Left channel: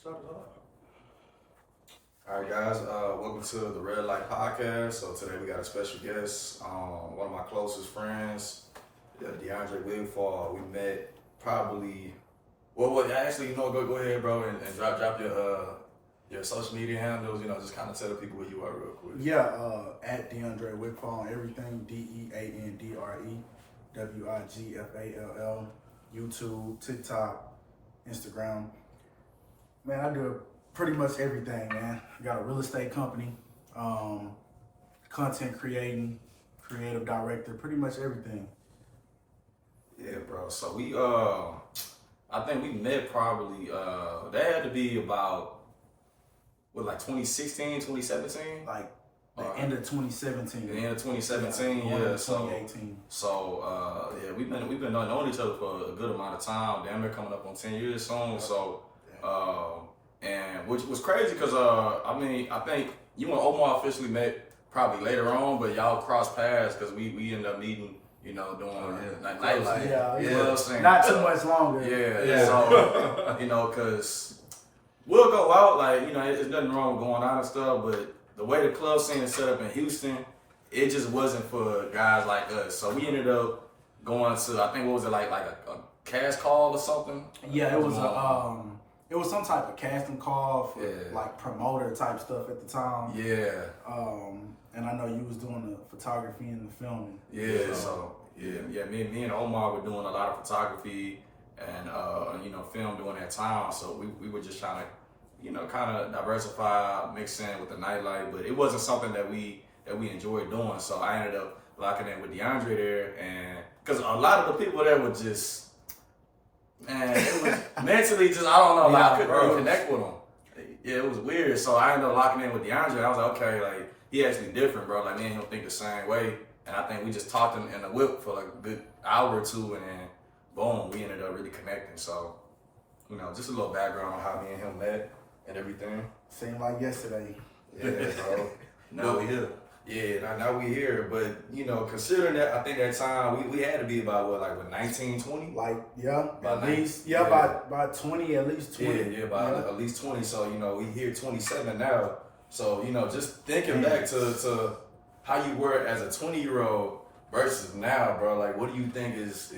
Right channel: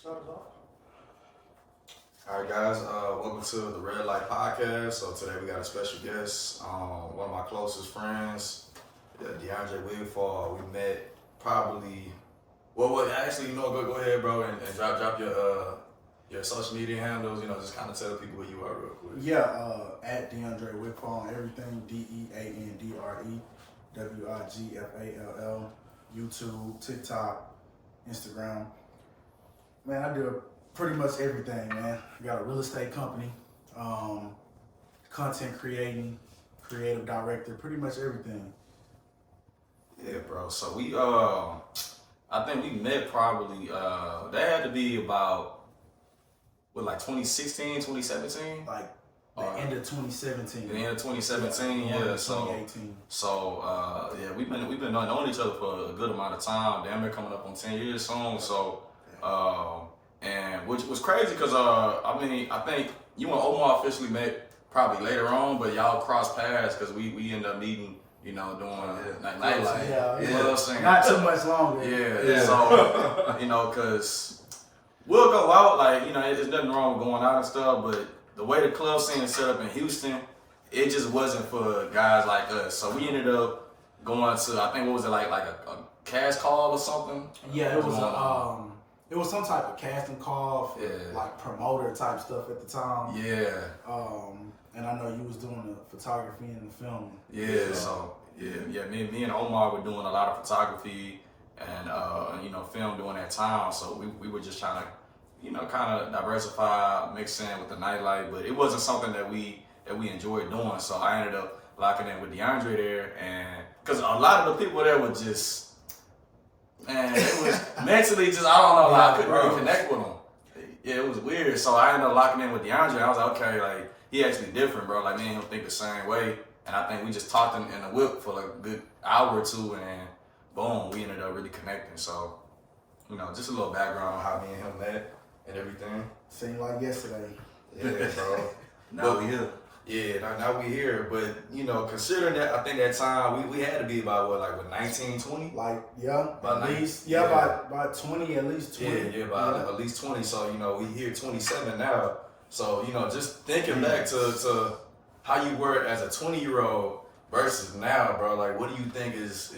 Start it off. All right, guys. Welcome to the Red Light Podcast. So today we got a special guest, one of my closest friends, DeAndre Wigfall. We met probably. Well, actually, go ahead, bro, and drop your social media handles. Just kind of tell the people who you are real quick. Yeah, at DeAndre Wigfall on everything. DeAndrewWigfall. YouTube, TikTok, Instagram. Man, I do pretty much everything, man. I got a real estate company, content creating, creative director, pretty much everything. Yeah, bro. So we I think we met probably that had to be about like 2016, 2017? Like the end of 2017. The end of 2017, yeah. 2018. So yeah, we've been knowing each other for a good amount of time. Damn, we're coming up on 10 years soon. So and which was crazy because I think you and Omar officially met probably later on, but y'all crossed paths because we ended up meeting, doing like nightlife. Yeah, you know what I'm saying? Not too much longer. Yeah. So because we'll go out, like, there's nothing wrong with going out and stuff, but the way the club scene is set up in Houston, it just wasn't for guys like us. So we ended up going to, I think, what was it, like a cash call or something? Yeah, it was some type of casting call for like promoter type stuff at the time. Yeah. And I know you was doing the photography and the filming. Yeah. So me and Omar were doing a lot of photography and film during that time. So we were just trying to, kind of diversify, mix in with the nightlife, but it wasn't something that we enjoyed doing. So I ended up locking in with DeAndre there, and because a lot of the people there were just, man, it was mentally just, I don't know, like I couldn't really connect with them. Yeah, it was weird. So I ended up locking in with DeAndre. I was like, okay, like he actually different, bro. Like me and him think the same way, and I think we just talked in the whip for like a good hour or two, and then boom, we ended up really connecting. So, just a little background on how me and him met and everything. Seemed like yesterday. Yeah, bro. Now we here. Yeah, now we here. But, considering that, I think that time, we had to be about, 19, 20? Like, yeah, About at least, about 20, at least 20. Yeah, at least 20. So, we here 27 now. So, just thinking back to how you were as a 20-year-old versus now, bro, like, what do you think is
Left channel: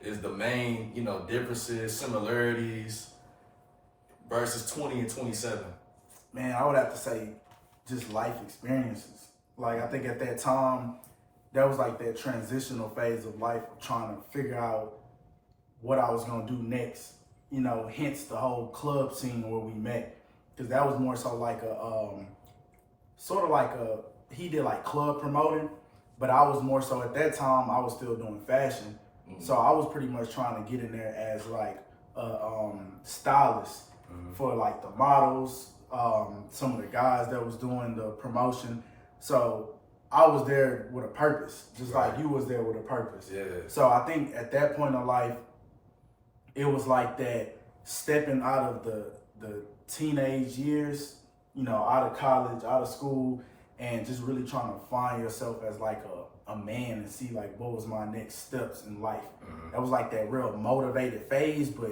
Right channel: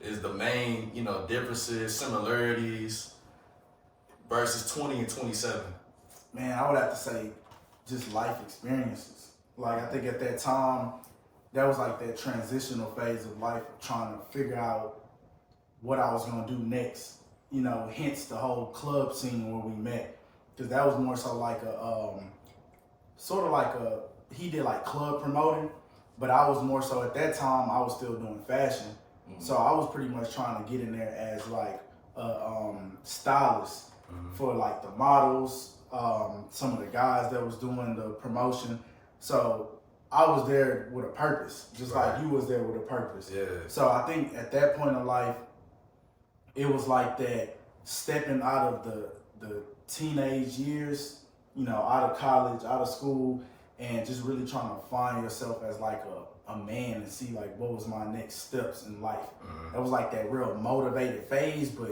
the main, differences, similarities versus 20 and 27? Man, I would have to say just life experiences. Like, I think at that time, that was like that transitional phase of life of trying to figure out what I was going to do next. Hence the whole club scene where we met. Because that was more so like he did like club promoting, but I was more so at that time, I was still doing fashion. Mm-hmm. So I was pretty much trying to get in there as like a stylist for like the models, some of the guys that was doing the promotion. So I was there with a purpose, just like you was there with a purpose. Yeah. So I think at that point in life, it was like that stepping out of the teenage years, out of college, out of school, and just really trying to find yourself as like a man and see like what was my next steps in life. Mm-hmm. That was like that real motivated phase, but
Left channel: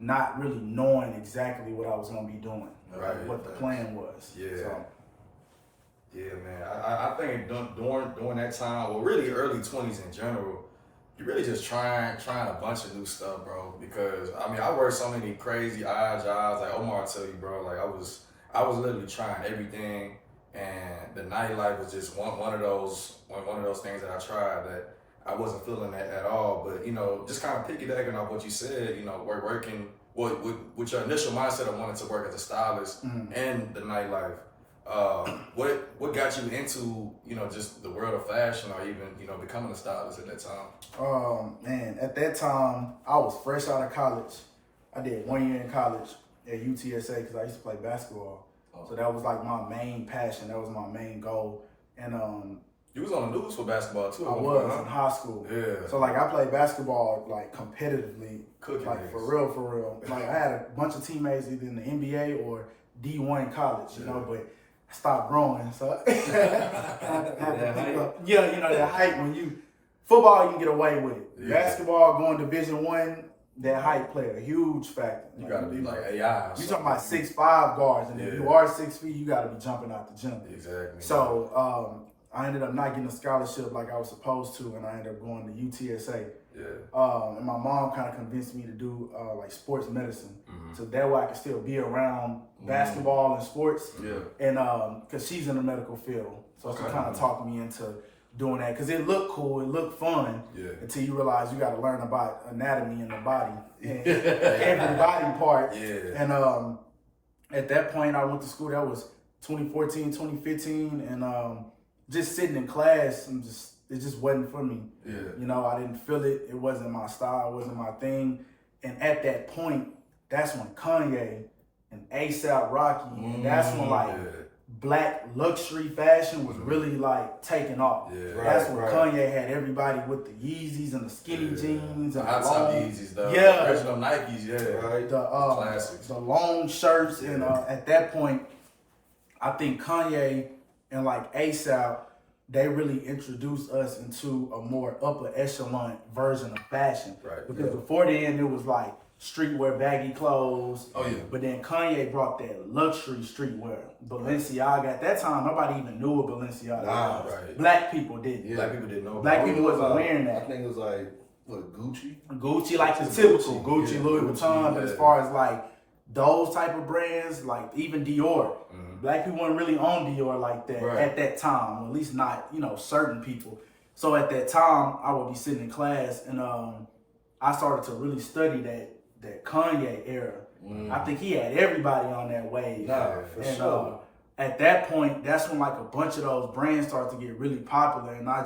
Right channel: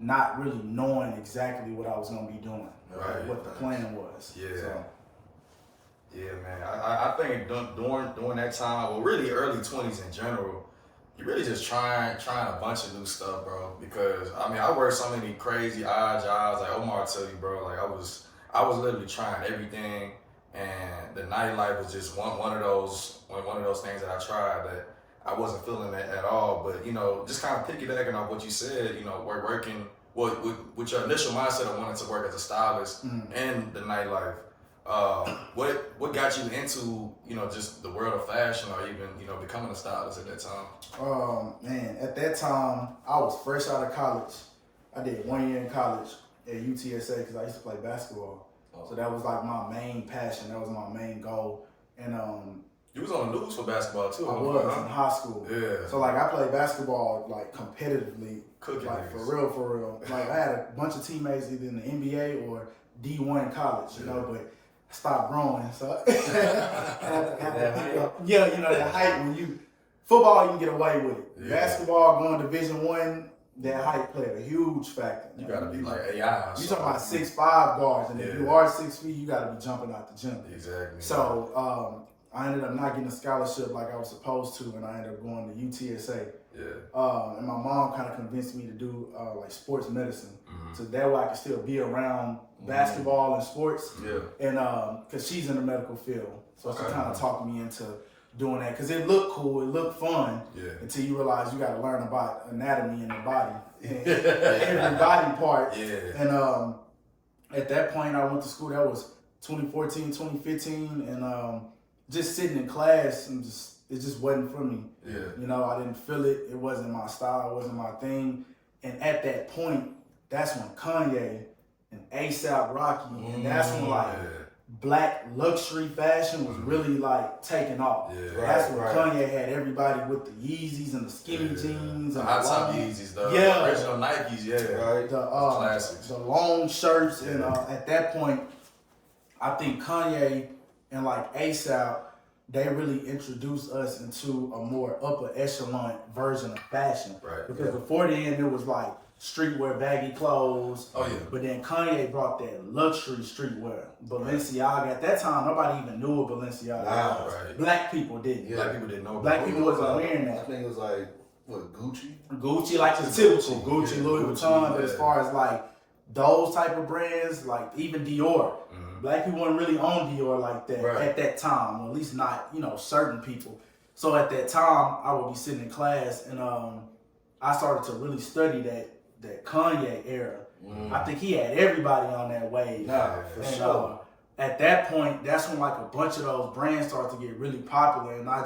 not really knowing exactly what I was gonna be doing, what the plan was. Yeah. So. Yeah, man. I think during that time, well, really early 20s in general, you're really just trying a bunch of new stuff, bro. Because I worked so many crazy odd jobs. Like Omar will tell you, bro. Like I was literally trying everything, and the nightlife was just one of those things that I tried that I wasn't feeling that at all. But just kind of piggybacking off what you said, working with your initial mindset of wanting to work as a stylist and the nightlife. What got you into just the world of fashion, or even becoming a stylist at that time? Man, at that time I was fresh out of college. I did 1 year in college at UTSA because I used to play basketball. So that was like my main passion. That was my main goal. And you was on the news for basketball too. I was in high school. Yeah. So like I played basketball like competitively, cooking like niggas. for real. Like I had a bunch of teammates either in the NBA or D1 in college, but I stopped growing. So the height when you football you can get away with it. Yeah. Basketball going Division 1, that height played a huge factor. You gotta be like AI. You talking about 6'5" guards, and if you are 6 feet, you gotta be jumping out the gym. Exactly. So I ended up not getting a scholarship like I was supposed to, and I ended up going to UTSA. Yeah. And my mom kind of convinced me to do like sports medicine, Mhm. so that way I could still be around basketball and sports. Yeah. And because she's in the medical field, so she Okay. kind of talked me into doing that because it looked cool, it looked fun. Yeah. Until you realize you got to learn about anatomy in the body, and every body part. Yeah. And at that point, I went to school. That was 2014, 2015, and just sitting in class and it just wasn't for me. Yeah. You know, I didn't feel it. It wasn't my style. It wasn't my thing. And at that point, that's when Kanye and A$AP Rocky, and that's when like black luxury fashion was really like taking off. Yeah. That's when Kanye had everybody with the Yeezys and the skinny jeans The and hot the top long, Yeezys, the Yeah. original Nikes, right? Classics. the long shirts. And at that point, I think Kanye and like A$AP, they really introduced us into a more upper echelon version of fashion. Right. Because before then, it was like streetwear, baggy clothes. Oh yeah. But then Kanye brought that luxury streetwear. Balenciaga. At that time, nobody even knew what Balenciaga was. Right. Black people didn't. Black people didn't know. Black people wasn't wearing that. I think it was like, what, Gucci? Gucci, like the typical Gucci, Yeah, Louis Gucci, Vuitton. But yeah. as far as like those type of brands, like even Dior, black people weren't really on Dior like that at that time. Or at least not, certain people. So at that time, I would be sitting in class and I started to really study that Kanye era. I think he had everybody on that wave. Sure. At that point, that's when like a bunch of those brands started to get really popular, and I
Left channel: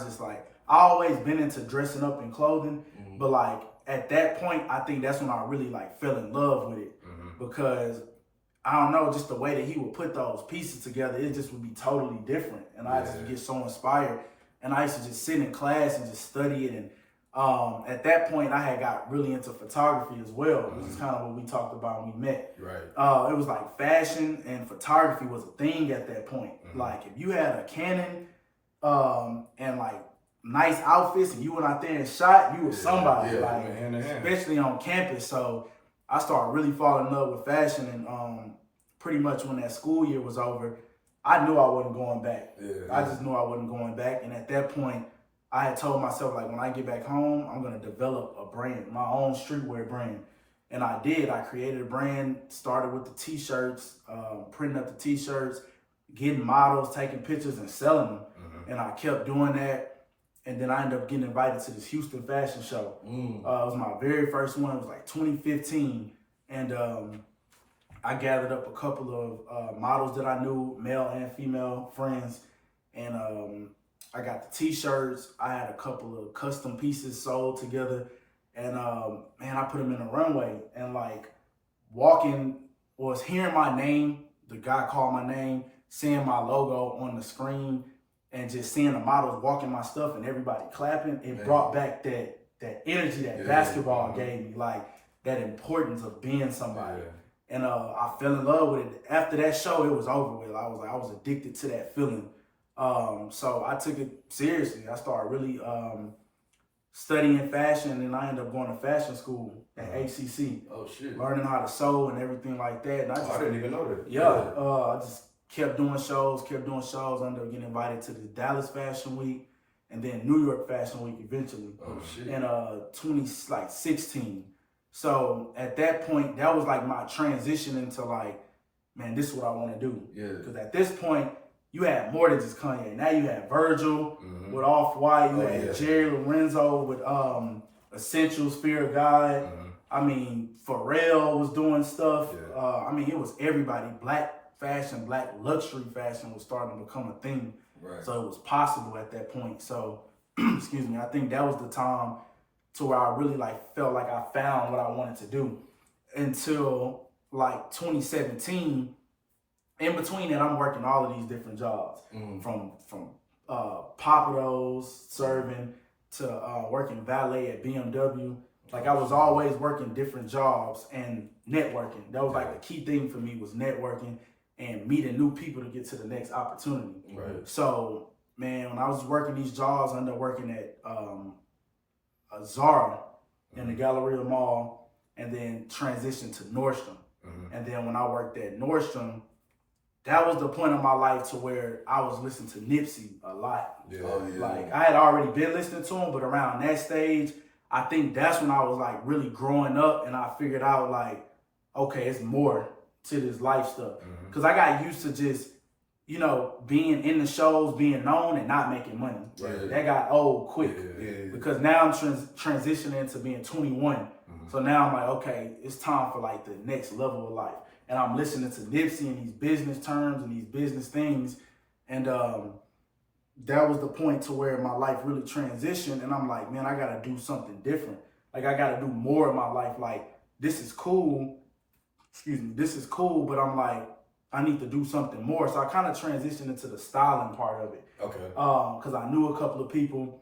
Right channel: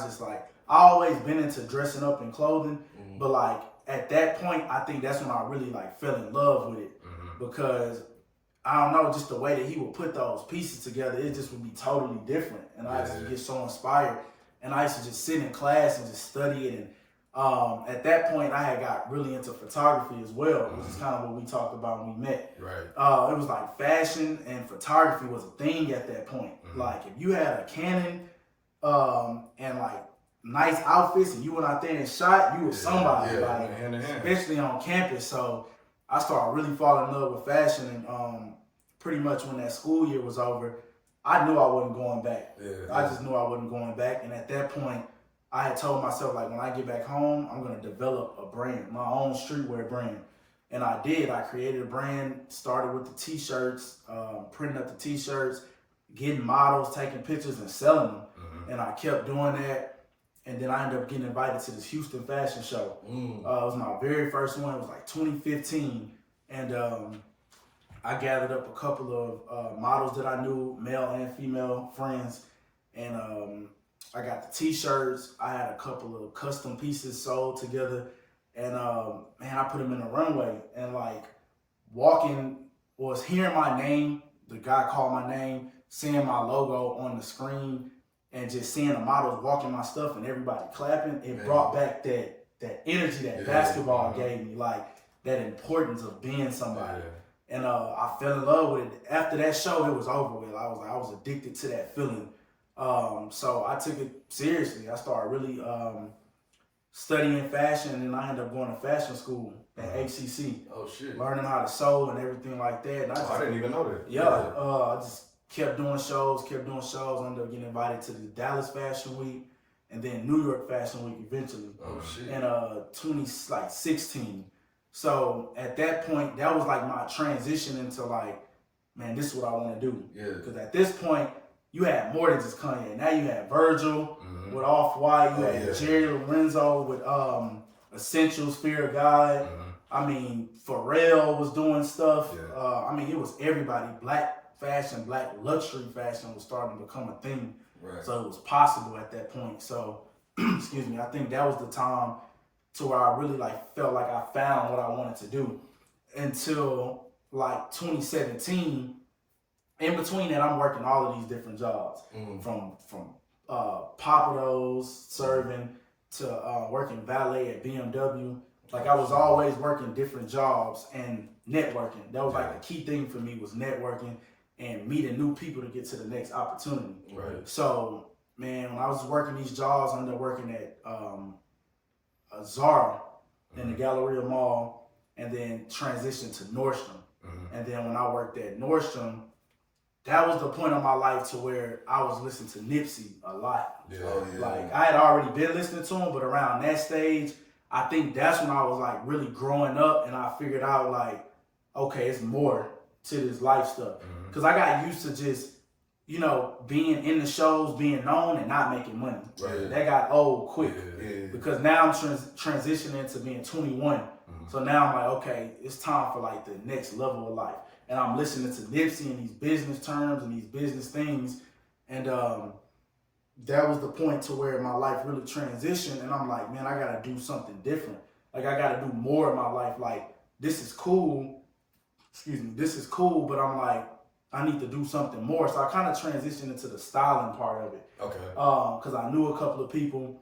always been into dressing up in clothing, but like at that point, I think that's when I really like fell in love with it because I don't know, just the way that he would put those pieces together, it just would be totally different, and I just get so inspired, and I used to just sit in class and just study it. And at that point, I had got really into photography as well, which is kind of what we talked about when we met. Right. It was like fashion and photography was a thing at that point. Like if you had a Canon and like nice outfits and you went out there and shot, you were somebody. Like hand in hand. especially on campus. So I started really falling in love with fashion, and pretty much when that school year was over, I knew I wasn't going back. I just knew I wasn't going back, and at that point, I had told myself, like, when I get back home, I'm going to develop a brand, my own streetwear brand. And I did. I created a brand, started with the t-shirts, printing up the t-shirts, getting models, taking pictures and selling them. And I kept doing that. And then I ended up getting invited to this Houston fashion show. It was my very first one. It was like 2015. And I gathered up a couple of models that I knew, male and female friends. And I got the t-shirts. I had a couple of custom pieces sold together. And man, I put them in the runway. And like walking, was hearing my name, the guy called my name, seeing my logo on the screen, and just seeing the models walking my stuff and everybody clapping, it brought back that energy that basketball gave me, like that importance of being somebody. And I fell in love with it. After that show, it was over with. I was addicted to that feeling. So I took it seriously. I started really studying fashion, and I ended up going to fashion school at HCC. Oh shit! Learning how to sew and everything like that. And I didn't even know that. I just kept doing shows. I ended up getting invited to the Dallas Fashion Week, and then New York Fashion Week eventually. Oh shit! In 2016. So at that point, that was like my transition into like, man, this is what I want to do. Yeah. Because at this point, you had more than just Kanye. Now you had Virgil with Off-White. You had Jerry Lorenzo with Essentials, Fear of God. I mean, Pharrell was doing stuff. I mean, it was everybody. Black fashion, black luxury fashion was starting to become a thing. Right. So it was possible at that point. So, excuse me, I think that was the time to where I really like felt like I found what I wanted to do. Until like 2017. In between that, I'm working all of these different jobs, from Papados, serving, to working valet at BMW. Like I was always working different jobs and networking. That was like the key thing for me, was networking and meeting new people to get to the next opportunity. Right. So, man, when I was working these jobs, I ended up working at a Zara in the Galleria Mall. and then transitioned to Nordstrom. And then when I worked at Nordstrom, that was the point of my life to where I was listening to Nipsey a lot. Like I had already been listening to him, but around that stage, I think that's when I was like really growing up, and I figured out like, okay, it's more to this life stuff. Because I got used to just, you know, being in the shows, being known, and not making money. That got old quick. Because now I'm transitioning to being 21. So now I'm like, okay, it's time for like the next level of life. And I'm listening to Nipsey and these business terms and these business things. And that was the point to where my life really transitioned. And I'm like, man, I got to do something different. Like I got to do more in my life. Like this is cool. This is cool. But I'm like, I need to do something more. So I kind of transitioned into the styling part of it. Because I knew a couple of people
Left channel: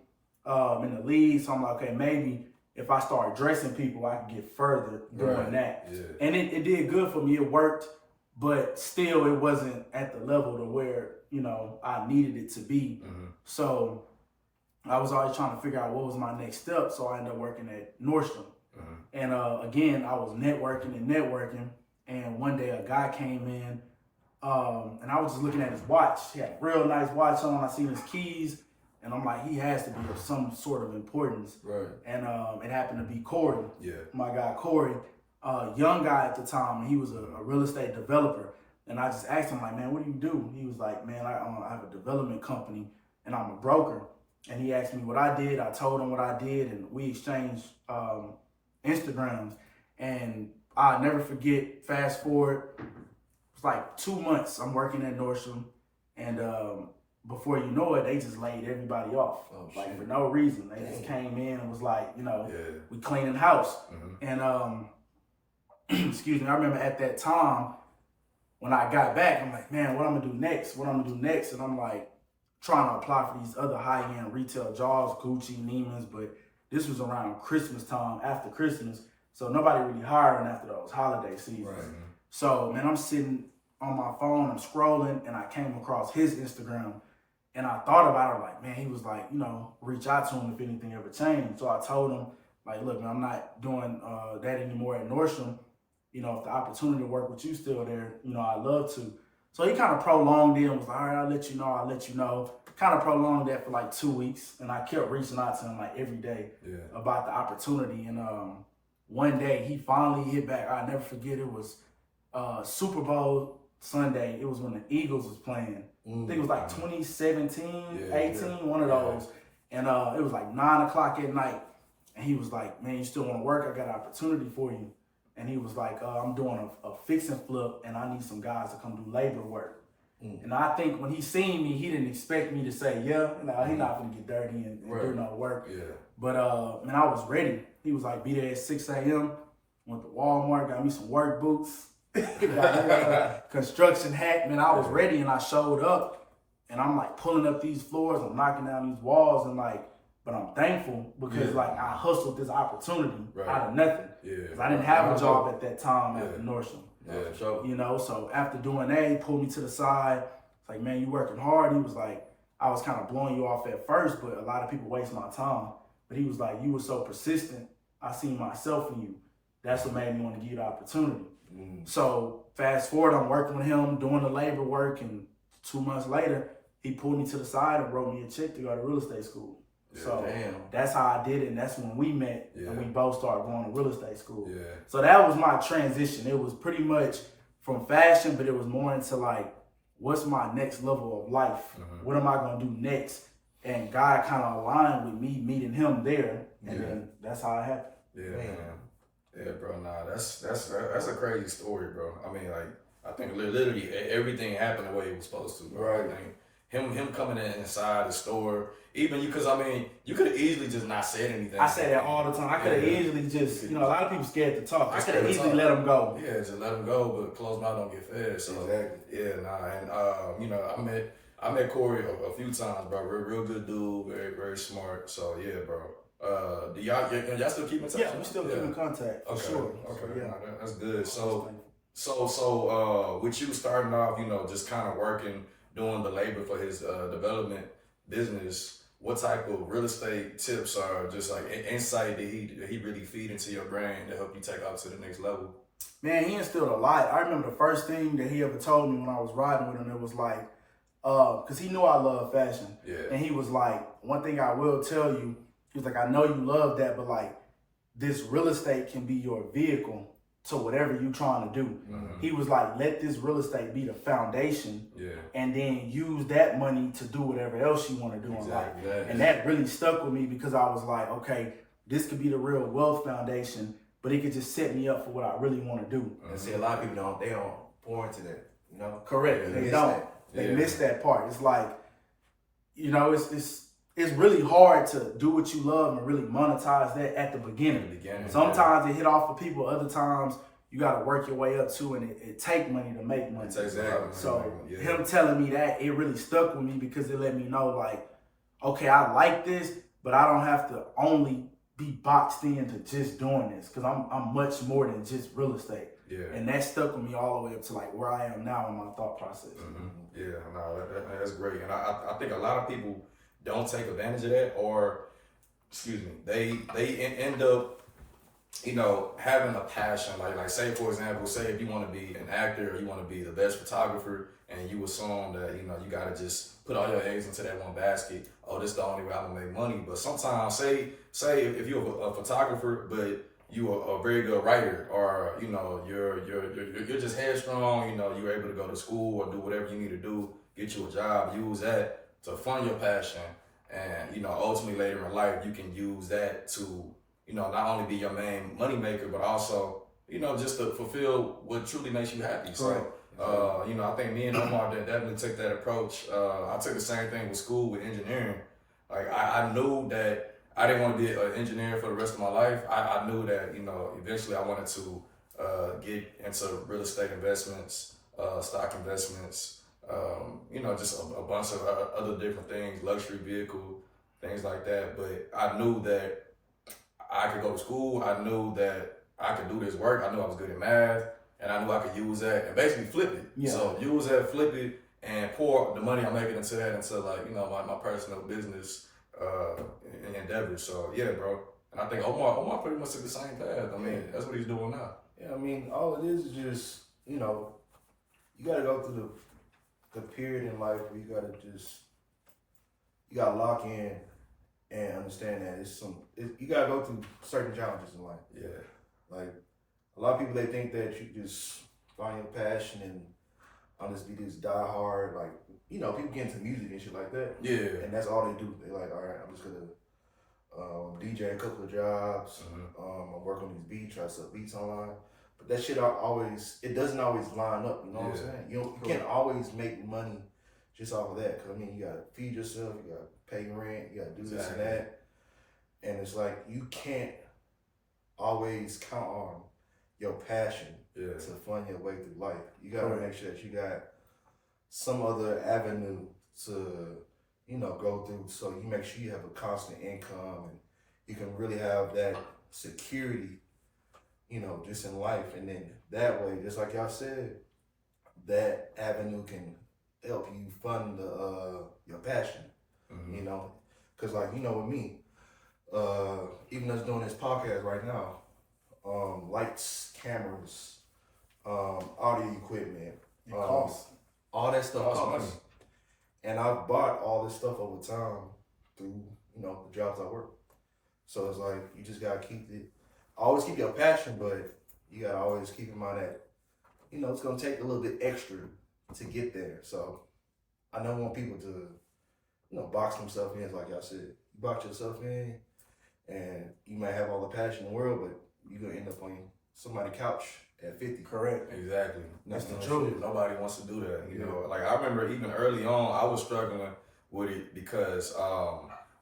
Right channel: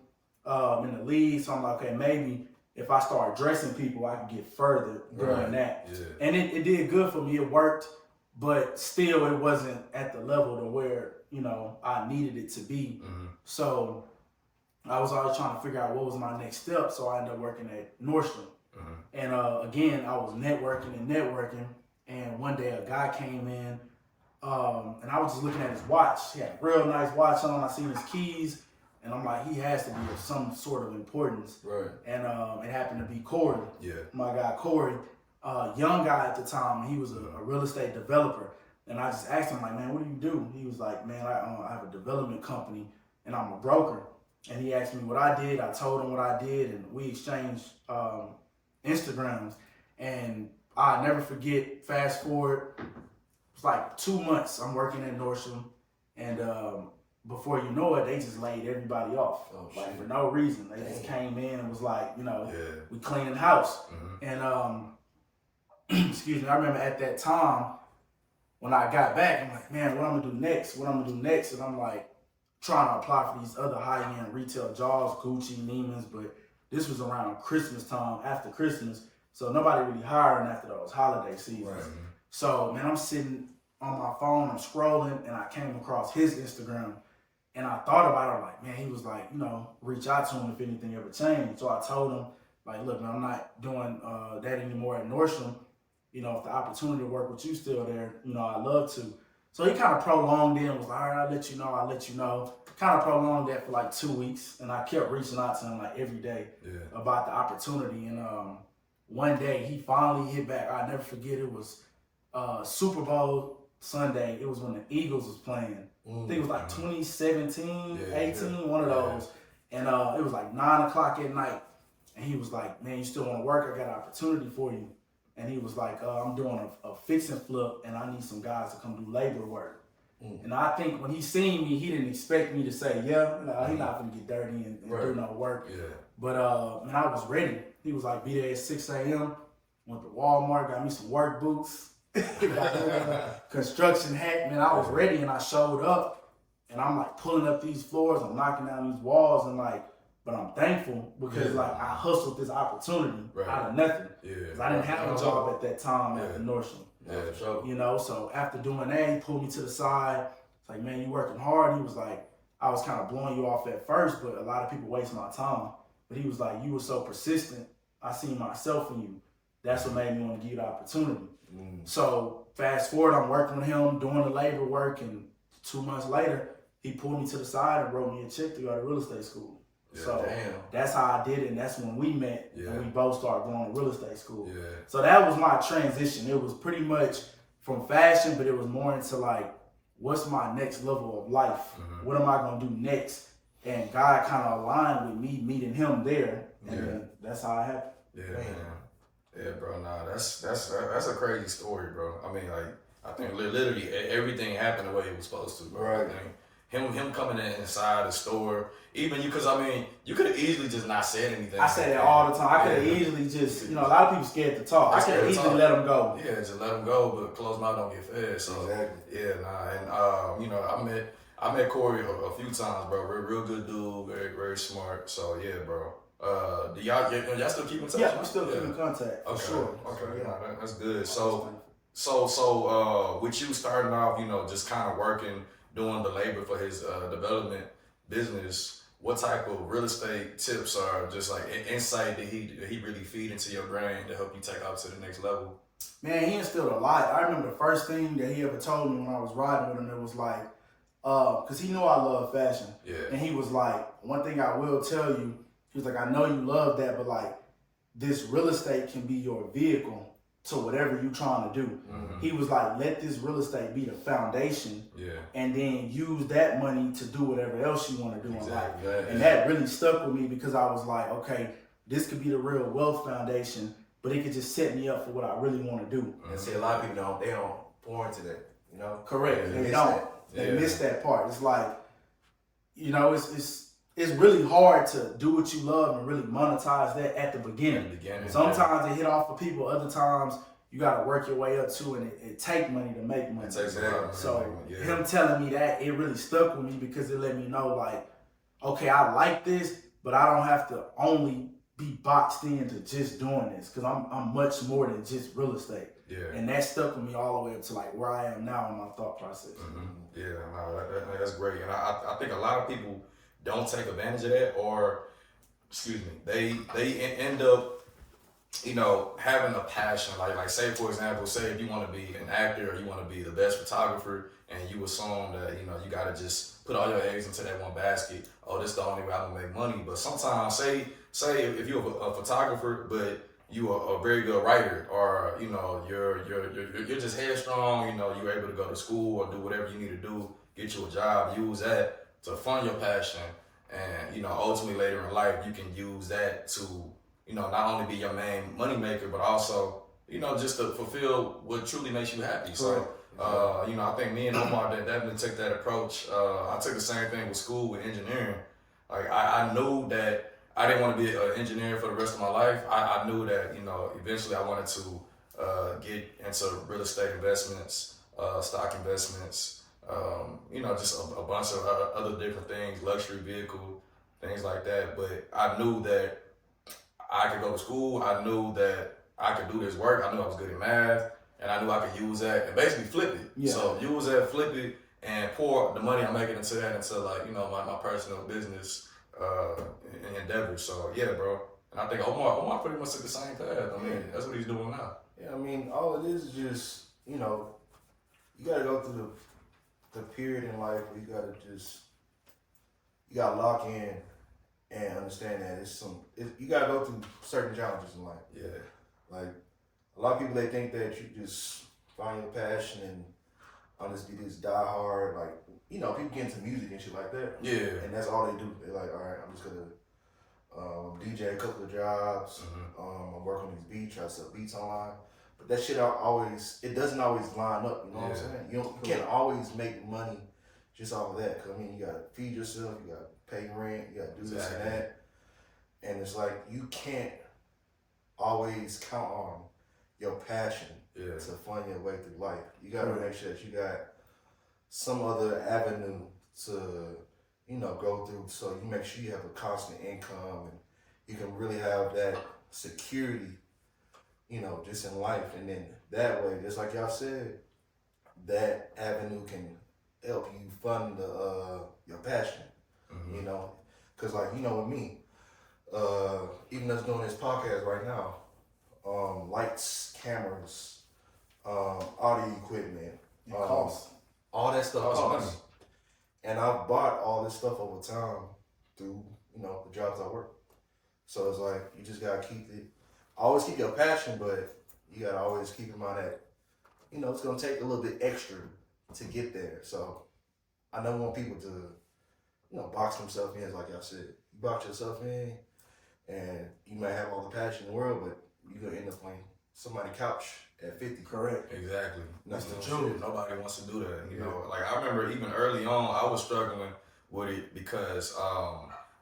in the league. So I'm like, okay, maybe if I start dressing people, I can get further doing that. And it did good for me. It worked, but still it wasn't at the level to where, you know, I needed it to be. So I was always trying to figure out what was my next step. So I ended up working at Nordstrom. And again, I was networking. And one day a guy came in and I was just looking at his watch. He had a real nice watch on. I seen his keys. And I'm like, he has to be of some sort of importance. And it happened to be Corey. My guy Corey, young guy at the time. He was a real estate developer. And I just asked him, like, man, what do you do? He was like, man, I have a development company and I'm a broker. And he asked me what I did. I told him what I did, and we exchanged Instagrams. And I'll never forget, fast forward, it's like 2 months I'm working at Nordstrom, and before you know it, they just laid everybody off. For no reason. They just came in and was like, you know, we cleaning house. And excuse me, I remember at that time when I got back, I'm like, man, what I'm gonna do next? And I'm like trying to apply for these other high-end retail jobs, Gucci, Neiman's, but this was around Christmas time, after Christmas. So nobody really hiring after those holiday seasons. So man, I'm sitting on my phone, I'm scrolling, and I came across his Instagram. And I thought about it, like, man, he was like, you know, reach out to him if anything ever changed. So I told him, like, look, man, I'm not doing that anymore at Nordstrom. You know, if the opportunity to work with you still there, you know, I'd love to. So he kind of prolonged it and was like, all right, I'll let you know. Kind of prolonged that for like 2 weeks. And I kept reaching out to him like every day about the opportunity. And one day he finally hit back. I'll never forget, it was Super Bowl Sunday. It was when the Eagles was playing. I think it was like 2017, 18, one of those. And it was like 9 o'clock at night. And he was like, man, you still want to work? I got an opportunity for you. And he was like, I'm doing a fix and flip, and I need some guys to come do labor work. And I think when he seen me, he didn't expect me to say, yeah, no, he's not going to get dirty and do no work. But, man, I was ready. He was like, be there at 6 a.m., went to Walmart, got me some work boots, construction hat. Man, I was ready, and I showed up, and I'm like pulling up these floors, I'm knocking down these walls, and like, but I'm thankful because like I hustled this opportunity out of nothing. Because I didn't have a job at that time at the Nordstrom. You know, so after doing that, he pulled me to the side. It's like, man, you working hard. He was like, I was kind of blowing you off at first, but a lot of people waste my time. But he was like, you were so persistent. I seen myself in you. That's what made me want to give you the opportunity. So fast forward, I'm working with him, doing the labor work, and 2 months later, he pulled me to the side and wrote me a check to go to real estate school. So that's how I did it, and that's when we met, and we both started going to real estate school. So that was my transition. It was pretty much from fashion, but it was more into like, what's my next level of life? What am I gonna do next? And God kind of aligned with me meeting him there, and then that's how it happened. Yeah, bro. Nah, that's a crazy story, bro. I mean, like, I think literally everything happened the way it was supposed to, bro. I think him coming inside the store, even you, because I mean, you could have easily just not said anything. I say that all the time. I could have easily just, you know, a lot of people scared to talk. I could have easily let them go. Yeah, just let them go, but closed mouth don't get fed. So and you know, I met Corey a few times, bro. Real good dude, very smart. So yeah, bro. Do y'all still keep in touch? Yeah, we still keep in contact. For sure. Okay, that's good. So with you starting off, you know, just kind of working, doing the labor for his development business, what type of real estate tips or just like insight did he really feed into your brain to help you take off to the next level? Man, he instilled a lot. I remember the first thing that he ever told me when I was riding with him, it was like, because he knew I love fashion. Yeah. And he was like, one thing I will tell you, he was like, I know you love that, but like, this real estate can be your vehicle to whatever you're trying to do. Mm-hmm. He was like, let this real estate be the foundation, Yeah. and then use that money to do whatever else you want to do in life. And that really stuck with me because I was like, okay, this could be the real wealth foundation, but it could just set me up for what I really want to do. And see, a lot of people don't pour into that, you know? Correct. Yeah, They don't. that. They miss that part. It's like, you know, it's really hard to do what you love and really monetize that at the beginning. Sometimes it hit off for people. Other times you got to work your way up to, and it take money to make money. Exactly. So him telling me that, it really stuck with me because it let me know, like, okay, I like this, but I don't have to only be boxed into just doing this, because I'm much more than just real estate. Yeah. And that stuck with me all the way up to like where I am now in my thought process. Mm-hmm. Yeah, no, that's great. And I think a lot of people don't take advantage of that, or, excuse me, they end up, you know, having a passion. Like say, for example, say if you want to be an actor or you want to be the best photographer, and you assume that, you know, you got to just put all your eggs into that one basket. Oh, this is the only way I'm going to make money. But sometimes, say if you're a photographer, but you are a very good writer, or, you know, you're just headstrong, you know, you're able to go to school or do whatever you need to do, get you a job, use that to fund your passion. And, you know, ultimately later in life, you can use that to, you know, not only be your main money maker, but also, you know, just to fulfill what truly makes you happy. So, you know, I think me and Omar definitely took that approach. I took the same thing with school, with engineering. Like, I knew that I didn't want to be an engineer for the rest of my life. I knew that, you know, eventually I wanted to get into real estate investments, stock investments, you know, just a bunch of other different things, luxury vehicle, things like that. But I knew that I could go to school. I knew that I could do this work. I knew I was good at math, and I knew I could use that and basically flip it. Yeah. So use that, flip it, and pour the money I'm making into that into, like, you know, my personal business and endeavors. So yeah, bro. And I think Omar pretty much took the same path. I mean, that's what he's doing now. Yeah, I mean, all it is just, you know, you got to go through the period in life where you got to lock in and understand that you got to go through certain challenges in life. Yeah. Like, a lot of people, they think that you just find your passion and honestly just die hard. Like, you know, people get into music and shit like that. Yeah. And that's all they do. They're like, all right, I'm just going to DJ a couple of jobs. Mm-hmm. I work on these beats, try to sell beats online. But that shit it doesn't always line up, you know what I'm saying? You can't always make money just off of that. Because, I mean, you got to feed yourself, you got to pay rent, you got to do this and that. And it's like, you can't always count on your passion to fund your way through life. You got to make sure that you got some other avenue to, you know, go through, so you make sure you have a constant income and you can really have that security, you know, just in life. And then that way, just like y'all said, that avenue can help you fund your passion, you know? Because, like, you know, with me, even us doing this podcast right now, lights, cameras, audio equipment, all that stuff costs money. And I've bought all this stuff over time through, you know, the jobs I work. So it's like, you just gotta always keep your passion, but you gotta always keep in mind that, you know, it's gonna take a little bit extra to get there. So I don't want people to, you know, box themselves in, like y'all said. You box yourself in and you might have all the passion in the world, but you're gonna end up on somebody's couch at 50. Correct. Exactly. That's the truth. Nobody wants to do that. You know, like, I remember even early on, I was struggling with it because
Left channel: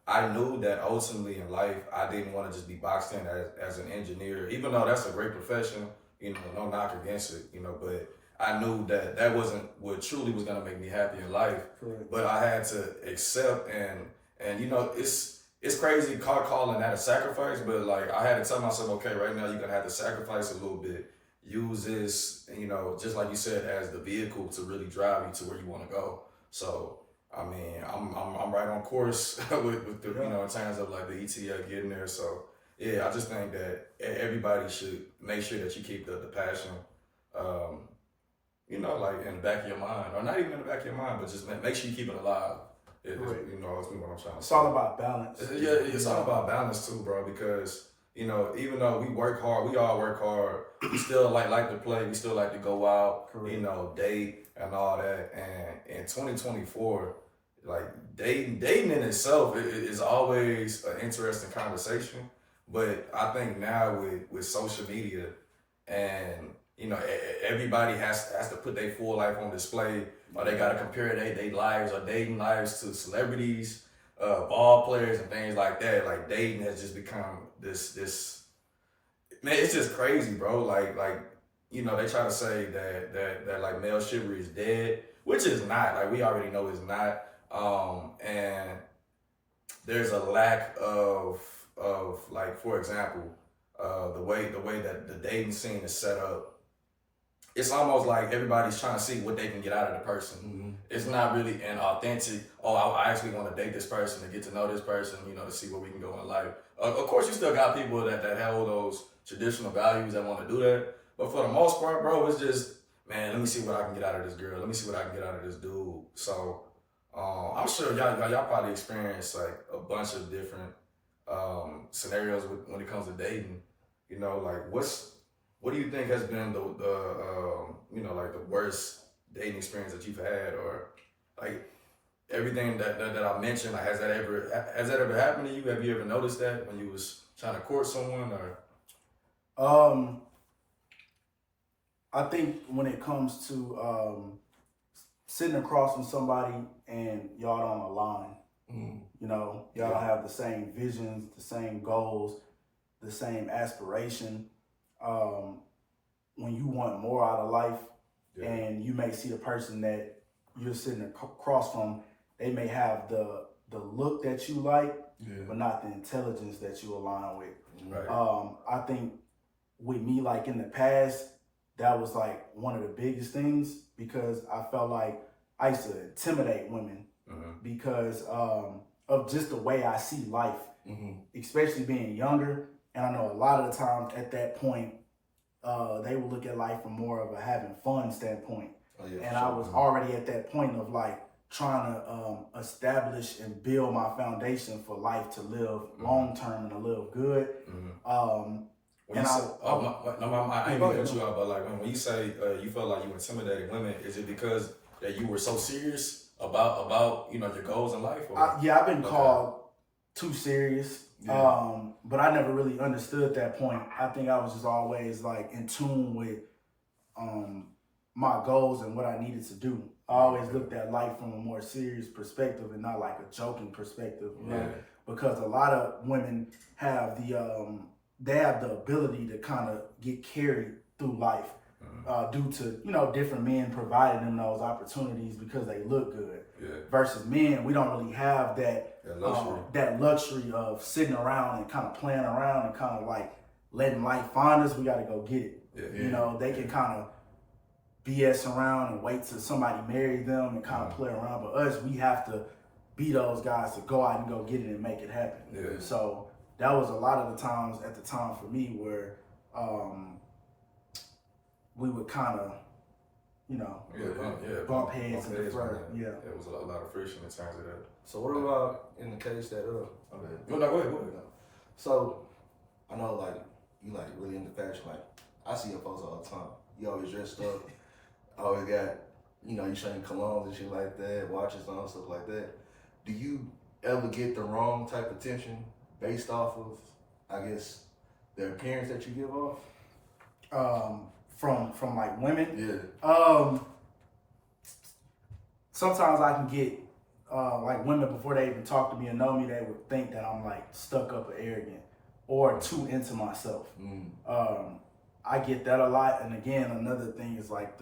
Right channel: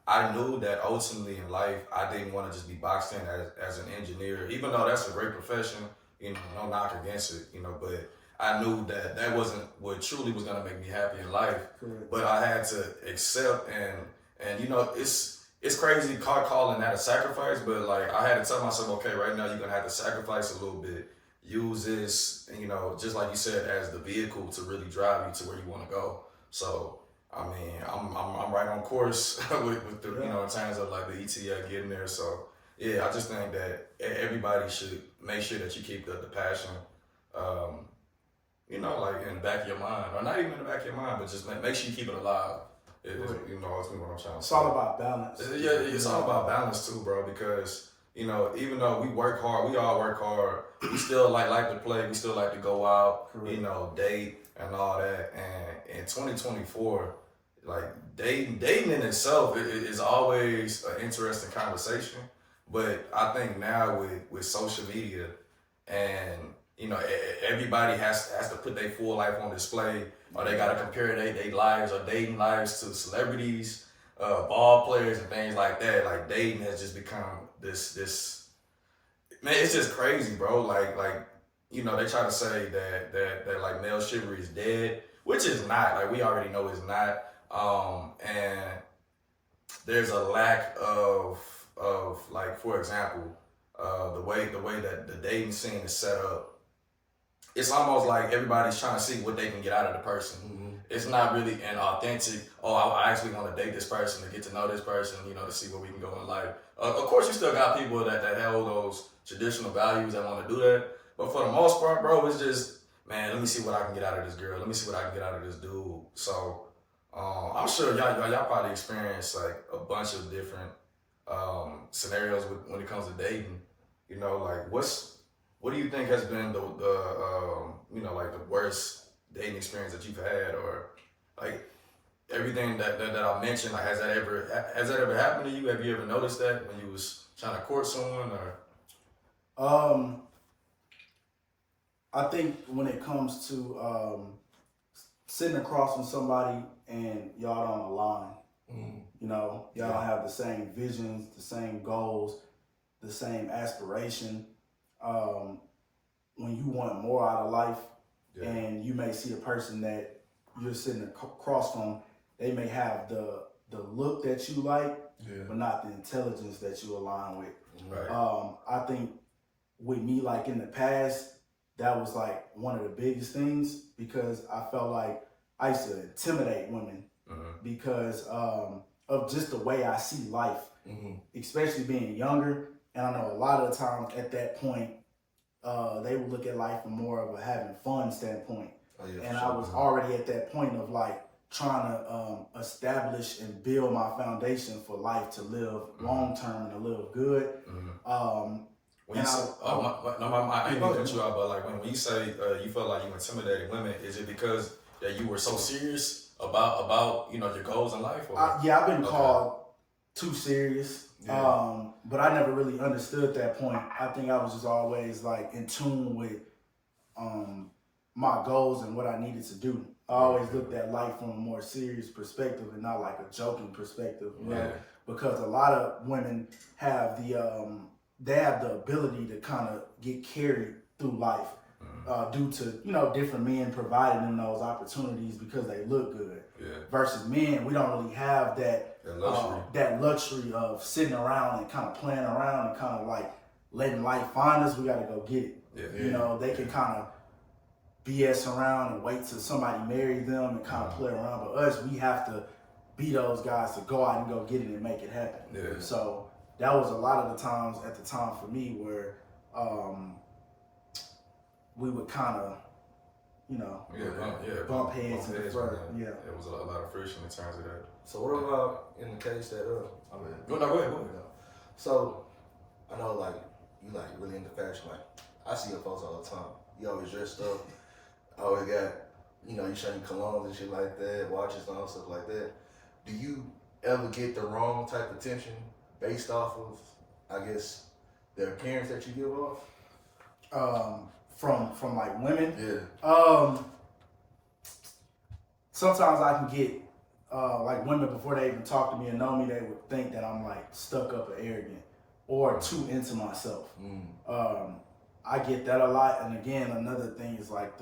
I knew that ultimately in life, I didn't want to just be boxed in as an engineer, even though that's a great profession, you know, no knock against it, you know, but I knew that wasn't what truly was going to make me happy in life. Correct. But I had to accept and you know, it's crazy calling that a sacrifice, but like, I had to tell myself, okay, right now you're going to have to sacrifice a little bit. Use this, you know, just like you said, as the vehicle to really drive you to where you want to go. So I mean, I'm right on course with the you know in terms of like the ETL getting there. So yeah, I just think that everybody should make sure that you keep the passion, you know, like in the back of your mind, or not even in the back of your mind, but just make sure you keep it alive. You know, that's what I'm trying to say. It's all about balance. Yeah, it's all about balance too, bro. Because you know, even though we work hard, we all work hard. We still like to play. We still like to go out, you know, date and all that. And in 2024, like dating in itself is always an interesting conversation. But I think now with social media and you know everybody has to put their full life on display, or they gotta compare their lives or dating lives to celebrities, ball players and things like that. Like dating has just become this man, it's just crazy, bro. Like you know, they try to say that like male chivalry is dead, which is not. Like we already know it's not. And there's a lack of like, for example, the way that the dating scene is set up. It's almost like everybody's trying to see what they can get out of the person. Mm-hmm. It's not really an authentic, I actually want to date this person, to get to know this person, you know, to see where we can go in life. Of course, you still got people that hold those traditional values that want to do that. But for the most part, bro, it's just, man, let me see what I can get out of this girl. Let me see what I can get out of this dude. So I'm sure y'all probably experienced like a bunch of different scenarios when it comes to dating. You know, like what do you think has been the you know, like the worst dating experience that you've had, or like everything that I mentioned, like has that ever happened to you? Have you ever noticed that when you was trying to court someone, or? I think when it comes to sitting across from somebody and y'all don't align, you know, y'all don't have the same visions, the same goals, the same aspiration. When you want more out of life, and you may see a person that you're sitting across from, they may have the look that you like, but not the intelligence that you align with. Right. I think with me, like in the past, that was like one of the biggest things, because I felt like I used to intimidate women because of just the way I see life, especially being younger. And I know a lot of the times at that point, they would look at life from more of a having fun standpoint. And I was already at that point of like trying to establish and build my foundation for life to live long term and to live good. When you say, I ain't gonna cut you out, but like when you say you felt like you intimidated women, is it because that you were so serious about you know your goals in life? Or? I've been called too serious. But I never really understood that point. I think I was just always like in tune with my goals and what I needed to do. I always looked at life from a more serious perspective and not like a joking perspective, you know? Because a lot of women have they have the ability to kind of get carried through life due to, you know, different men providing them those opportunities because they look good. Versus men, we don't really have that luxury of sitting around and kind of playing around and kind of like letting life find us. We got to go get it. You know, they can kind of BS around and wait till somebody marry them and kind of play around. But us, we have to be those guys to go out and go get it and make it happen. So that was a lot of the times at the time for me where we would kind of, you know, bump heads in the front. There was a lot of friction in terms of that. So what about in the case that go ahead. So I know like you like really into fashion. Like I see your posts all the time. You always dressed up. Always got, you know, you showing colognes and shit like that, watches and all stuff like that. Do you ever get the wrong type of attention based off of, I guess, the appearance that you give off? From like women? Yeah. Sometimes I can get like women before they even talk to me and know me, they would think that I'm like stuck up or arrogant or too into myself. I get that a lot. And again, another thing is like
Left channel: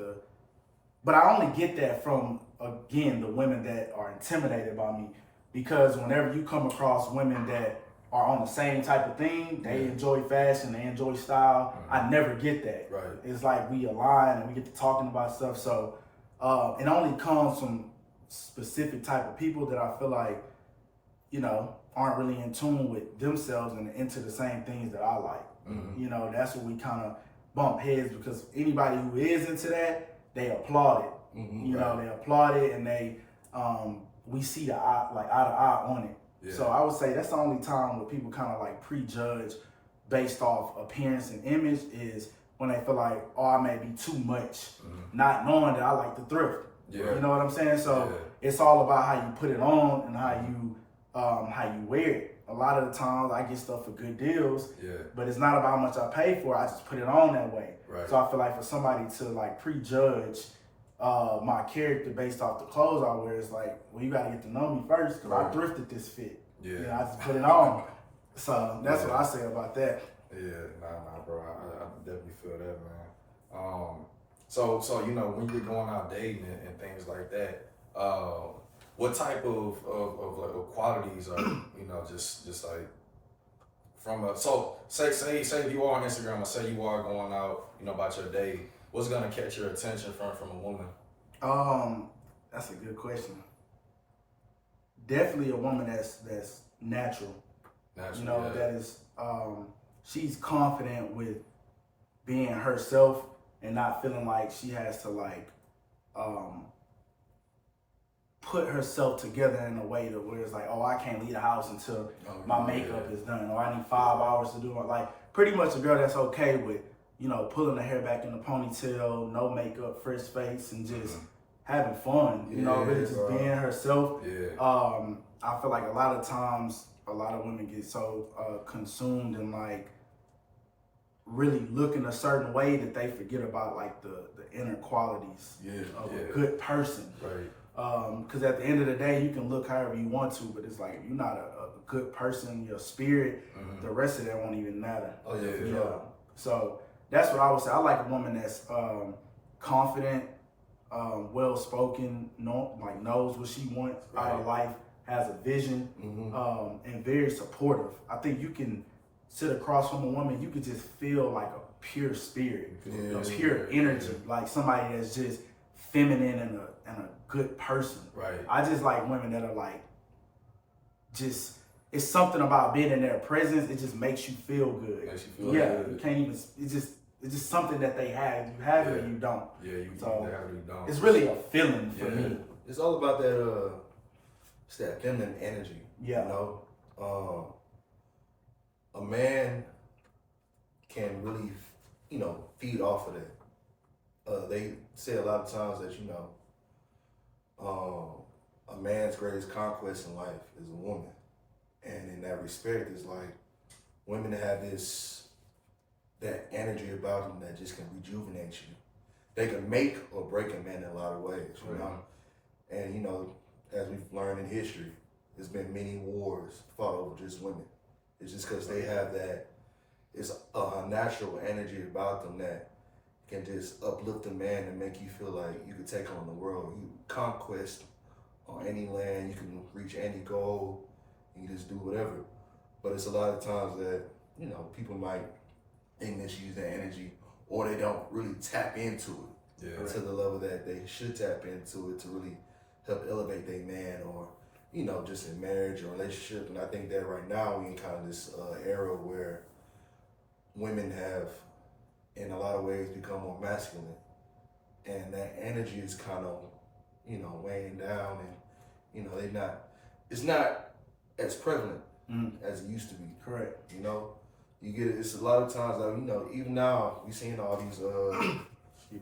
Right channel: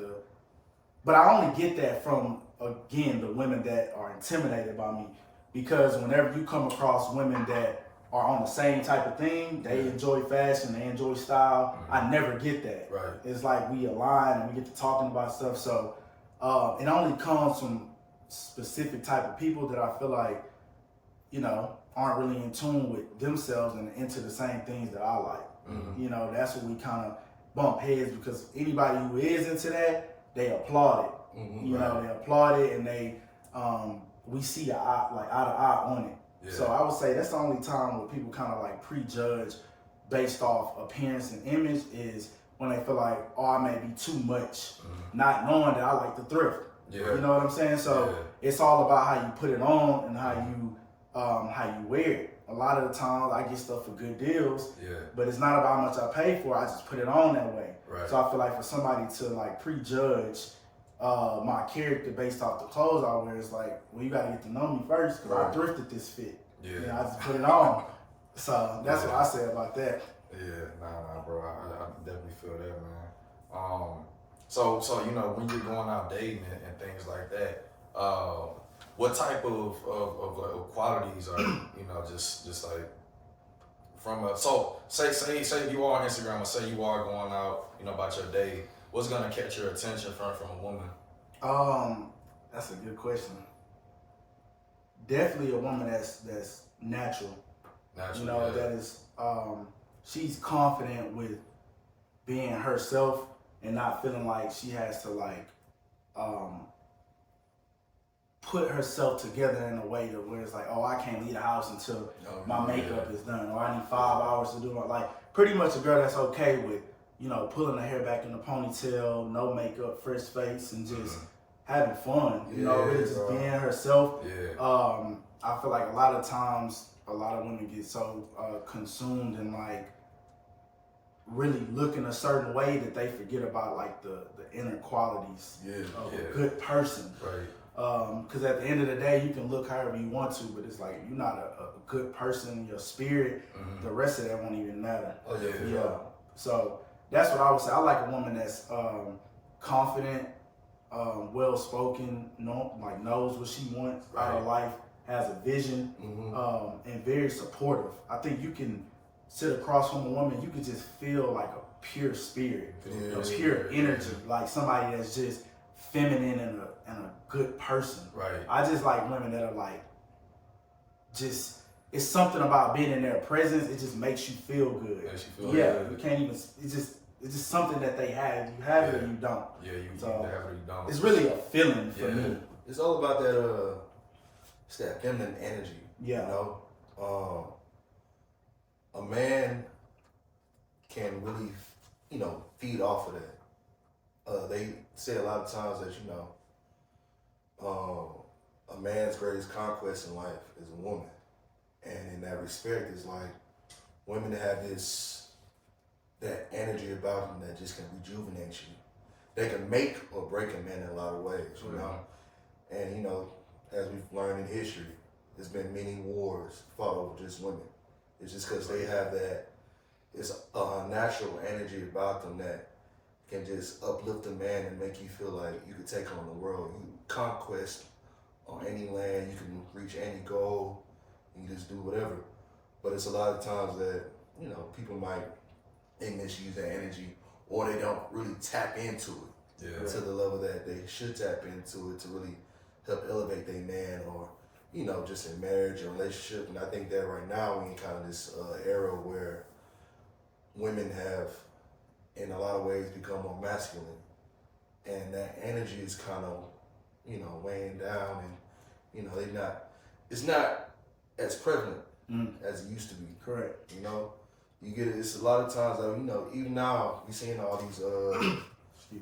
but I only get that from, again, the women that are intimidated by me, because whenever you come across women that are on the same type of thing, they enjoy fashion, they enjoy style, I never get that. It's like we align and we get to talking about stuff. So it only comes from specific type of people that I feel like, you know, aren't really in tune with themselves and into the same things that I like. You know, that's what we kind of bump heads, because anybody who is into that, they applaud it. You know, they applaud it, and they we see the eye, like eye to eye on it. Yeah. So I would say that's the only time where people kind of like prejudge based off appearance and image is when they feel like, oh, I may be too much, not knowing that I like to thrift. Yeah. You know what I'm saying? So it's all about how you put it on and how you wear it. A lot of the times I get stuff for good deals, but it's not about how much I pay for it. I just put it on that way. Right. So I feel like for somebody to like prejudge my character based off the clothes I wear, it's like, well, you got to get to know me first, because I thrifted this fit. Yeah. You know, I just put it on. So that's what I say about that. Yeah, nah, bro. I definitely feel that, man. So you know, when you're going out dating and things like that, what type of qualities are you know just like from a say you are on Instagram, or say you are going out, you know, about your day, what's gonna catch your attention from a woman? That's a good question. Definitely a woman that's natural. You know, that is she's confident with being herself and not feeling like she has to like put herself together in a way to where it's like, oh, I can't leave the house until my makeup is done, or I need 5 hours to do it. Like pretty much a girl that's okay with, you know, pulling her hair back in the ponytail, no makeup, fresh face, and just having fun. You know, really just being herself. I feel like a lot of times a lot of women get so consumed in like really looking a certain way that they forget about like the inner qualities of a good person. Right. Because at the end of the day, you can look however you want to, but it's like you're not a good person, your spirit, the rest of that won't even matter. Oh yeah, for sure. So that's what I would say. I like a woman that's confident, well spoken, like knows what she wants out of life, has a vision, and very supportive. I think you can sit across from a woman, you can just feel like a pure spirit, pure energy, like somebody that's just feminine and a good person. Right. I just like women that are like, just, it's something about being in their presence. It just makes you feel good. Makes you feel good. You can't even. It's just something that they have. You have it or you don't. Yeah, you So have it or you don't. it's really a feeling for me. It's all about that. It's that feminine energy. Yeah. You know, a man can really, you know, feed off of that. They say a lot of times that, you know, a man's greatest conquest in life is a woman. And in that respect, it's like women that have that energy about them that just can rejuvenate you. They can make or break a man in a lot of ways, you know? And, you know, as we've learned in history, there's been many wars fought over just women. It's just because they have that, it's a natural energy about them that can just uplift a man and make you feel like you could take on the world. You conquest on any land, you can reach any goal, you just do whatever. But it's a lot of times that, you know, people might misuse that energy, or they don't really tap into it to the level that they should tap into it to really help elevate their man, or, you know, just in marriage or relationship. And I think that right now we're in kind of this era where women have, in a lot of ways, become more masculine, and that energy is kind of, you know, weighing down, and, you know, it's not as prevalent as it used to be. Correct. You know, you get it. It's a lot of times that, you know, even now we seeing all these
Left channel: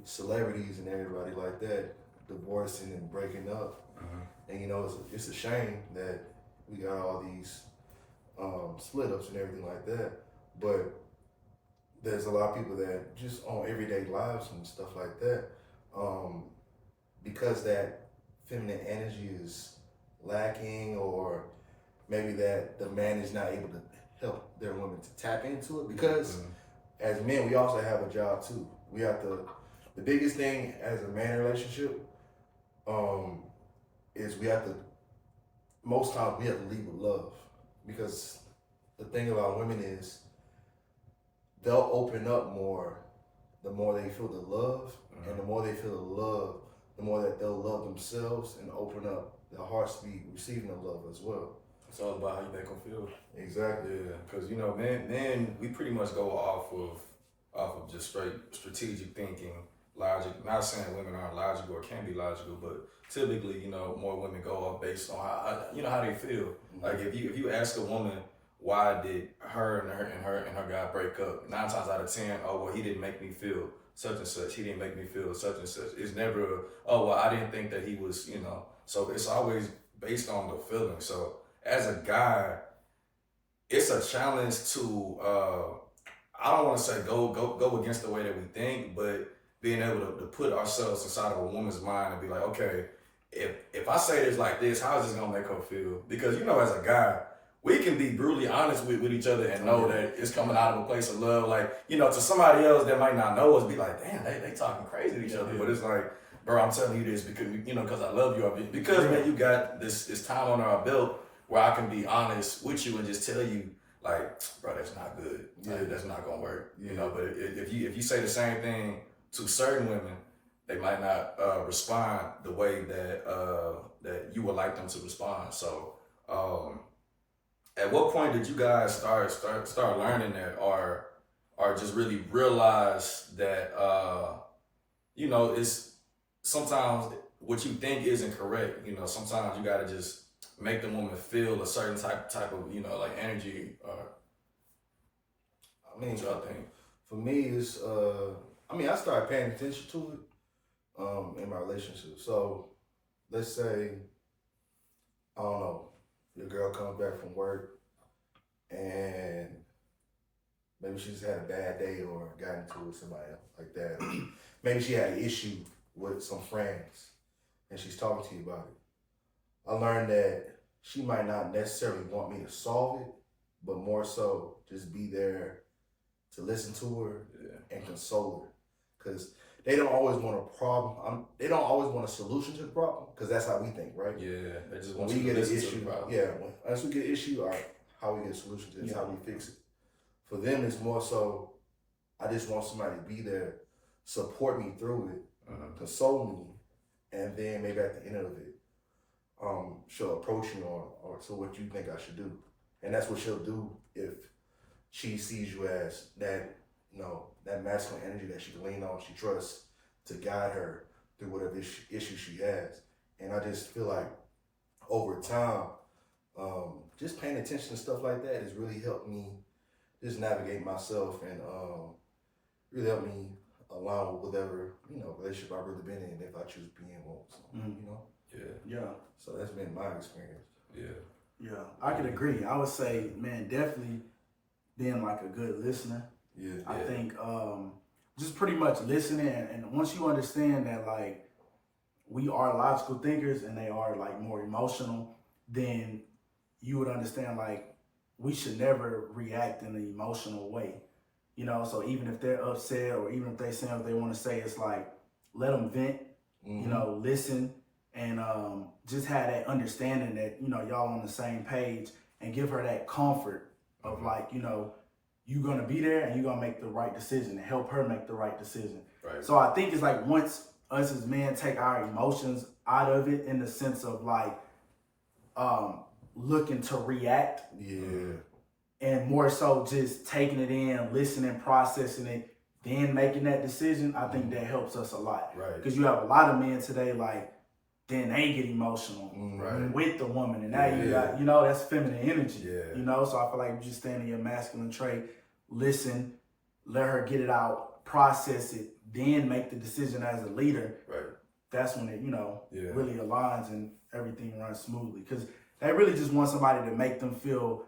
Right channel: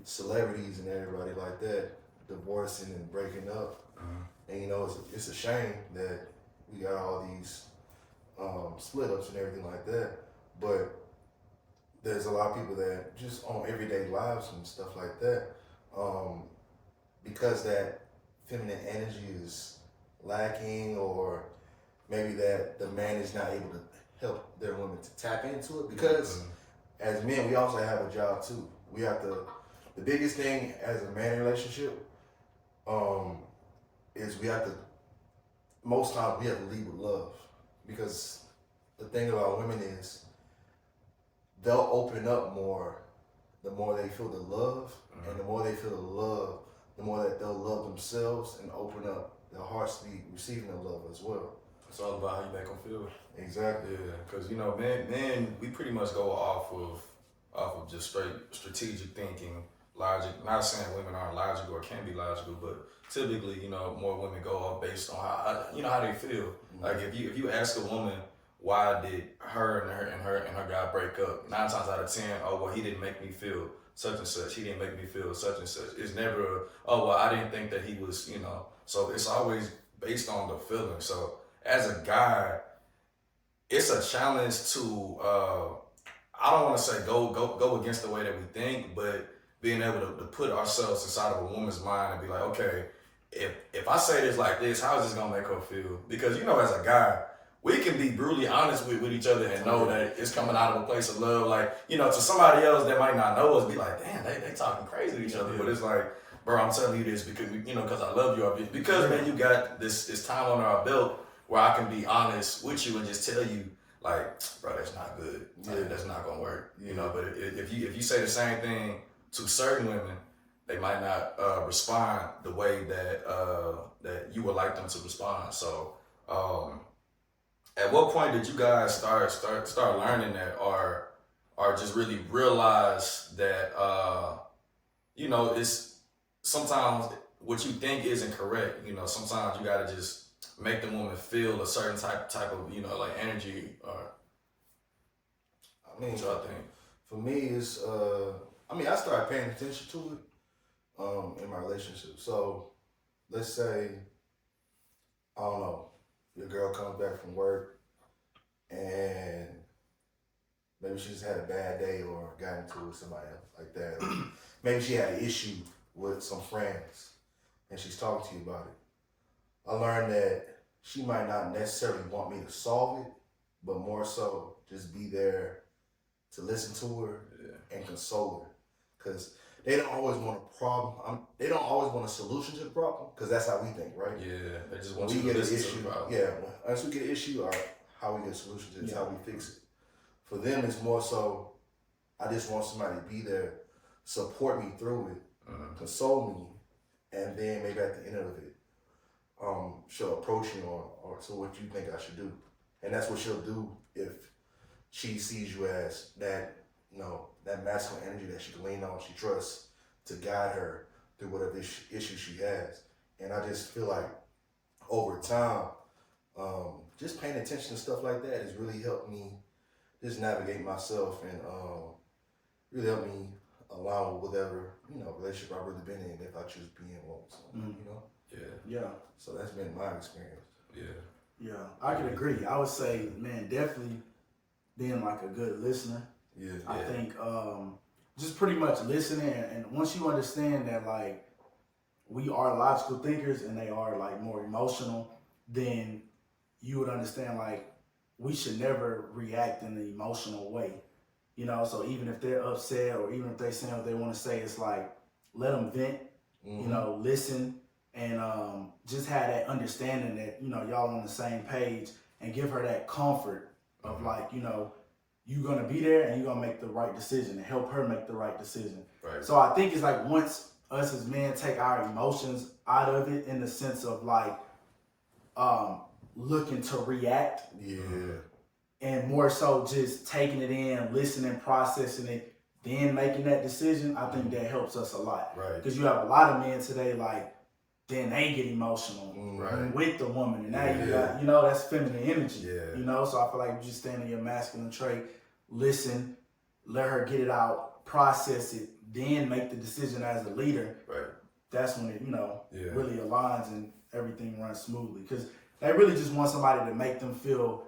celebrities and everybody like that divorcing and breaking up, and, you know, it's a shame that we got all these split ups and everything like that, but there's a lot of people that just on everyday lives and stuff like that, because that feminine energy is lacking, or maybe that the man is not able to help their women to tap into it, because as men, we also have a job too. We have to, the biggest thing as a man relationship is we have to, most times we have to lead with love, because the thing about women is they'll open up more the more they feel the love, and the more they feel the love, the more that they'll love themselves and open up their hearts to be receiving the love as well. It's all about how you make them feel. Exactly. Yeah, because you know, men, we pretty much go off of just straight strategic thinking, logic. Not saying women aren't logical or can be logical, but typically, you know, more women go off based on how they feel. Mm-hmm. Like if you ask a woman why did her and her guy break up, 9 times out of 10, oh well, he didn't make me feel such and such. He didn't make me feel such and such. It's never oh well, I didn't think that he was, you know. So it's always based on the feeling. So as a guy, it's a challenge to I don't want to say go against the way that we think, but being able to put ourselves inside of a woman's mind and be like, okay, if I say this like this, how is this gonna make her feel? Because you know, as a guy, we can be brutally honest with each other and know that it's coming out of a place of love. Like, you know, to somebody else that might not know us, be like, damn, they talking crazy to each other. But it's like, bro, I'm telling you this because because I love you. Because man, you got this time on our belt where I can be honest with you and just tell you, like, bro, that's not good. Like, that's not gonna work. You know, but if you say the same thing to certain women, they might not respond the way that you would like them to respond. So, at what point did you guys start learning that, or just really realize that it's sometimes what you think isn't correct? You know, sometimes you gotta just make the woman feel a certain type of like energy. Or I mean, what y'all think? for me, it's I started paying attention to it in my relationship. So let's say, I don't know, your girl comes back from work and maybe she just had a bad day or got into it with somebody else like that. Maybe she had an issue with some friends and she's talking to you about it. I learned that she might not necessarily want me to solve it, but more so just be there to listen to her and console her. Because they don't always want a problem. They don't always want a solution to the problem, because that's how we think, right? Yeah, they just want When you we to get an listen to issue, the problem. once we get an issue, all right, how we get a solution to this, how we fix it. For them, it's more so, I just want somebody to be there, support me through it, console me, and then maybe at the end of it, she'll approach me or so what you think I should do. And that's what she'll do if she sees you as that, that masculine energy that she can lean on, she trusts to guide her through whatever issue she has. And I just feel like over time, just paying attention to stuff like that has really helped me just navigate myself and really helped me align with whatever, relationship I've really been in if I choose being one. So, Yeah. So that's been my experience. Yeah, I could agree. I would say, man, definitely being like a good listener. I think just pretty much listening, and once you understand that like we are logical thinkers and they are like more emotional, then you would understand like we should never react in an emotional way. So even if they're upset or even if they say what they want to say, it's like let them vent, listen, and just have that understanding that, y'all on the same page, and give her that comfort of like, you're going to be there and you're going to make the right decision and help her make the right decision. Right. So I think it's like once us as men take our emotions out of it in the sense of like looking to react. And more so just taking it in, listening, processing it, then making that decision, I think that helps us a lot. Right. Because you have a lot of men today, like, then they get emotional with the woman. And now you got, that's feminine energy. So I feel like you just stand in your masculine trait, listen, let her get it out, process it, then make the decision as a leader. Right. That's when it, really aligns and everything runs smoothly. Because they really just want somebody to make them feel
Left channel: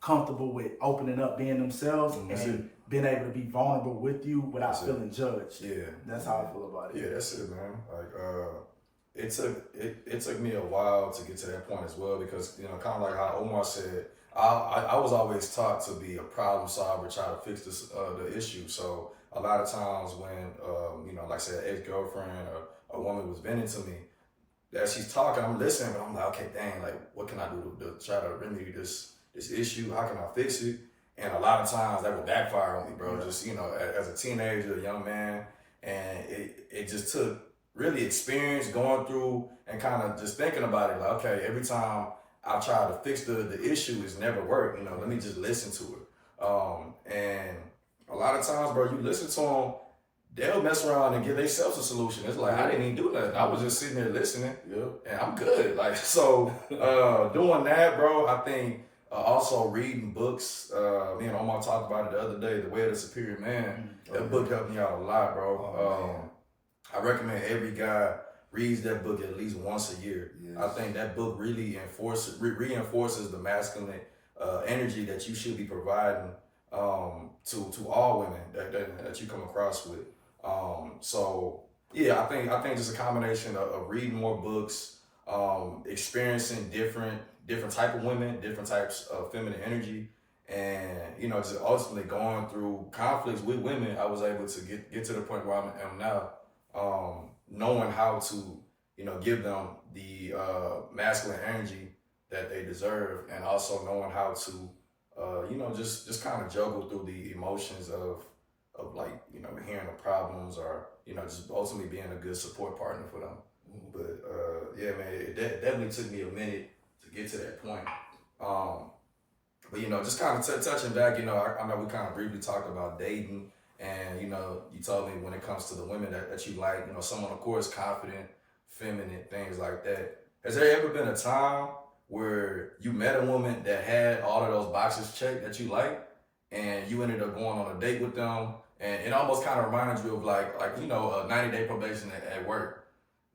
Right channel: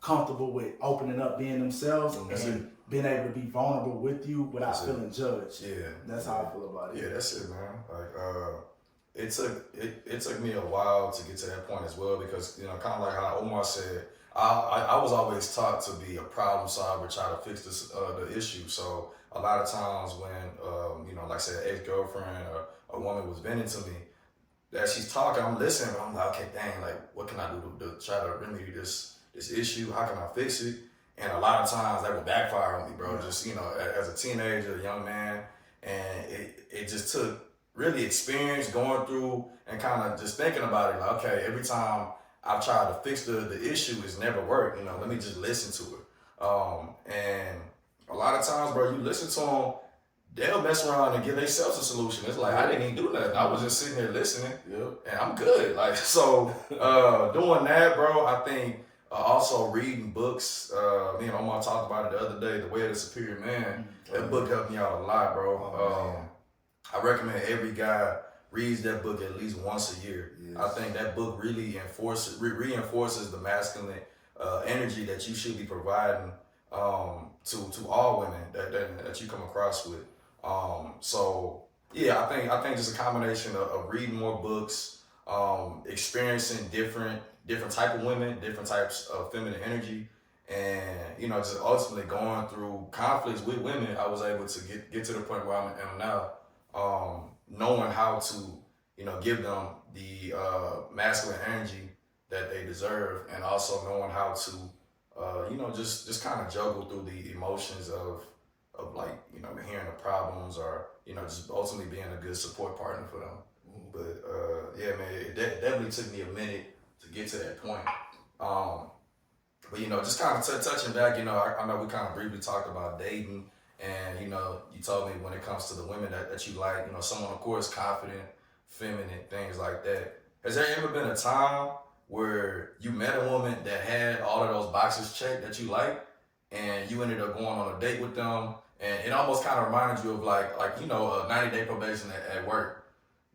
comfortable with opening up, being themselves, and being able to be vulnerable with you without feeling judged. That's how I feel about it. Yeah, that's it, man. Like, it took me a while to get to that point as well, because kind of like how Omar said, I was always taught to be a problem solver, try to fix the issue. So a lot of times when like I said, ex-girlfriend or a woman was venting to me, that she's talking, I'm listening, I'm like, okay, dang, like what can I do to try to remedy this issue? How can I fix it? And a lot of times that would backfire on me, bro. Just, as a teenager, a young man, and it just took really experienced going through and kind of just thinking about it. Like, okay, every time I try to fix the issue, it's never worked. You know, let me just listen to it. And a lot of times, bro, you listen to them, they'll mess around and give themselves a solution. It's like, I didn't even do nothing. I was just sitting there listening, and I'm good. Like, so doing that, bro, I think also reading books. Me and Omar talked about it the other day, The Way of the Superior Man. That book helped me out a lot, bro. I recommend every guy reads that book at least once a year. Yes. I think that book really reinforces the masculine energy that you should be providing to all women that you come across with. So yeah, I think just a combination of reading more books, experiencing different type of women, different types of feminine energy, and you know, just ultimately going through conflicts with women. I was able to get to the point where I am now, knowing how to, you know, give them the masculine energy that they deserve, and also knowing how to you know, just kind of juggle through the emotions of like, you know, hearing the problems, or, you know, just ultimately being a good support partner for them. But yeah, man, it definitely took me a minute to get to that point. But you know, just kind of touching back, you know, I know we kind of briefly talked about dating, and you know, you told me when it comes to the women that you like, you know, someone of course confident, feminine, things like that. Has there ever been a time where you met a woman that had all of those boxes checked that you like, and you ended up going on a date with them, and it almost kind of reminded you of like you know, a 90-day probation at work?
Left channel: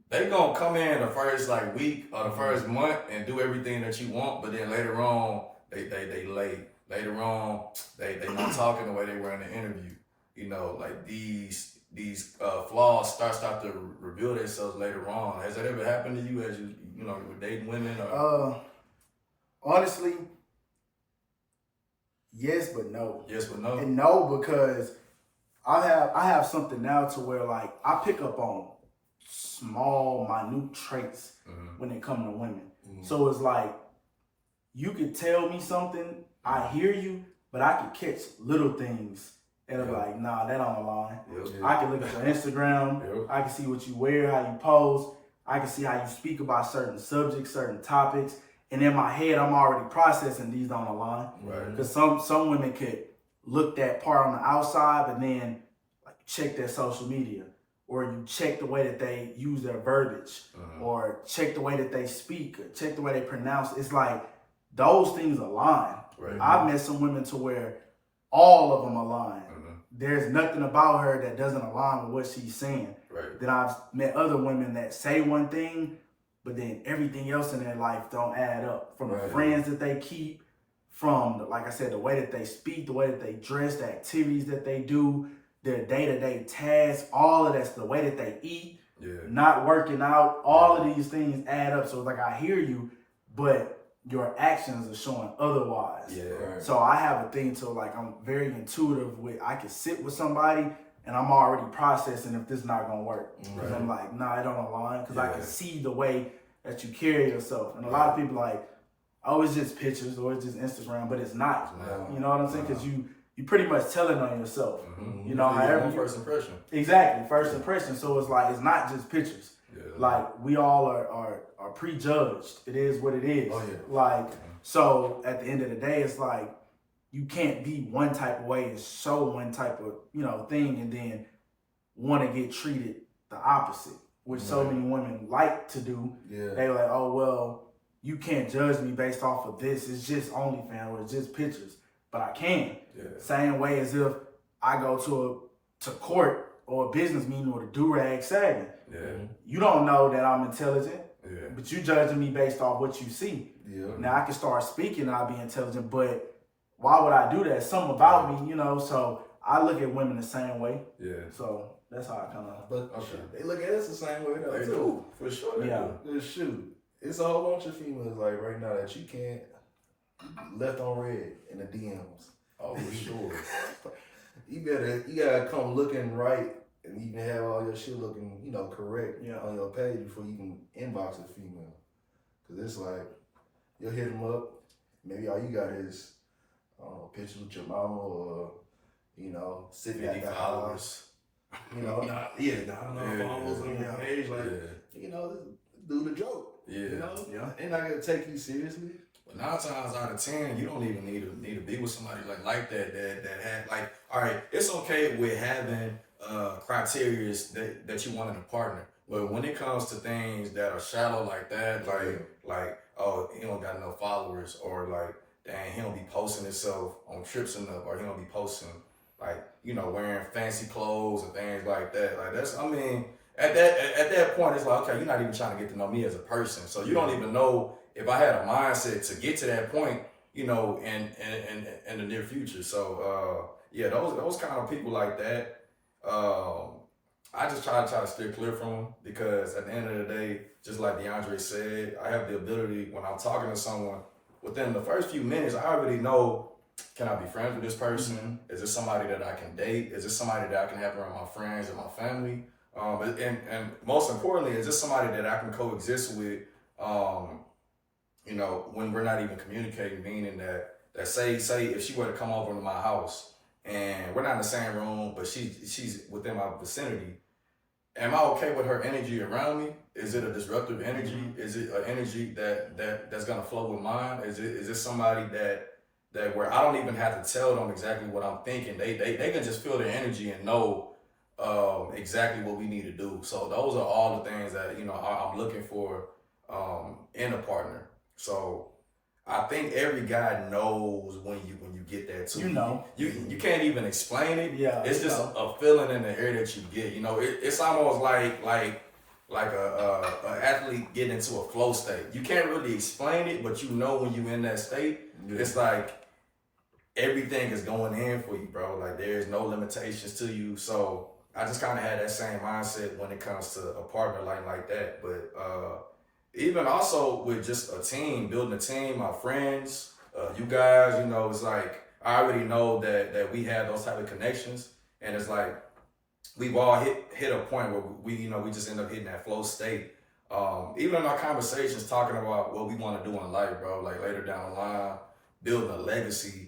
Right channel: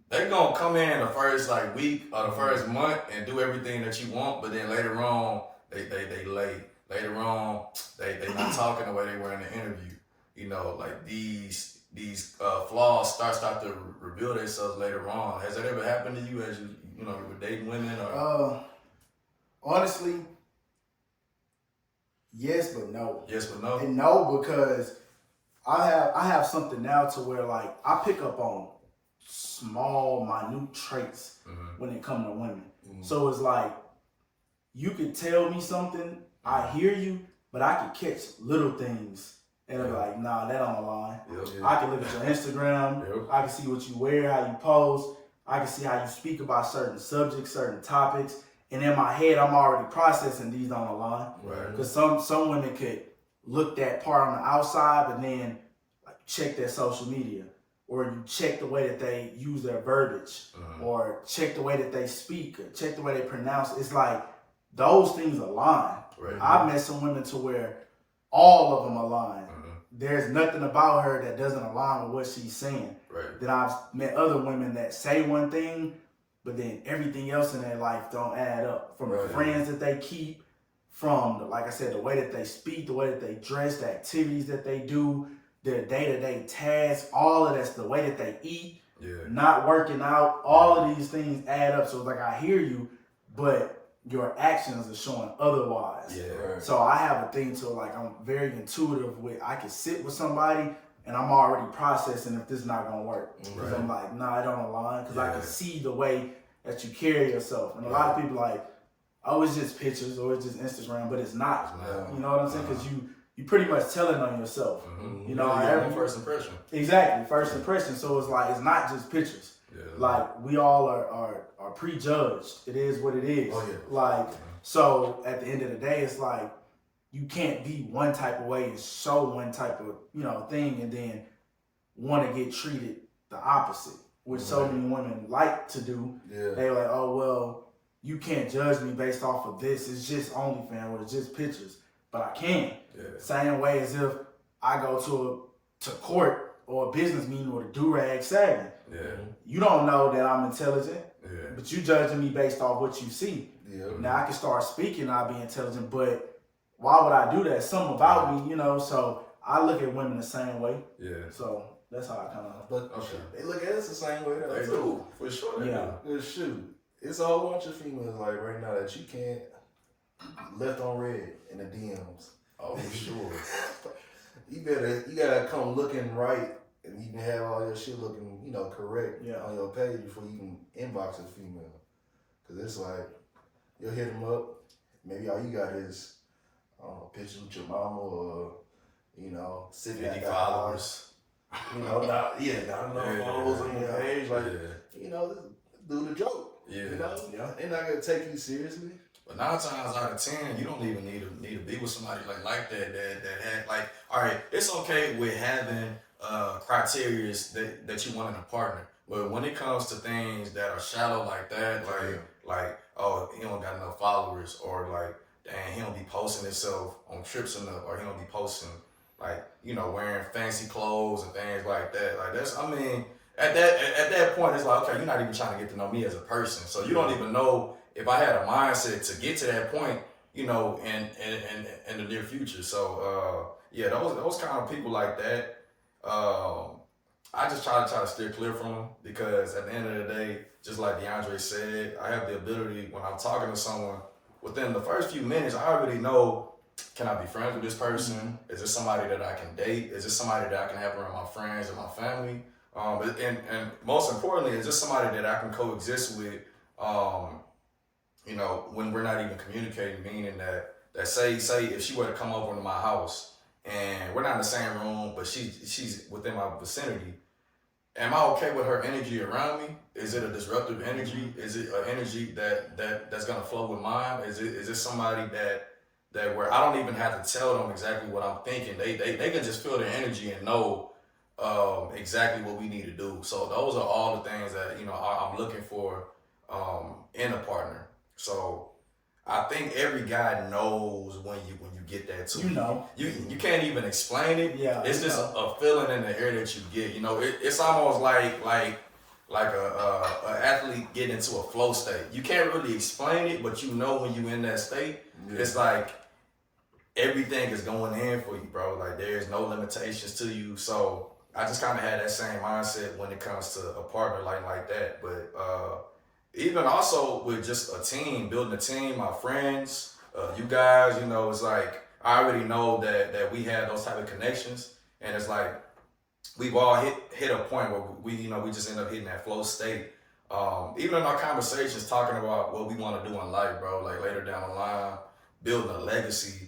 They gonna come in the first like week or the first month and do everything that you want, but then later on they late. Later on they not talking the way they were in the interview. You know, like these flaws start to reveal themselves later on. Has that ever happened to you as you know, you were dating women? Or? Honestly, yes, but no. Yes, but no. And no, because I have something now to where like I pick up on small, minute traits when it comes to women. So it's like you could tell me something, I hear you, but I could catch little things and I'm like, nah, that don't align. I can look at your Instagram, I can see what you wear, how you pose, I can see how you speak about certain subjects, certain topics, and in my head I'm already processing these don't align. Because some women could look that part on the outside, but then like check their social media, or you check the way that they use their verbiage, or check the way that they speak, or check the way they pronounce. It's like those things align. I've met some women to where all of them align. There's nothing about her that doesn't align with what she's saying. Then I've met other women that say one thing, but then everything else in their life don't add up. From the friends that they keep, from, like I said, the way that they speak, the way that they dress, the activities that they do, their day-to-day tasks, all of that's the way that they eat, not working out, all of these things add up. So it's like, I hear you, but your actions are showing otherwise. So I have a thing to like, I'm very intuitive with, I can sit with somebody and I'm already processing if this is not gonna work. Because I'm like, nah, it don't align, because I can see the way that you carry yourself. And a lot of people like, oh, it's just pictures or it's just Instagram, but it's not. You know what I'm saying? Because you pretty much telling on yourself. You know, first impression. Exactly, first impression. So it's like, it's not just pictures. Like we all are prejudged. It is what it is. Like, so at the end of the day, it's like you can't be one type of way and show one type of, you know, thing and then want to get treated the opposite, which so many women like to do. They're like, oh well, you can't judge me based off of this. It's just OnlyFans or it's just pictures. But I can. Same way as if I go to court or a business meeting with a do-rag sagging. You don't know that I'm intelligent, but you judging me based off what you see. Now I can start speaking and I'll be intelligent, but why would I do that? Something about me, you know, so I look at women the same way. So that's how I kind of... But they look at us the same way though. They do, for sure. Good shoot. It's a whole bunch of females like right now that you can't left on red in the DMs. Oh, for sure. You gotta come looking right, and you can have all your shit looking, you know, correct on your page before you can inbox a female. Cause it's like you'll hit them up. Maybe all you got is pictures with your mama, or you know, sitting at the house. You know, not enough followers on your page. Like, you know, do the joke. Yeah. You know, they're not gonna take you seriously. But 9 times out of 10, you don't even need to be with somebody like that had like, all right, it's okay with having criteria that you want in a partner. But when it comes to things that are shallow like that, like oh, he don't got no followers, or like, dang, he don't be posting himself on trips enough, or he don't be posting like, you know, wearing fancy clothes and things like that. Like that's, I mean, at that point, it's like, okay, you're not even trying to get to know me as a person, so you don't even know if I had a mindset to get to that point, you know, in the near future. So yeah, those kind of people like that, I just try to steer clear from them, because at the end of the day, just like DeAndre said, I have the ability, when I'm talking to someone, within the first few minutes, I already know, can I be friends with this person? Mm-hmm. Is this somebody that I can date? Is this somebody that I can have around my friends and my family? And most importantly, is this somebody that I can coexist with, you know, when we're not even communicating, meaning that say if she were to come over to my house and we're not in the same room, but she's within my vicinity, am I okay with her energy around me? Is it a disruptive energy? Is it an energy that's gonna flow with mine? Is it somebody that where I don't even have to tell them exactly what I'm thinking? They can just feel the energy and know exactly what we need to do. So those are all the things that, you know, I'm looking for in a partner. So I think every guy knows when you get that too. You know, you can't even explain it. Yeah, it's just a feeling in the air that you get. You know, it's almost like a athlete getting into a flow state. You can't really explain it, but you know when you're in that state, it's like everything is going in for you, bro. Like there's no limitations to you. So I just kind of had that same mindset when it comes to a partner like that. But even also with just a team, building a team, my friends, you guys, you know, it's like I already know that we have those type of connections, and it's like we've all hit a point where we just end up hitting that flow state. Even in our conversations, talking about what we want to do in life, bro, like later down the line, building a legacy,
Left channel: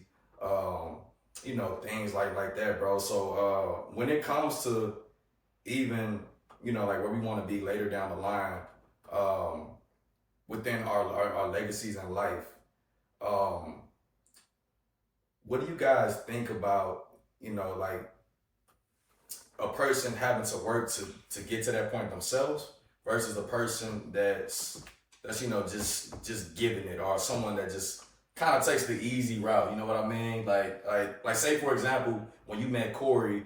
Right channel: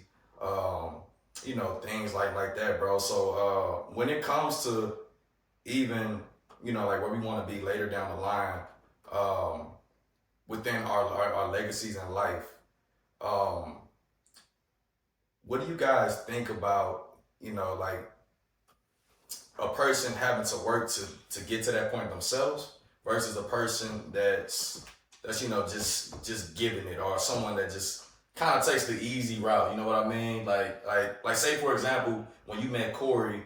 you know, things like that, bro. So when it comes to even, you know, like where we want to be later down the line, within our legacies in life, what do you guys think about, you know, like a person having to work to get to that point themselves versus a person that's you know, just giving it, or someone that just kind of takes the easy route, you know what I mean? Like say for example, when you met Corey,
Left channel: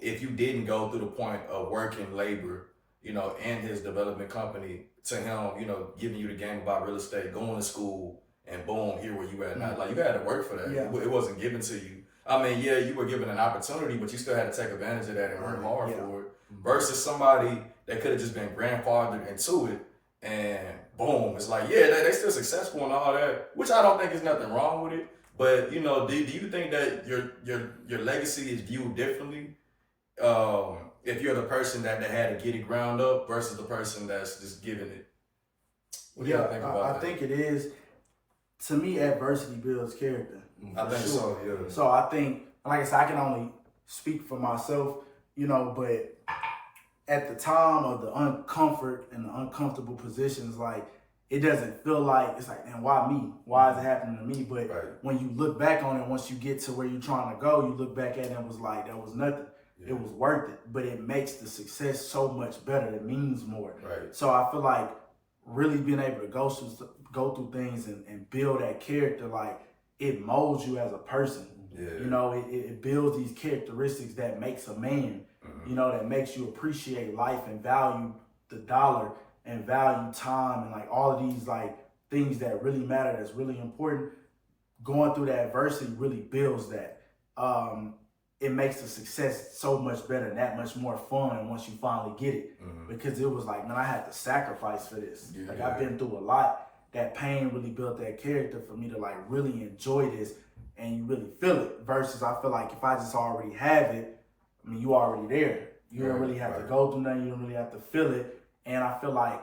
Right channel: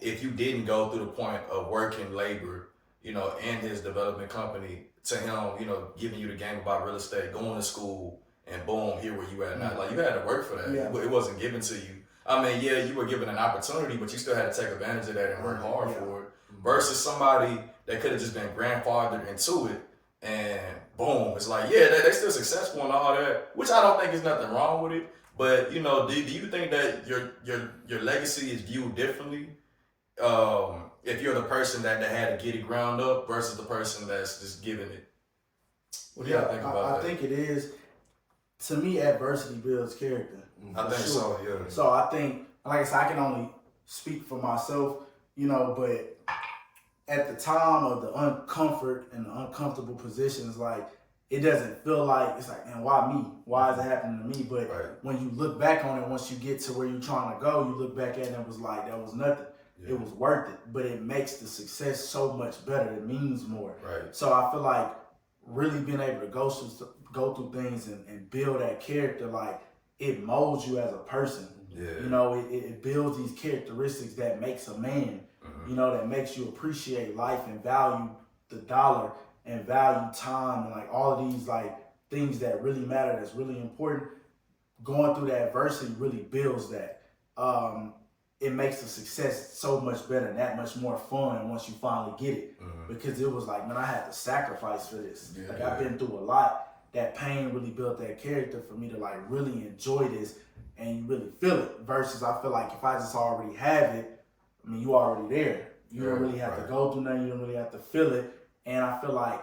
if you didn't go through the point of working labor, you know, in his development company, to him, you know, giving you the game about real estate, going to school, and boom, here where you at now. Like you had to work for that. Yeah. It wasn't given to you. I mean, yeah, you were given an opportunity, but you still had to take advantage of that and work hard for it. Versus somebody that could have just been grandfathered into it, and boom, it's like, yeah, they're still successful and all that, which I don't think is nothing wrong with it. But you know, do you think that your legacy is viewed differently if you're the person that had to get it ground up versus the person that's just giving it? What do you think about that? I think it is. To me, adversity builds character. I think so, yeah. So I think, like I said, I can only speak for myself, you know, but at the time of the uncomfort and the uncomfortable positions, like, it doesn't feel like, it's like, man, why me? Why is it happening to me? But when you look back on it, once you get to where you're trying to go, you look back at it and it was like, that was nothing. Yeah. It was worth it, but it makes the success so much better. It means more. Right. So I feel like really being able to go through things and build that character, like, it molds you as a person. Yeah. You know, it builds these characteristics that makes a man, you know, that makes you appreciate life and value the dollar and value time and like all of these like things that really matter, that's really important. Going through that adversity really builds that. It makes the success so much better and that much more fun once you finally get it. Because it was like, man, I had to sacrifice for this. Yeah, like I've been through a lot. That pain really built that character for me to like really enjoy this and you really feel it. Versus I feel like if I just already have it, I mean, you already there. You don't really have to go through nothing. You don't really have to feel it. And I feel like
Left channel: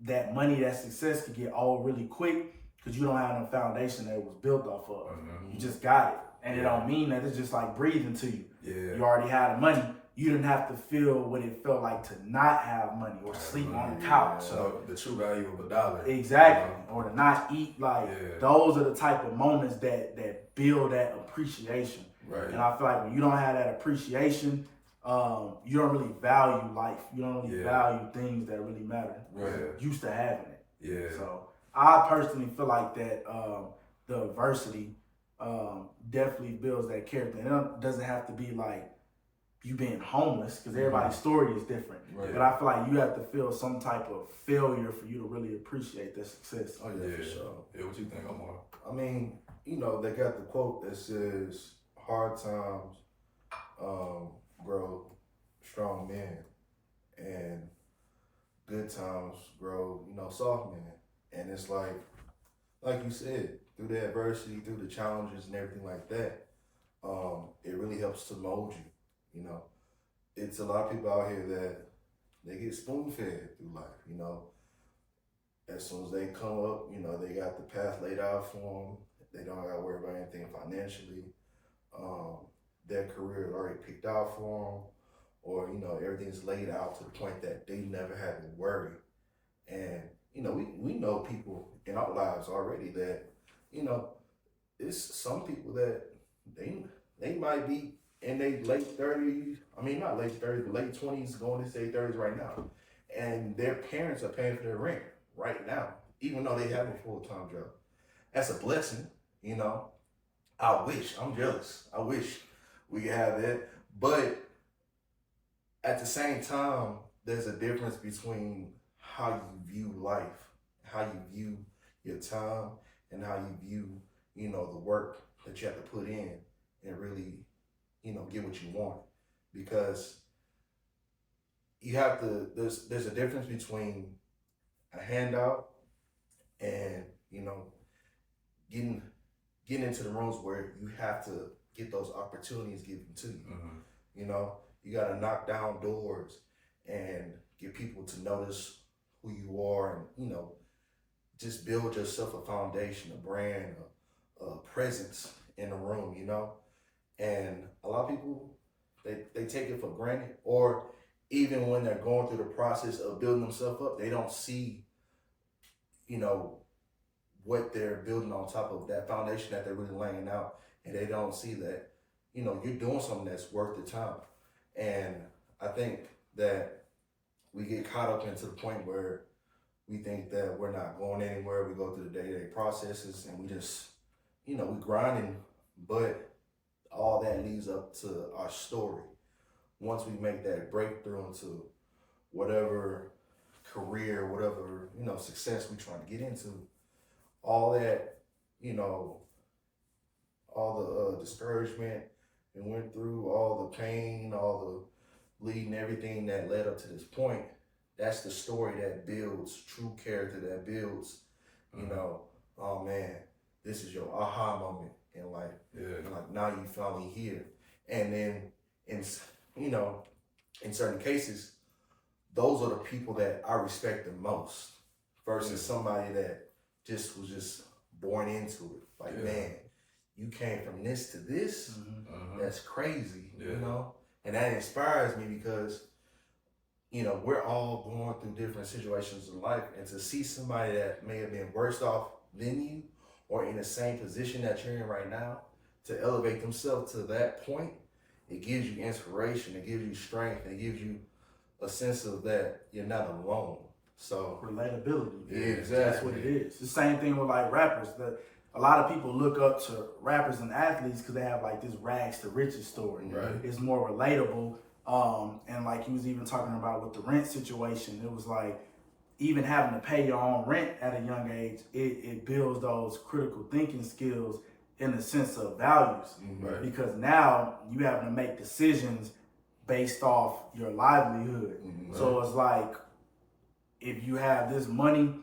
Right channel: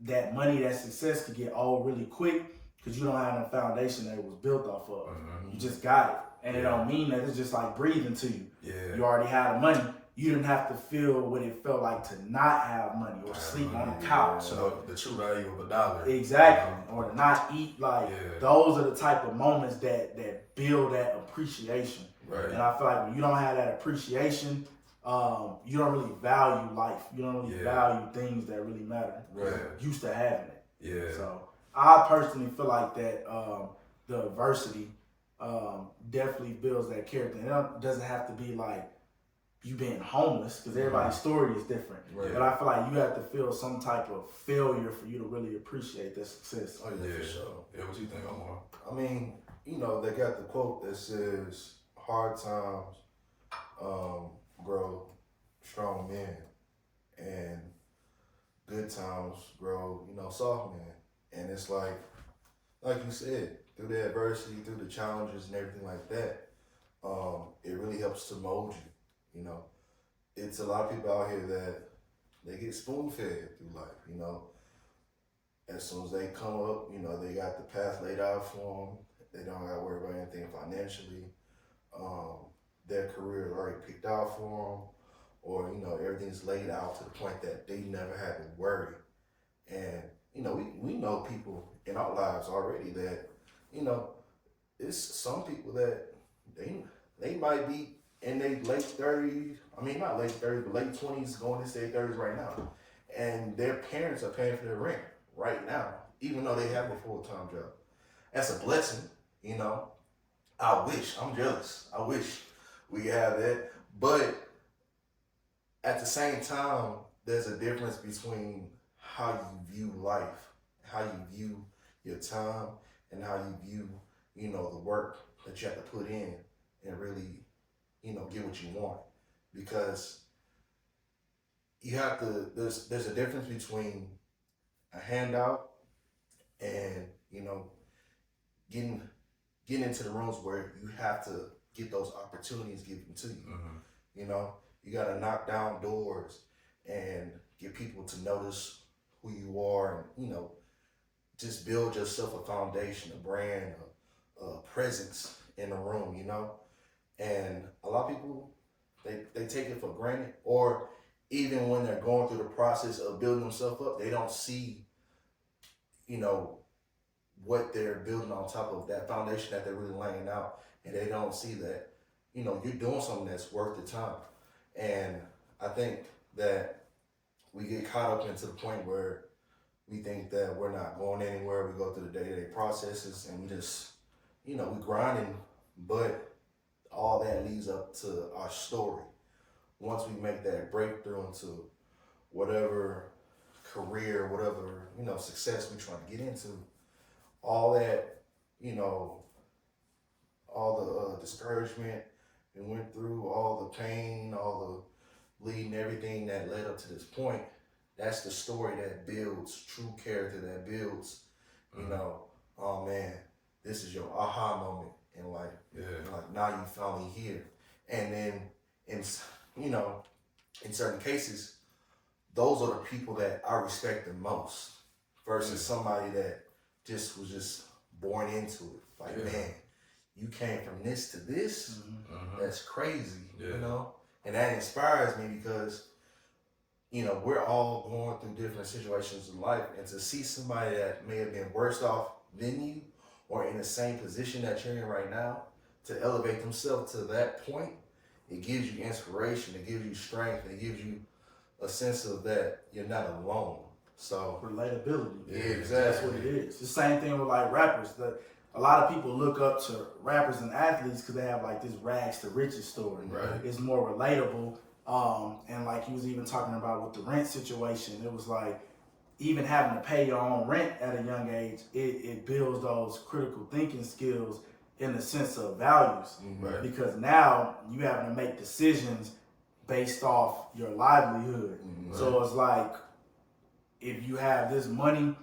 that money, that success could get old really quick because you don't have a foundation that it was built off of. You just got it. And it don't mean that it's just like breathing to you. Yeah. You already have the money, you didn't have to feel what it felt like to not have money or sleep on the couch. So the true value of a dollar. Exactly. Or to not eat. Like, Yeah. those are the type of moments that build that appreciation. Right. And I feel like when you don't have that appreciation, you don't really value life. You don't really value things that really matter. Right. Used to having it. Yeah. So I personally feel like that the adversity definitely builds that character. And it doesn't have to be like you being homeless, because everybody's story is different. Right. But I feel like you have to feel some type of failure for you to really appreciate the success. Oh yeah, for sure. Yeah, what you think, Omar? I mean, you know, they got the quote that says, "Hard times grow strong men, and good times grow, you know, soft men." And it's like you said, through the adversity, through the challenges and everything like that, it really helps to mold you. You know, it's a lot of people out here that they get spoon fed through life. You know, as soon as they come up, you know, they got the path laid out for them. They don't got to worry about anything financially. Their career is already picked out for them, or, you know, everything's laid out to the point that they never had to worry. And, you know, we know people in our lives already that, you know, it's some people that they might be in their late 30s, I mean, not late 30s, but late 20s, going into their 30s right now. And their parents are paying for their rent right now, even though they have a full-time job. That's a blessing, you know. I wish, I'm jealous. I wish we could have that. But at the same time, there's a difference between how you view life, how you view your time, and how you view, you know, the work that you have to put in and really, you know, get what you want. Because you have to, there's a difference between a handout and, you know, getting into the rooms where you have to get those opportunities given to you. Mm-hmm. You know, you got to knock down doors and get people to notice who you are, and, you know, just build yourself a foundation, a brand, a presence in the room, you know. And a lot of people, they take it for granted, or even when they're going through the process of building themselves up, they don't see, you know, what they're building on top of that foundation that they're really laying out. And they don't see that, you know, you're doing something that's worth the time. And I think that we get caught up into the point where we think that we're not going anywhere. We go through the day-to-day processes and we just, you know, we grinding, but all that leads up to our story. Once we make that breakthrough into whatever career, whatever, you know, success we try to get into, all that, you know, all the discouragement we went through, all the pain, all the bleeding, everything that led up to this point, that's the story that builds true character, that builds, you know, oh man, this is your aha moment in life. Yeah. Like, now you finally here. And then, you know, in certain cases, those are the people that I respect the most versus somebody that was just born into it. Like, man, you came from this to this. That's crazy, you know? And that inspires me because, you know, we're all going through different situations in life, and to see somebody that may have been worse off than you or in the same position that you're in right now, to elevate themselves to that point, it gives you inspiration, it gives you strength, it gives you a sense of that you're not alone. So relatability. Yeah, exactly. That's what it is. It's the same thing with like rappers. A lot of people look up to rappers and athletes because they have like this rags to riches story. Right. It's more relatable. And like he was even talking about with the rent situation, it was like even having to pay your own rent at a young age, it builds those critical thinking skills in the sense of values. Right. Because now you having to make decisions based off your livelihood. So it's like, if you have this money,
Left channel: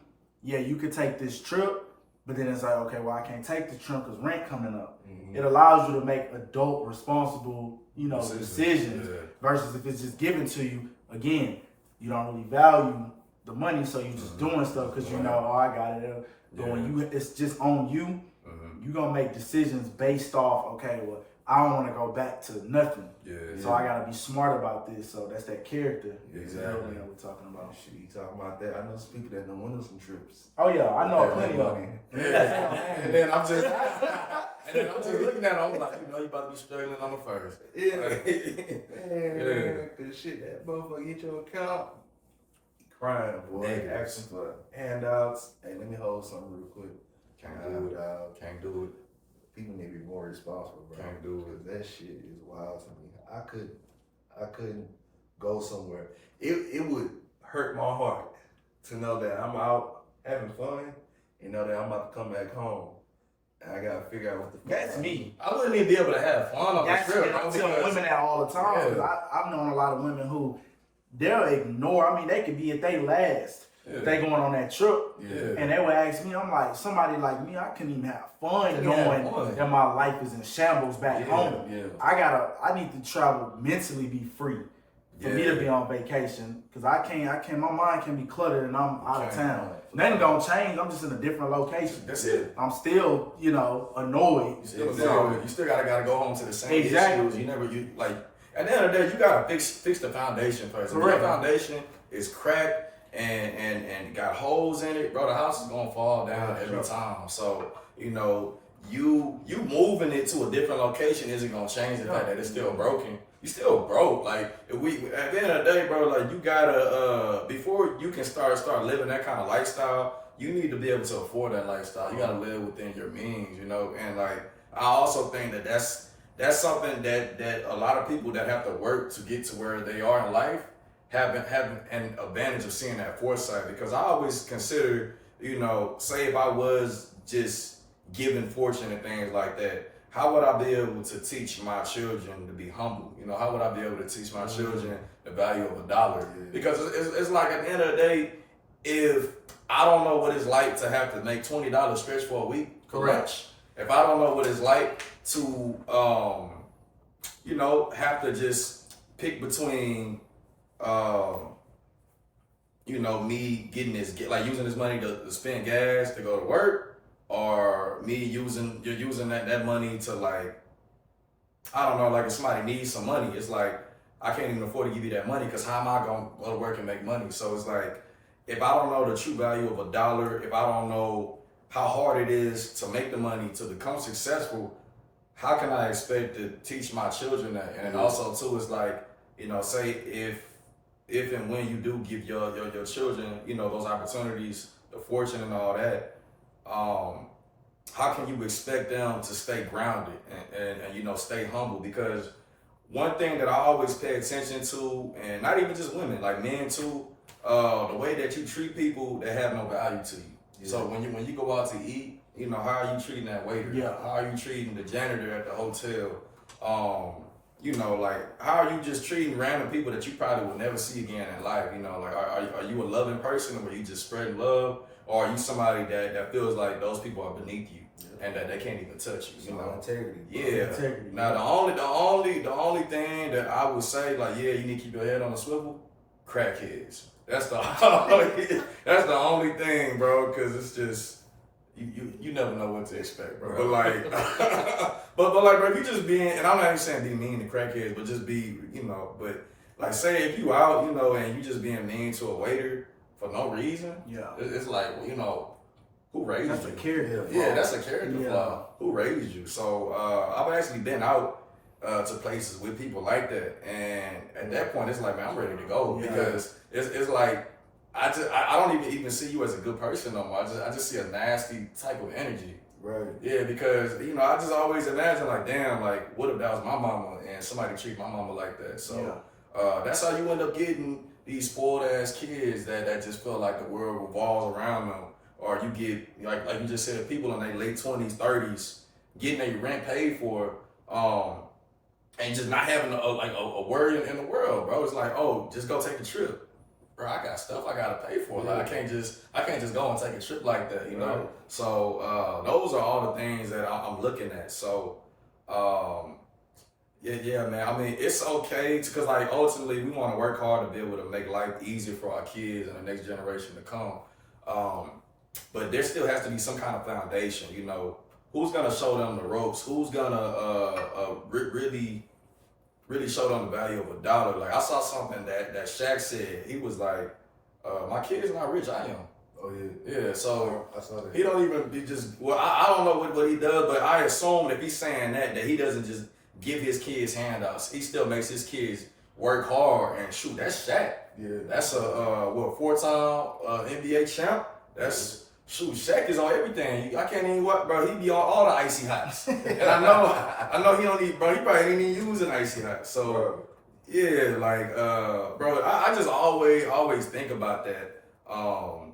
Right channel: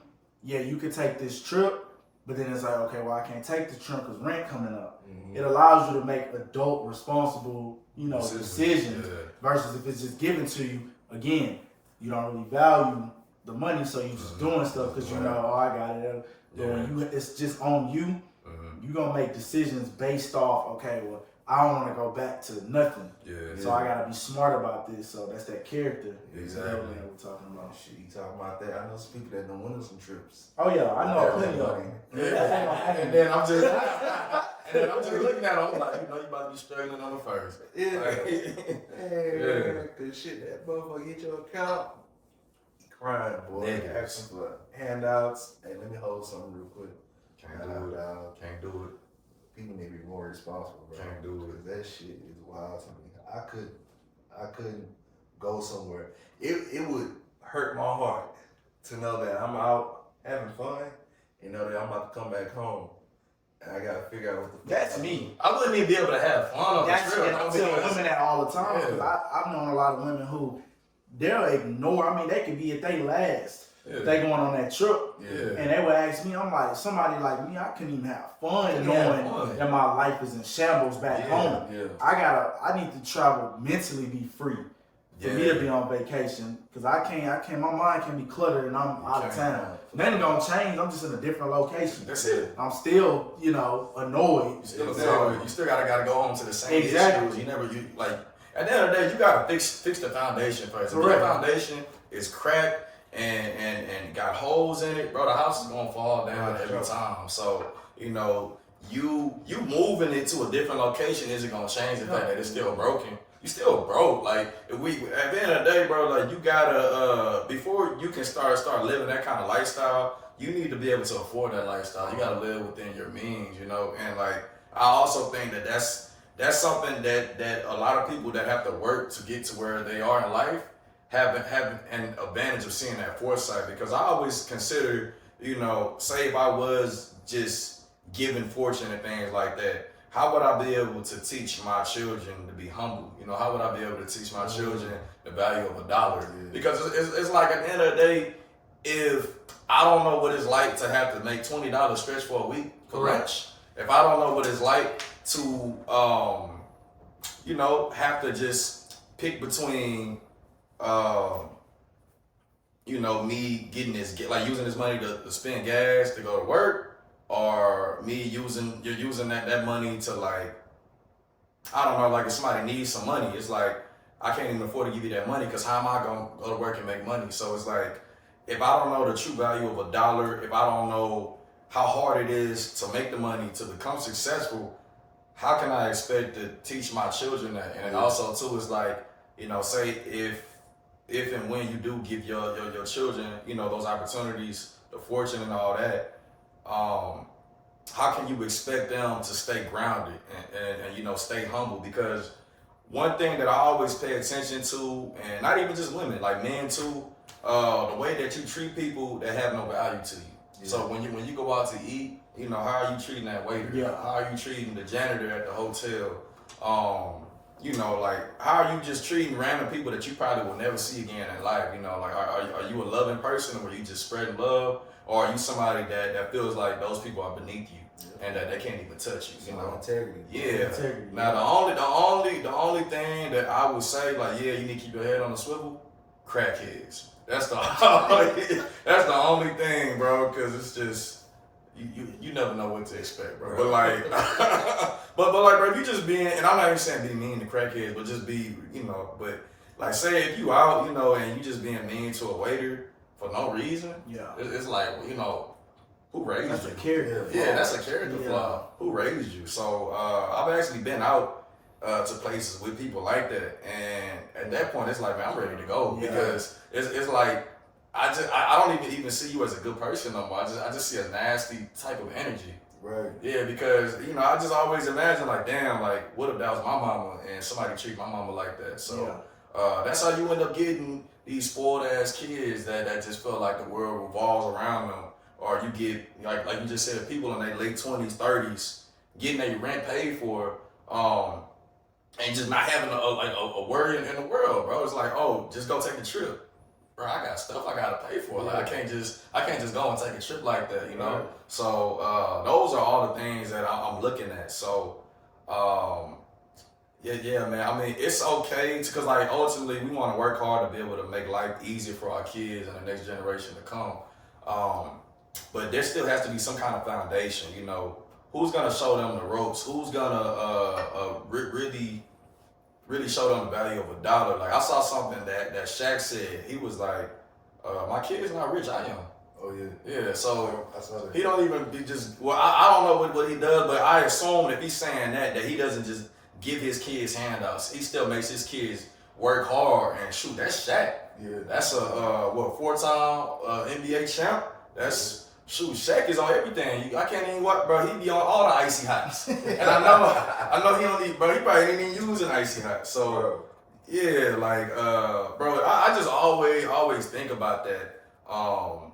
yeah, you could take this trip, but then it's like, okay, well, I can't take the trip because rent coming up. It allows you to make adult, responsible, you know, decisions versus if it's just given to you. Again, you don't really value the money, so you're just doing stuff because you know, oh, I got it. But when it's just on you, you're gonna make decisions based off, okay, well, I don't want to go back to nothing. Yeah. So I gotta be smart about this. So that's that character. Exactly. That we're talking about. Shit, you talking about that? I know some people that done went on some trips. Oh yeah, I know plenty of money. them. And then I'm just looking at him, I'm like, you about to be struggling on the first. Yeah. Yeah. Cause shit, that motherfucker hit your account. You crying, boy. Niggas. Asking for handouts. Hey, let me hold something real quick. Can't do it. Can't do it. People need to be more responsible, bro. Can't do it. Cause that shit is wild to me. I couldn't go somewhere. It would hurt my heart to know that I'm out having fun and know that I'm about to come back home and I gotta figure out what the fuck. That's me. I wouldn't even be able to have fun on That's the trip. it. I tell women that all the time. Yeah. Cause I've known a lot of women who they'll ignore. I mean, they could be at they last. Yeah. If they going on that trip. Yeah. And they would ask me, I'm like, somebody like me, I couldn't even have fun Couldn't have knowing fun. that my life is in shambles back home. Yeah. I need to travel mentally, be free for me to be on vacation. Cause I can't, my mind can be cluttered and I'm out of town. Nothing gonna change, I'm just in a different location. That's it. I'm still, annoyed. You still gotta go home to the same Exactly. issues. At the end of the day, you gotta fix the foundation first. If your Correct. foundation is cracked and got holes in it, bro, the house is gonna fall down every time. So, you moving it to a different location isn't gonna change the fact that it's still broken. You still broke. Like at the end of the day, bro, like you gotta before you can start living that kind of lifestyle, you need to be able to afford that lifestyle. You gotta live within your means, and like I also think that that's something that a lot of people that have to work to get to where they are in life have an advantage of seeing that foresight, because I always consider, say if I was just given fortune and things like that, how would I be able to teach my children to be humble? How would I be able to teach my children the value of $1? Because it's like at the end of the day, if I don't know what it's like to have to make $20 stretch for a week for lunch, if I don't know what it's like to, have to just pick between, me getting using this money to spend gas to go to work, or me using that money to I don't know, like if somebody needs some money, it's like I can't even afford to give you that money because how am I gonna go to work and make money? So it's like if I don't know the true value of $1, if I don't know how hard it is to make the money to become successful, how can I expect to teach my children that? And then also too, it's like, say if and when you do give your children, those opportunities, the fortune and all that, how can you expect them to stay grounded and stay humble? Because one thing that I always pay attention to, and not even just women, like men too, the way that you treat people that have no value to you. Yeah. So when you go out to eat, how are you treating that waiter? Yeah. How are you treating the janitor at the hotel? How are you just treating random people that you probably will never see again in life? Are you a loving person, or are you just spreading love? Or are you somebody that feels like those people are beneath you and that they can't even touch you? Integrity. Yeah. Integrity. Now the only thing that I would say, you need to keep your head on the swivel, crackheads. That's the only thing, bro, because it's just you never know what to expect, bro. Right. But bro, if you just being, and I'm not even saying be mean to crackheads, but just be, but say if you out, and you just being mean to a waiter for no reason, it's like, who raised That's you? a character flaw. Yeah, that's a character flaw. Who raised you? So I've actually been out to places with people like that, and at that point, it's like, man, I'm ready to go, because it's like I don't even see you as a good person no more. I just see a nasty type of energy. Right. Yeah, because I just always imagine damn, what if that was my mama and somebody treat my mama like that? So that's how you end up getting these spoiled ass kids that just feel like the world revolves around them. Or you get, like you just said, people in their late 20s, 30s, getting their rent paid for, and just not having a worry in the world, bro. It's like, oh, just go take a trip. Bro, I got stuff I gotta pay for. I can't just go and take a trip like that, you know? Right. So those are all the things that I'm looking at. So yeah, man. I mean, it's okay because ultimately we want to work hard to be able to make life easier for our kids and the next generation to come. But there still has to be some kind of foundation, who's gonna show them the ropes? Who's gonna really show them the value of $1? Like I saw something that Shaq said. He was like, "My kid's not rich. I am." Oh yeah. Yeah. So I saw that. he don't even be just. Well, I don't know what he does, but I assume if he's saying that he doesn't just give his kids handouts. He still makes his kids work hard and shoot. That's Shaq. Yeah. That's a 4-time NBA champ. That's shoot. Shaq is on everything. I can't even watch, bro. He be on all the icy hots, and I know he only, but he probably ain't even using icy hot. So Bro. yeah, like bro, I just always think about that.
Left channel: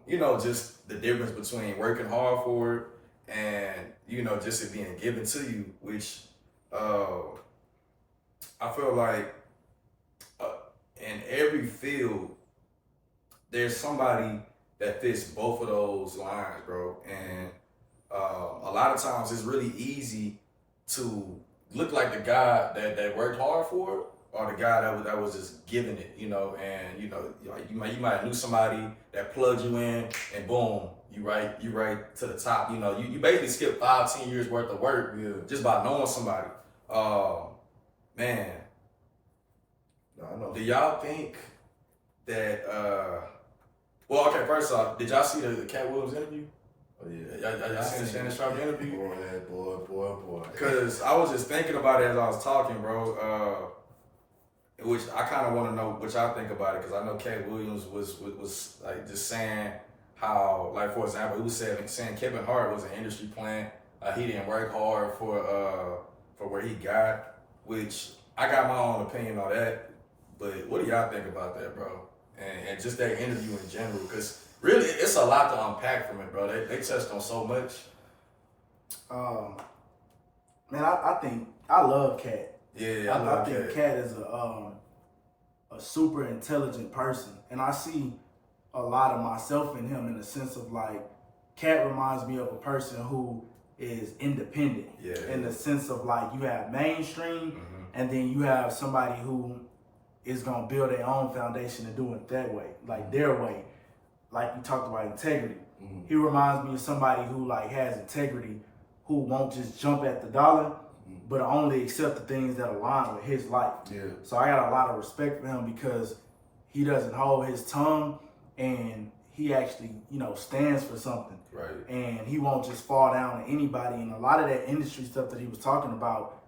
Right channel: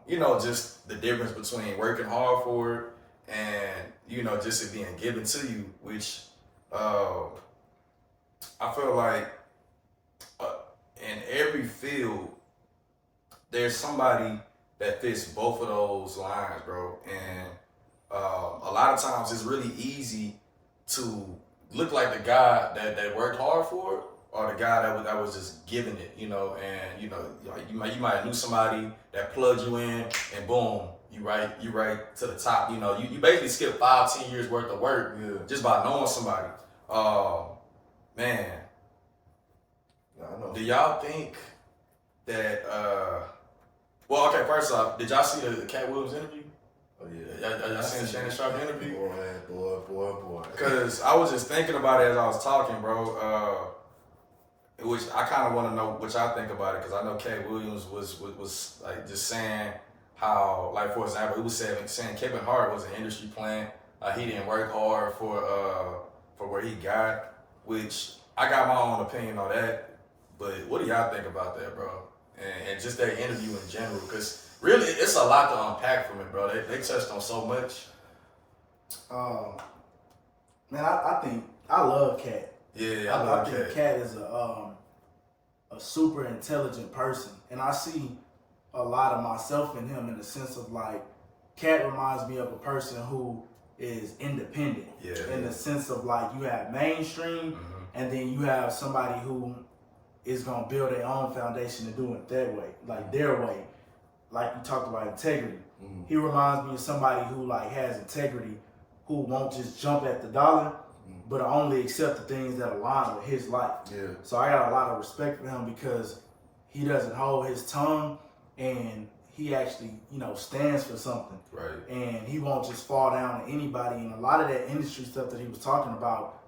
You know, just the difference between working hard for it and you know just it being given to you, which I feel like in every field there's somebody that fits both of those lines, bro. And a lot of times it's really easy to look like the guy that worked hard for it, or the guy that was just giving it, you know. And you know, you might have knew somebody that plugged you in, and boom, you right to the top. You know, you basically skip 5-10 years worth of work just by knowing somebody. Man, No, I know. do y'all think that? Well, okay. First off, did y'all see the Cat Williams interview? Oh yeah. Y'all seen the Shannon Sharp interview? Boy. Because I was just thinking about it as I was talking, bro. Which I kind of want to know what y'all think about it, because I know Cat Williams was like just saying how, like for example, he was saying Kevin Hart was an industry plant. He didn't work hard for where he got, which I got my own opinion on that. But what do y'all think about that, bro? And just that interview in general, because really it's a lot to unpack from it, bro. They touched on so much. Man, I think I love Cat. Yeah, I think Cat is a super intelligent person, and I see a lot of myself in him in the sense of like, Cat reminds me of a person who is independent. Yeah. In the sense of like, you have mainstream, and then you have somebody who is gonna build their own foundation and do it that way, like their way. Like you talked about integrity. He reminds me of somebody who like has integrity, who won't just jump at the dollar, but only accept the things that align with his life. Yeah. So I got a lot of respect for him because he doesn't hold his tongue, and he actually, you know, stands for something. Right. And he won't just fall down to anybody. And a lot of that industry stuff that he was talking about,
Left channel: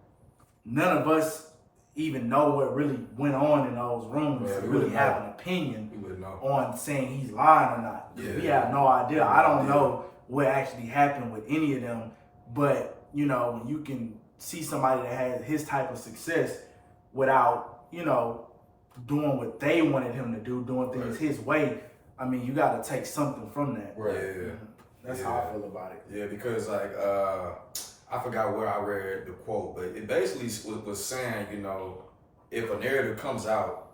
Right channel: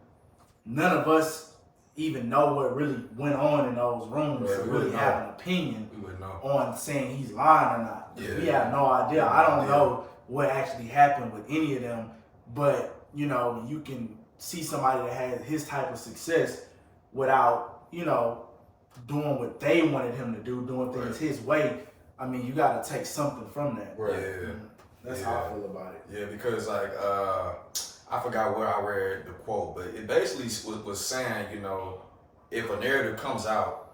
none of us even know what really went on in those rooms Right, to we really wouldn't have know. an opinion We would know. on saying he's lying or not. Yeah. We have no idea. I don't Yeah. know what actually happened with any of them. But, you know, when you can see somebody that has his type of success without, you know, doing what they wanted him to do, doing things his way, I mean, you got to take something from that. Right. Yeah. That's how I feel about it. Yeah, because like I forgot where I read the quote, but it basically was saying, you know, if a narrative comes out,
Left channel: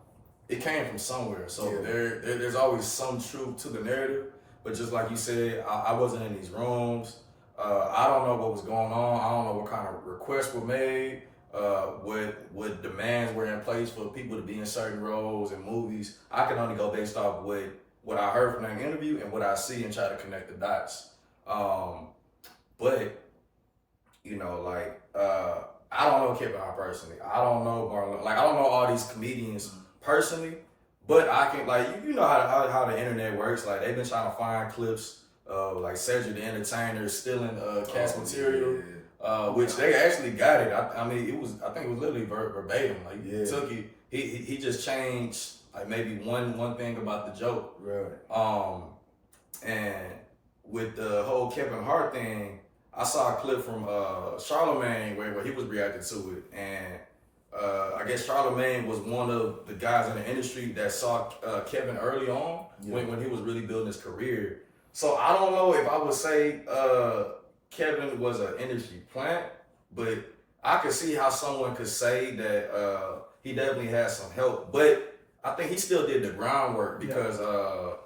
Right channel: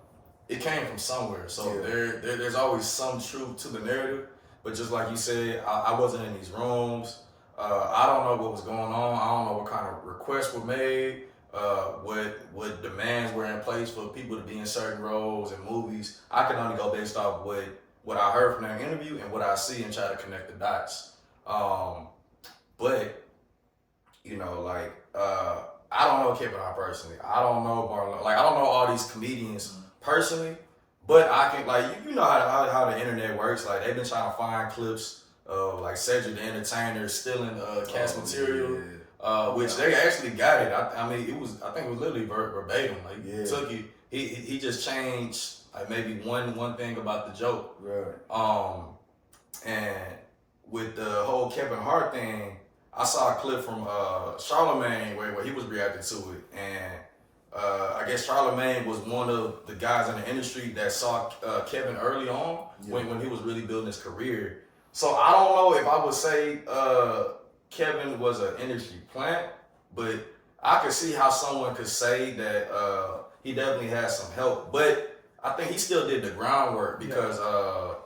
it came from somewhere. So there's always some truth to the narrative. But just like you said, I wasn't in these rooms. I don't know what was going on. I don't know what kind of requests were made. What demands were in place for people to be in certain roles and movies. I can only go based off what I heard from that interview and what I see and try to connect the dots. But you know, like I don't know Kevin Hart personally. I don't know Marlon. Like I don't know all these comedians personally, but I can like you know how the internet works. Like they've been trying to find clips of like Cedric the Entertainer stealing cast material. Which they actually got it. I mean, I think it was literally verbatim. Like he took it. He just changed like maybe one thing about the joke. Right. And with the whole Kevin Hart thing, I saw a clip from Charlamagne where he was reacting to it, and I guess Charlamagne was one of the guys in the industry that saw Kevin early on when he was really building his career. So I don't know if I would say Kevin was an industry plant, but I could see how someone could say that he definitely has some help. But I think he still did the groundwork because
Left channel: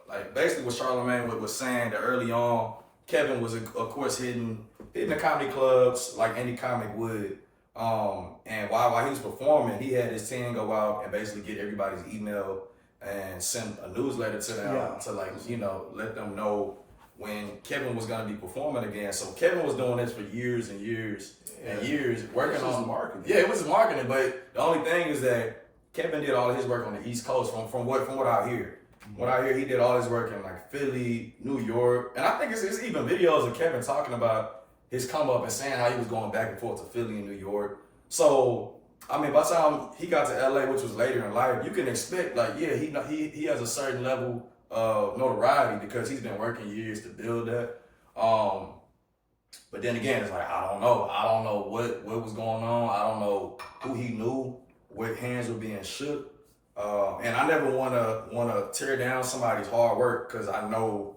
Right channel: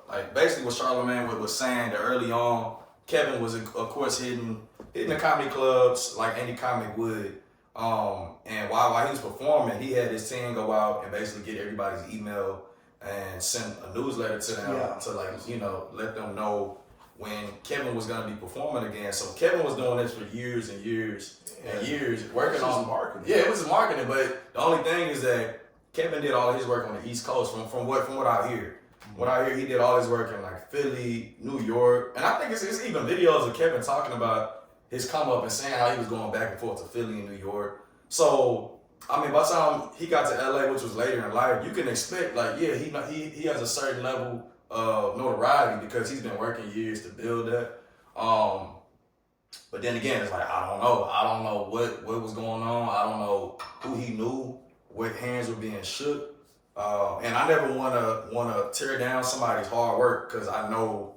like basically what Charlamagne was saying that early on, Kevin was of course hitting the comedy clubs like any comic would. And while he was performing, he had his team go out and basically get everybody's email and send a newsletter to them to like, you know, let them know when Kevin was gonna be performing again. So Kevin was doing this for years and years and years, working on marketing. Yeah, it was marketing, but the only thing is that Kevin did all of his work on the East Coast from what I hear. What I hear, he did all his work in like Philly, New York, and I think it's even videos of Kevin talking about his come up and saying how he was going back and forth to Philly and New York. So I mean, by the time he got to LA, which was later in life, you can expect like, yeah, he has a certain level of notoriety because he's been working years to build that. But then again, it's like I don't know what was going on. I don't know who he knew, what hands were being shook. And I never wanna tear down somebody's hard work because I know,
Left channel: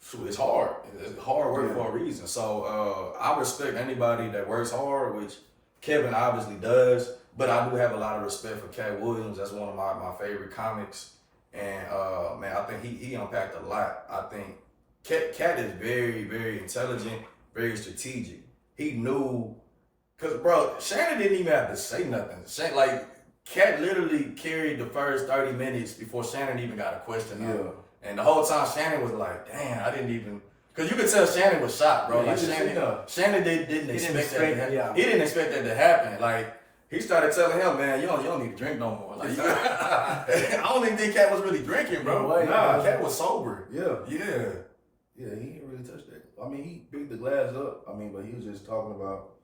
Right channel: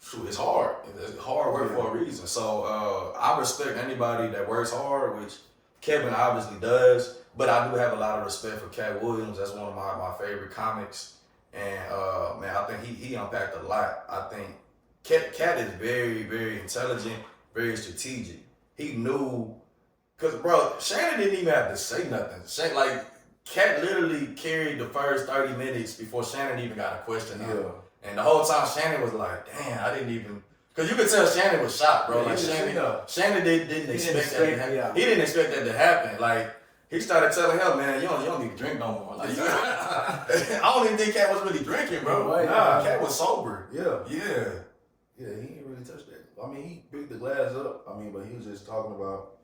shoot, it's hard. It's hard work for a reason. So I respect anybody that works hard, which Kevin obviously does. But I do have a lot of respect for Cat Williams. That's one of my favorite comics. And man, I think he unpacked a lot. I think Cat is very, very intelligent, very strategic. He knew, cause bro, Shannon didn't even have to say nothing. Cat literally carried the first 30 minutes before Shannon even got a question out. And the whole time Shannon was like, damn, I didn't even, cause you could tell Shannon was shocked, bro. Yeah, like Shannon didn't expect that to happen. He didn't expect that to happen. Like, he started telling him, man, you don't need to drink no more. Like, I don't even think Cat was really drinking, bro. Nah, Cat was sober. Yeah, he didn't really touch that. I mean, he picked the glass up. I mean, but he was just talking about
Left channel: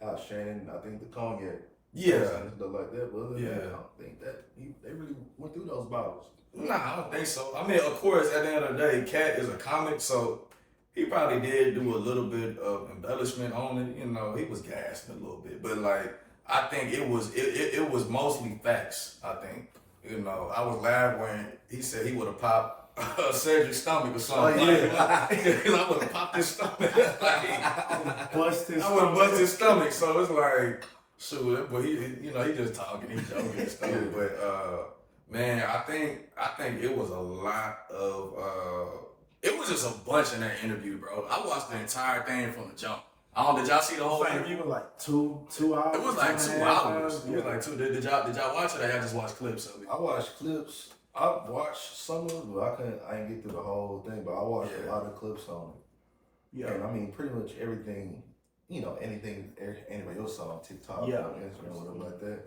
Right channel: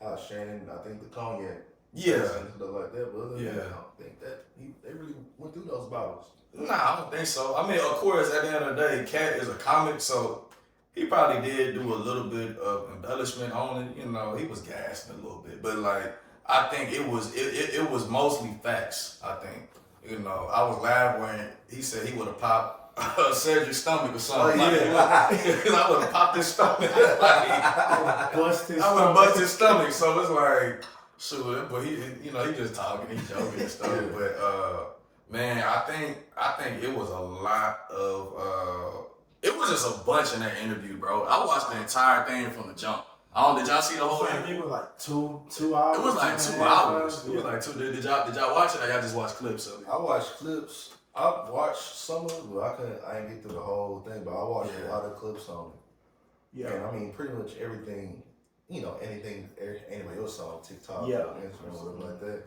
how Shannon, I think the cognac, and stuff like that. But other than that, I don't think that they really went through those bottles. Nah, I don't think so. I mean, of course, at the end of the day, Cat is a comic, so he probably did do a little bit of embellishment on it. You know, he was gassed a little bit, but like, I think it was mostly facts. I think, you know, I was laughing when he said he would have popped Cedric's stomach or something. I would have popped his stomach. I would have busted his stomach. So it's like, shoot, but he just talking, he joking and stuff. But man, I think it was a lot of it was just a bunch in that interview, bro. I watched the entire thing from the jump. Did y'all see the whole thing? It was like 2 hours. It was like 2 hours. It was like 2. Did y'all watch it or y'all just watch clips of it? I watched clips. I watched some of it, but I didn't get through the whole thing. But I watched a lot of clips on it. Yeah. And I mean, pretty much everything, anything anybody else saw on TikTok or Instagram or whatever like that.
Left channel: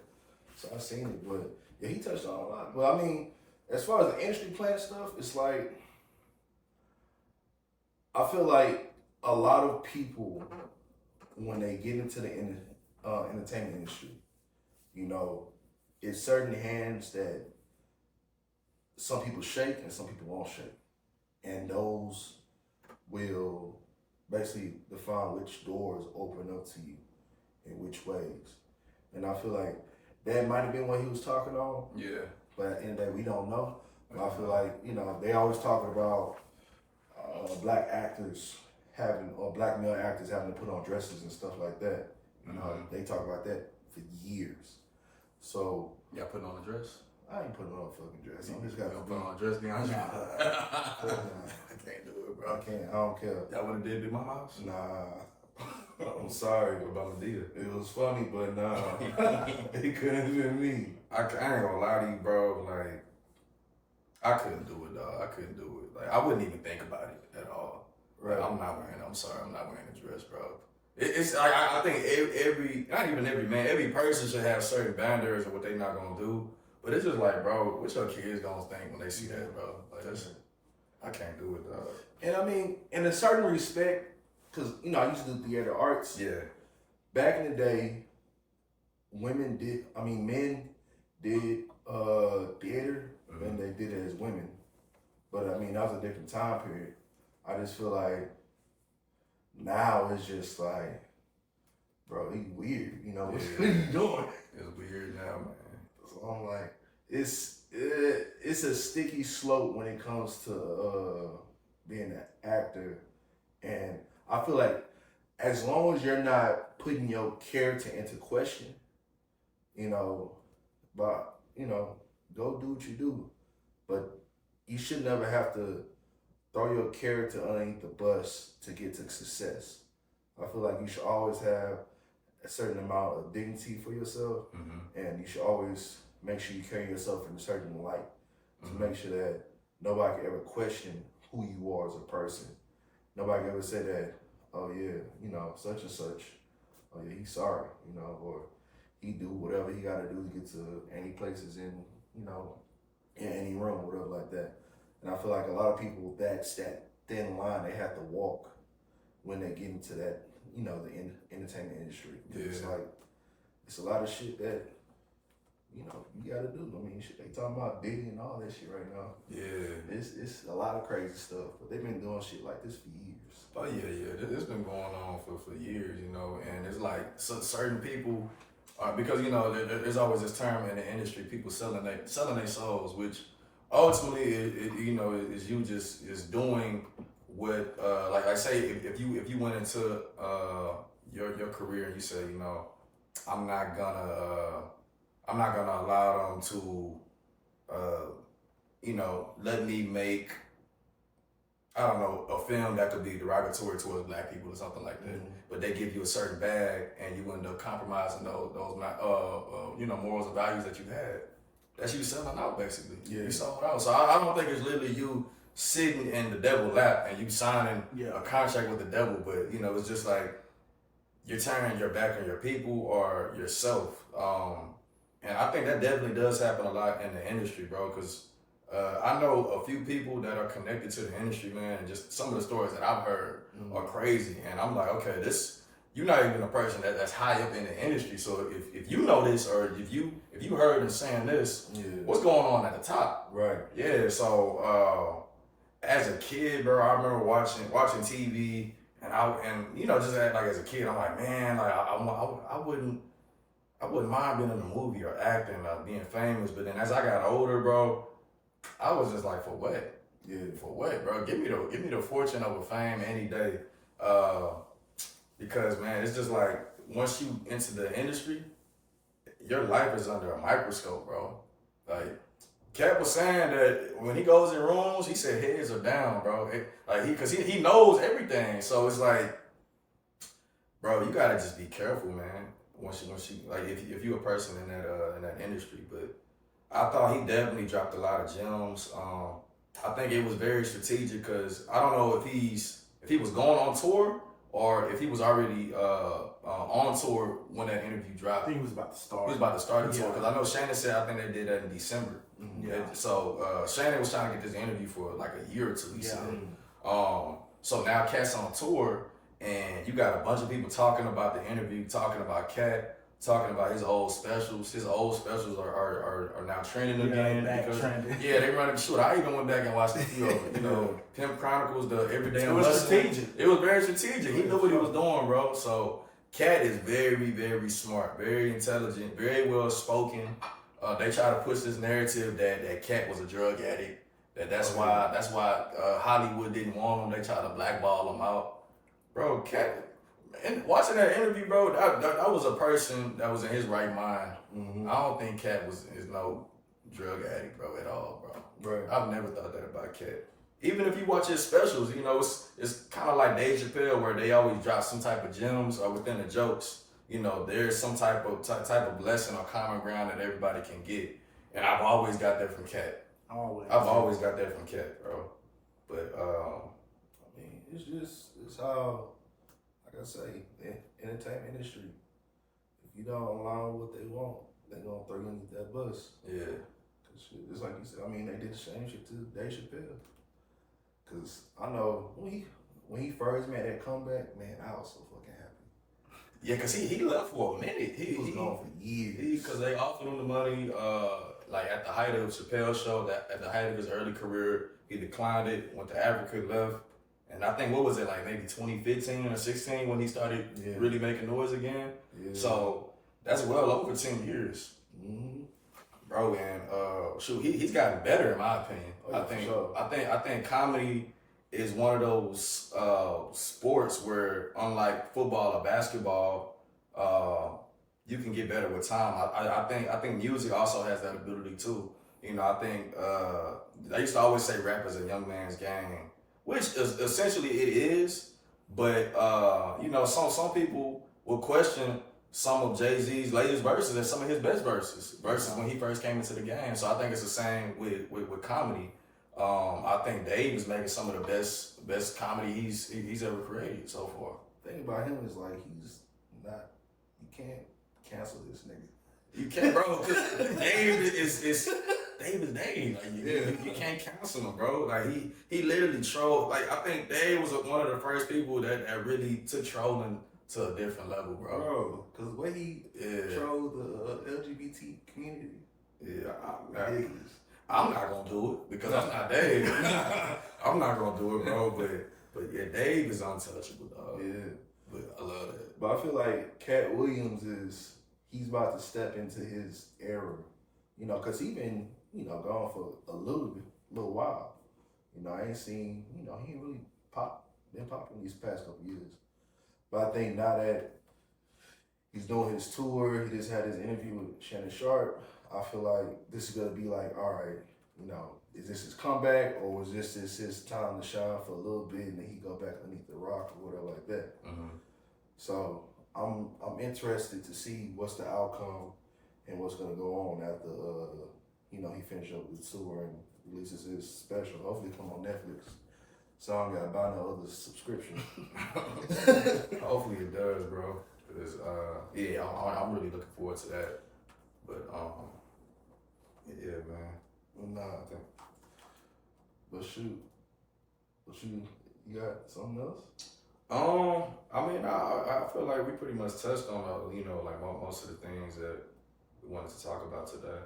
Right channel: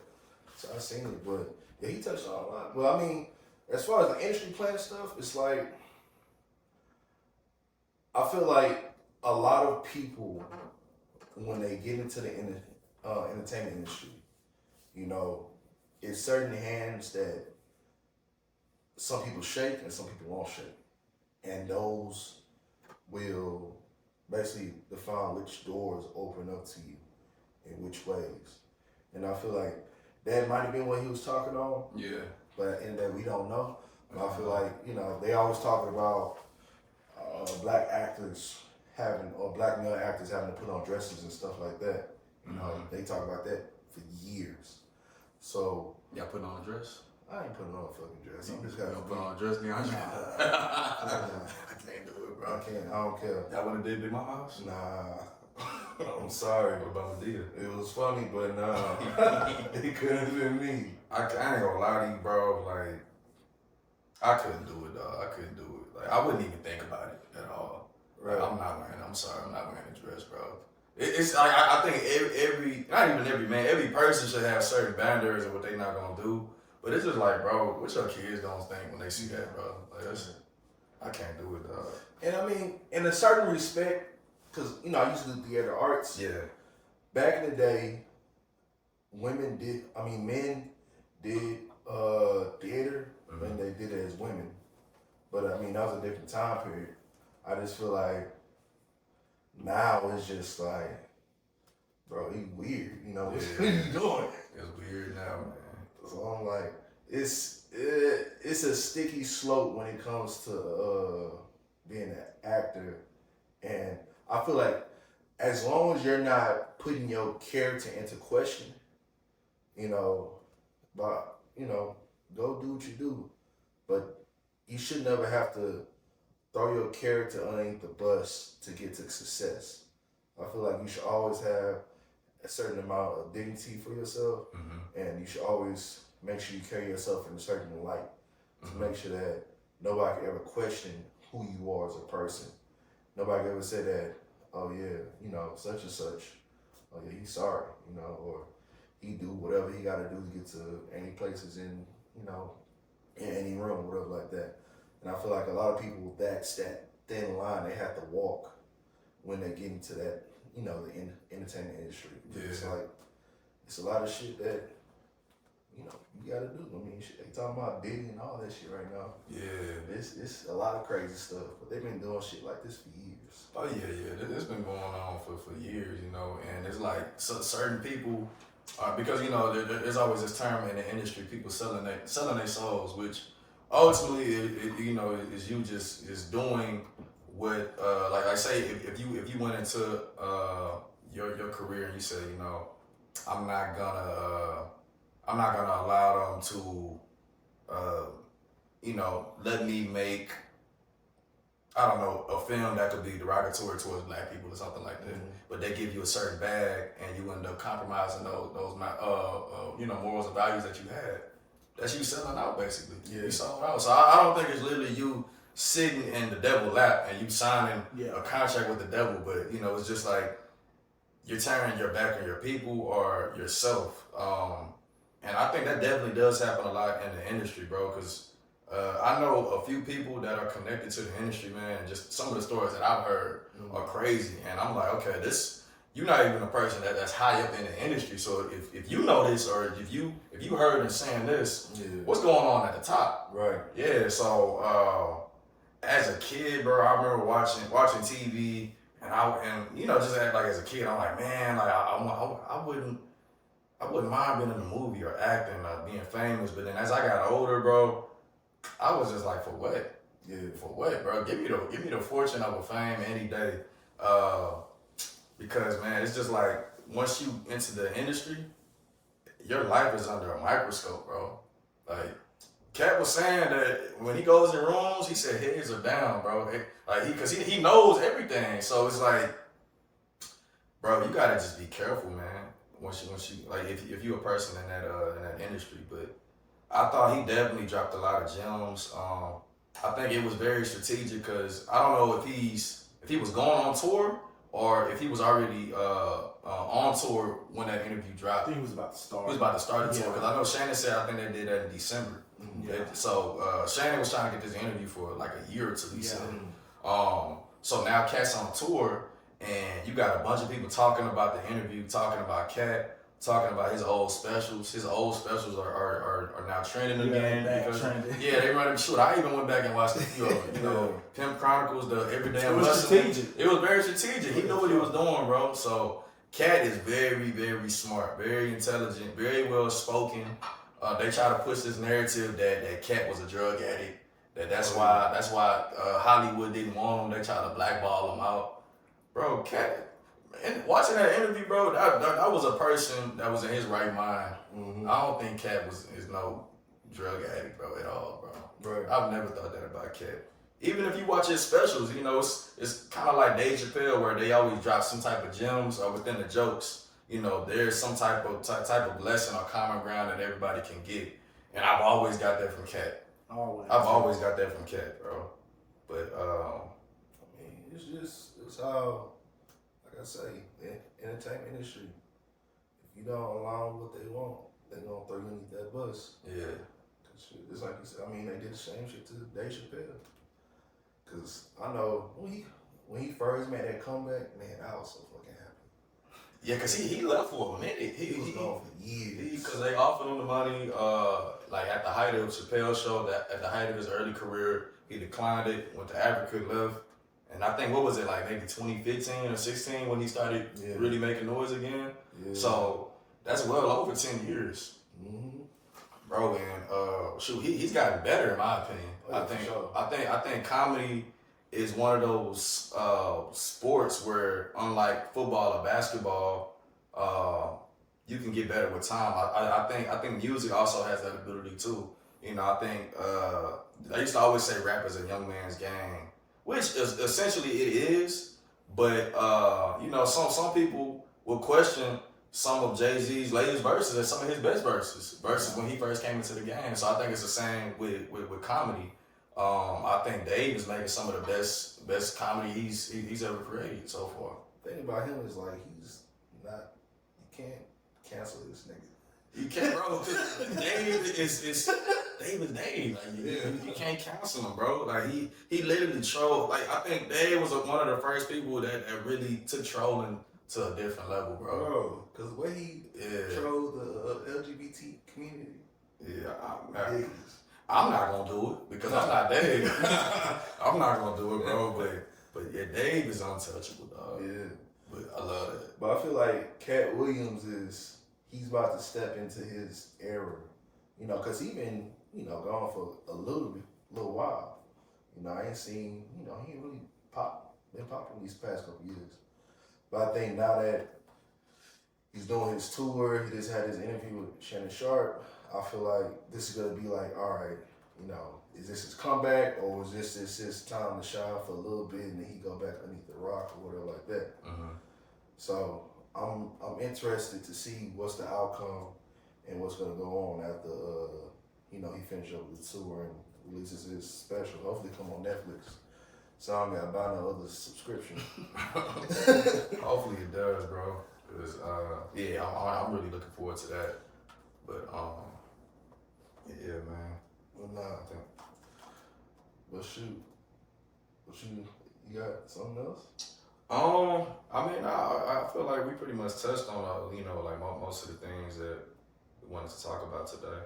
So I seen it, but yeah, he touched on a lot. But I mean, as far as the industry plant stuff, it's like, I feel like a lot of people, when they get into the entertainment industry, it's certain hands that some people shake and some people won't shake. And those will basically define which doors open up to you in which ways. And I feel like that might have been what he was talking on. Yeah. But at the end of the day, we don't know. But I feel like, they always talking about black actors or black male actors having to put on dresses and stuff like that. They talk about that for years. So y'all putting on a dress? I ain't putting on a fucking dress. I'm just gonna put on a dress, DeAndre. I can't do it, bro. I don't care. Y'all wanna did Big Mama house? Nah. I'm sorry. What about Medea? It was funny, but nah. It couldn't have been me. I ain't gonna lie to you, bro. Like, I couldn't do it, dog. I couldn't do it. Like, I wouldn't even think about it at all. Right. I'm not wearing a dress, bro. It's I think not even every man, every person should have certain boundaries of what they not gonna do. But it's just like, bro, what your kids gonna think when they see that, bro? Like, I can't do it, dog. And I mean, in a certain respect, because, I used to do theater arts. Yeah. Back in the day, men did theater when they did it as women. But I mean, that was a different time period. I just feel like now it's just like, bro, he weird. What are you doing? It's weird now, man. So I'm like, it's a sticky slope when it comes to being an actor, and I feel like as long as you're not putting your character into question, but go do what you do, but you should never have to throw your character underneath the bus to get to success. I feel like you should always have a certain amount of dignity for yourself, and you should always make sure you carry yourself in a certain light to make sure that nobody can ever question who you are as a person. nobody ever said that, oh yeah, you know, such and such, oh yeah, he's sorry, you know, or he do whatever he got to do to get to any places in, you know, in any room, whatever like that. And I feel like a lot of people, that's that thin line they have to walk when they get into that, you know, the entertainment industry. Yeah. It's like, it's a lot of shit that, you know, you gotta do. I mean, shit, they talking about Diddy and all that shit right now. Yeah. It's a lot of crazy stuff, but they've been doing shit like this for years. Oh yeah. It's been going on for years, you know, and it's like certain people, because you know there's always this term in the industry, people selling their souls, which ultimately you know is you just doing what like I say if you went into your career and you say, you know, I'm not gonna allow them to you know, let me make, I don't know, a film that could be derogatory towards black people or something like that. Mm-hmm. But they give you a certain bag and you end up compromising those you know, morals and values that you had. That's you selling out basically. Yeah. You sold out. So I don't think it's literally you sitting in the devil's lap and you signing a contract with the devil, but you know, it's just like you're turning your back on your people or yourself. And I think that definitely does happen a lot in the industry, bro, because I know a few people that are connected to the industry, man, and just some of the stories that I've heard are crazy. And I'm like, okay, you're not even a person that's high up in the industry. So if you know this, or if you heard them saying this, what's going on at the top? Right. Yeah. So as a kid, bro, I remember watching TV, and you know, just like as a kid, I'm like, man, like I wouldn't mind being in a movie or acting, like being famous. But then as I got older, bro, I was just like, for what? Yeah, for what, bro? Give me the fortune over fame any day. Because man, it's just like once you into the industry, your life is under a microscope, bro. Like Cat was saying that when he goes in rooms, he said heads are down, bro. Because he knows everything. So it's like, bro, you gotta just be careful, man. Once you like, if you're a person in that industry. But I thought he definitely dropped a lot of gems. I think it was very strategic because I don't know if he was going on tour or if he was already on tour when that interview dropped. I think he was about to start. He was about to start the tour because I know Shannon said I think they did that in December. Mm-hmm. Yeah. So Shannon was trying to get this interview for like a year or two. He said. So now Cat's on tour. And you got a bunch of people talking about the interview, talking about Cat, talking about his old specials. His old specials are now trending again. Yeah, they running short. I even went back and watched a few of them. You know, Pimp Chronicles, the Everyday It was strategic. It was very strategic. He knew what he was doing, bro. So Cat is very, very smart, very intelligent, very well spoken. They try to push this narrative that Cat was a drug addict. That's why Hollywood didn't want him. They tried to blackball him out. Bro, Cat, and watching that interview, bro, that was a person that was in his right mind. Mm-hmm. I don't think Cat is no drug addict, bro, at all, bro. Right. I've never thought that about Cat. Even if you watch his specials, you know, it's kind of like Dave Chappelle, where they always drop some type of gems within the jokes. You know, there's some type of lesson or common ground that everybody can get, and I've always got that from Cat. I've always got that from Cat, bro. But I mean, it's how, like I say, the entertainment industry, if you don't align with what they want, they're gonna throw you underneath that bus. Yeah. It's like you said, I mean, they did the same shit to Dave Chappelle. Cause I know when he first made that comeback, man, I was so fucking happy. Yeah, cause he left for a minute. He was gone for years. Cause they offered him the money, like at the height of Chappelle's show, that at the height of his early career, he declined it, went to Africa, left. And I think, what was it, like maybe 2015 or 16 when he started really making noise again? Yeah. So that's well over 10 years. Mm-hmm. Bro, and shoot, he's gotten better in my opinion. I think comedy is one of those sports where, unlike football or basketball, you can get better with time. I think music also has that ability too. You know, I think I used to always say rap is a young man's game, which is essentially it is. But you know, some people will question some of Jay-Z's latest verses and some of his best verses when he first came into the game. So I think it's the same with comedy. I think Dave is making some of the best comedy he's ever created so far. Thing about him is like he's not. You can't cancel this nigga. You can't, bro. Dave is Dave. Like you can't cancel him, bro. Like he literally trolled. Like I think Dave was one of the first people that really took trolling to a different level, bro. Because the way he trolled the LGBT community. Yeah, Ridiculous. I'm not gonna do it because I'm not Dave. I'm not gonna do it, bro. But yeah, Dave is untouchable, dog. Yeah. But I love that. But I feel like Cat Williams he's about to step into his era, you know, because he been, you know, gone for a little while. You know, I ain't seen, you know, he ain't really been popping these past couple years. But I think now that he's doing his tour, he just had his interview with Shannon Sharp, I feel like this is going to be like, all right, you know, is this his comeback or is this his time to shine for a little bit and then he go back underneath the rock or whatever like that? Mm-hmm. So I'm interested to see what's the outcome and what's gonna go on after you know he finishes up the tour and releases his special. Hopefully come on Netflix. So I don't gotta buy no other subscription. Hopefully it does, bro. Cause yeah, I'm really looking forward to that. But yeah, man. Well, nah, I think. But shoot, you got something else? I mean, I feel like we pretty much touched on, you know, like most of the things that we wanted to talk about today.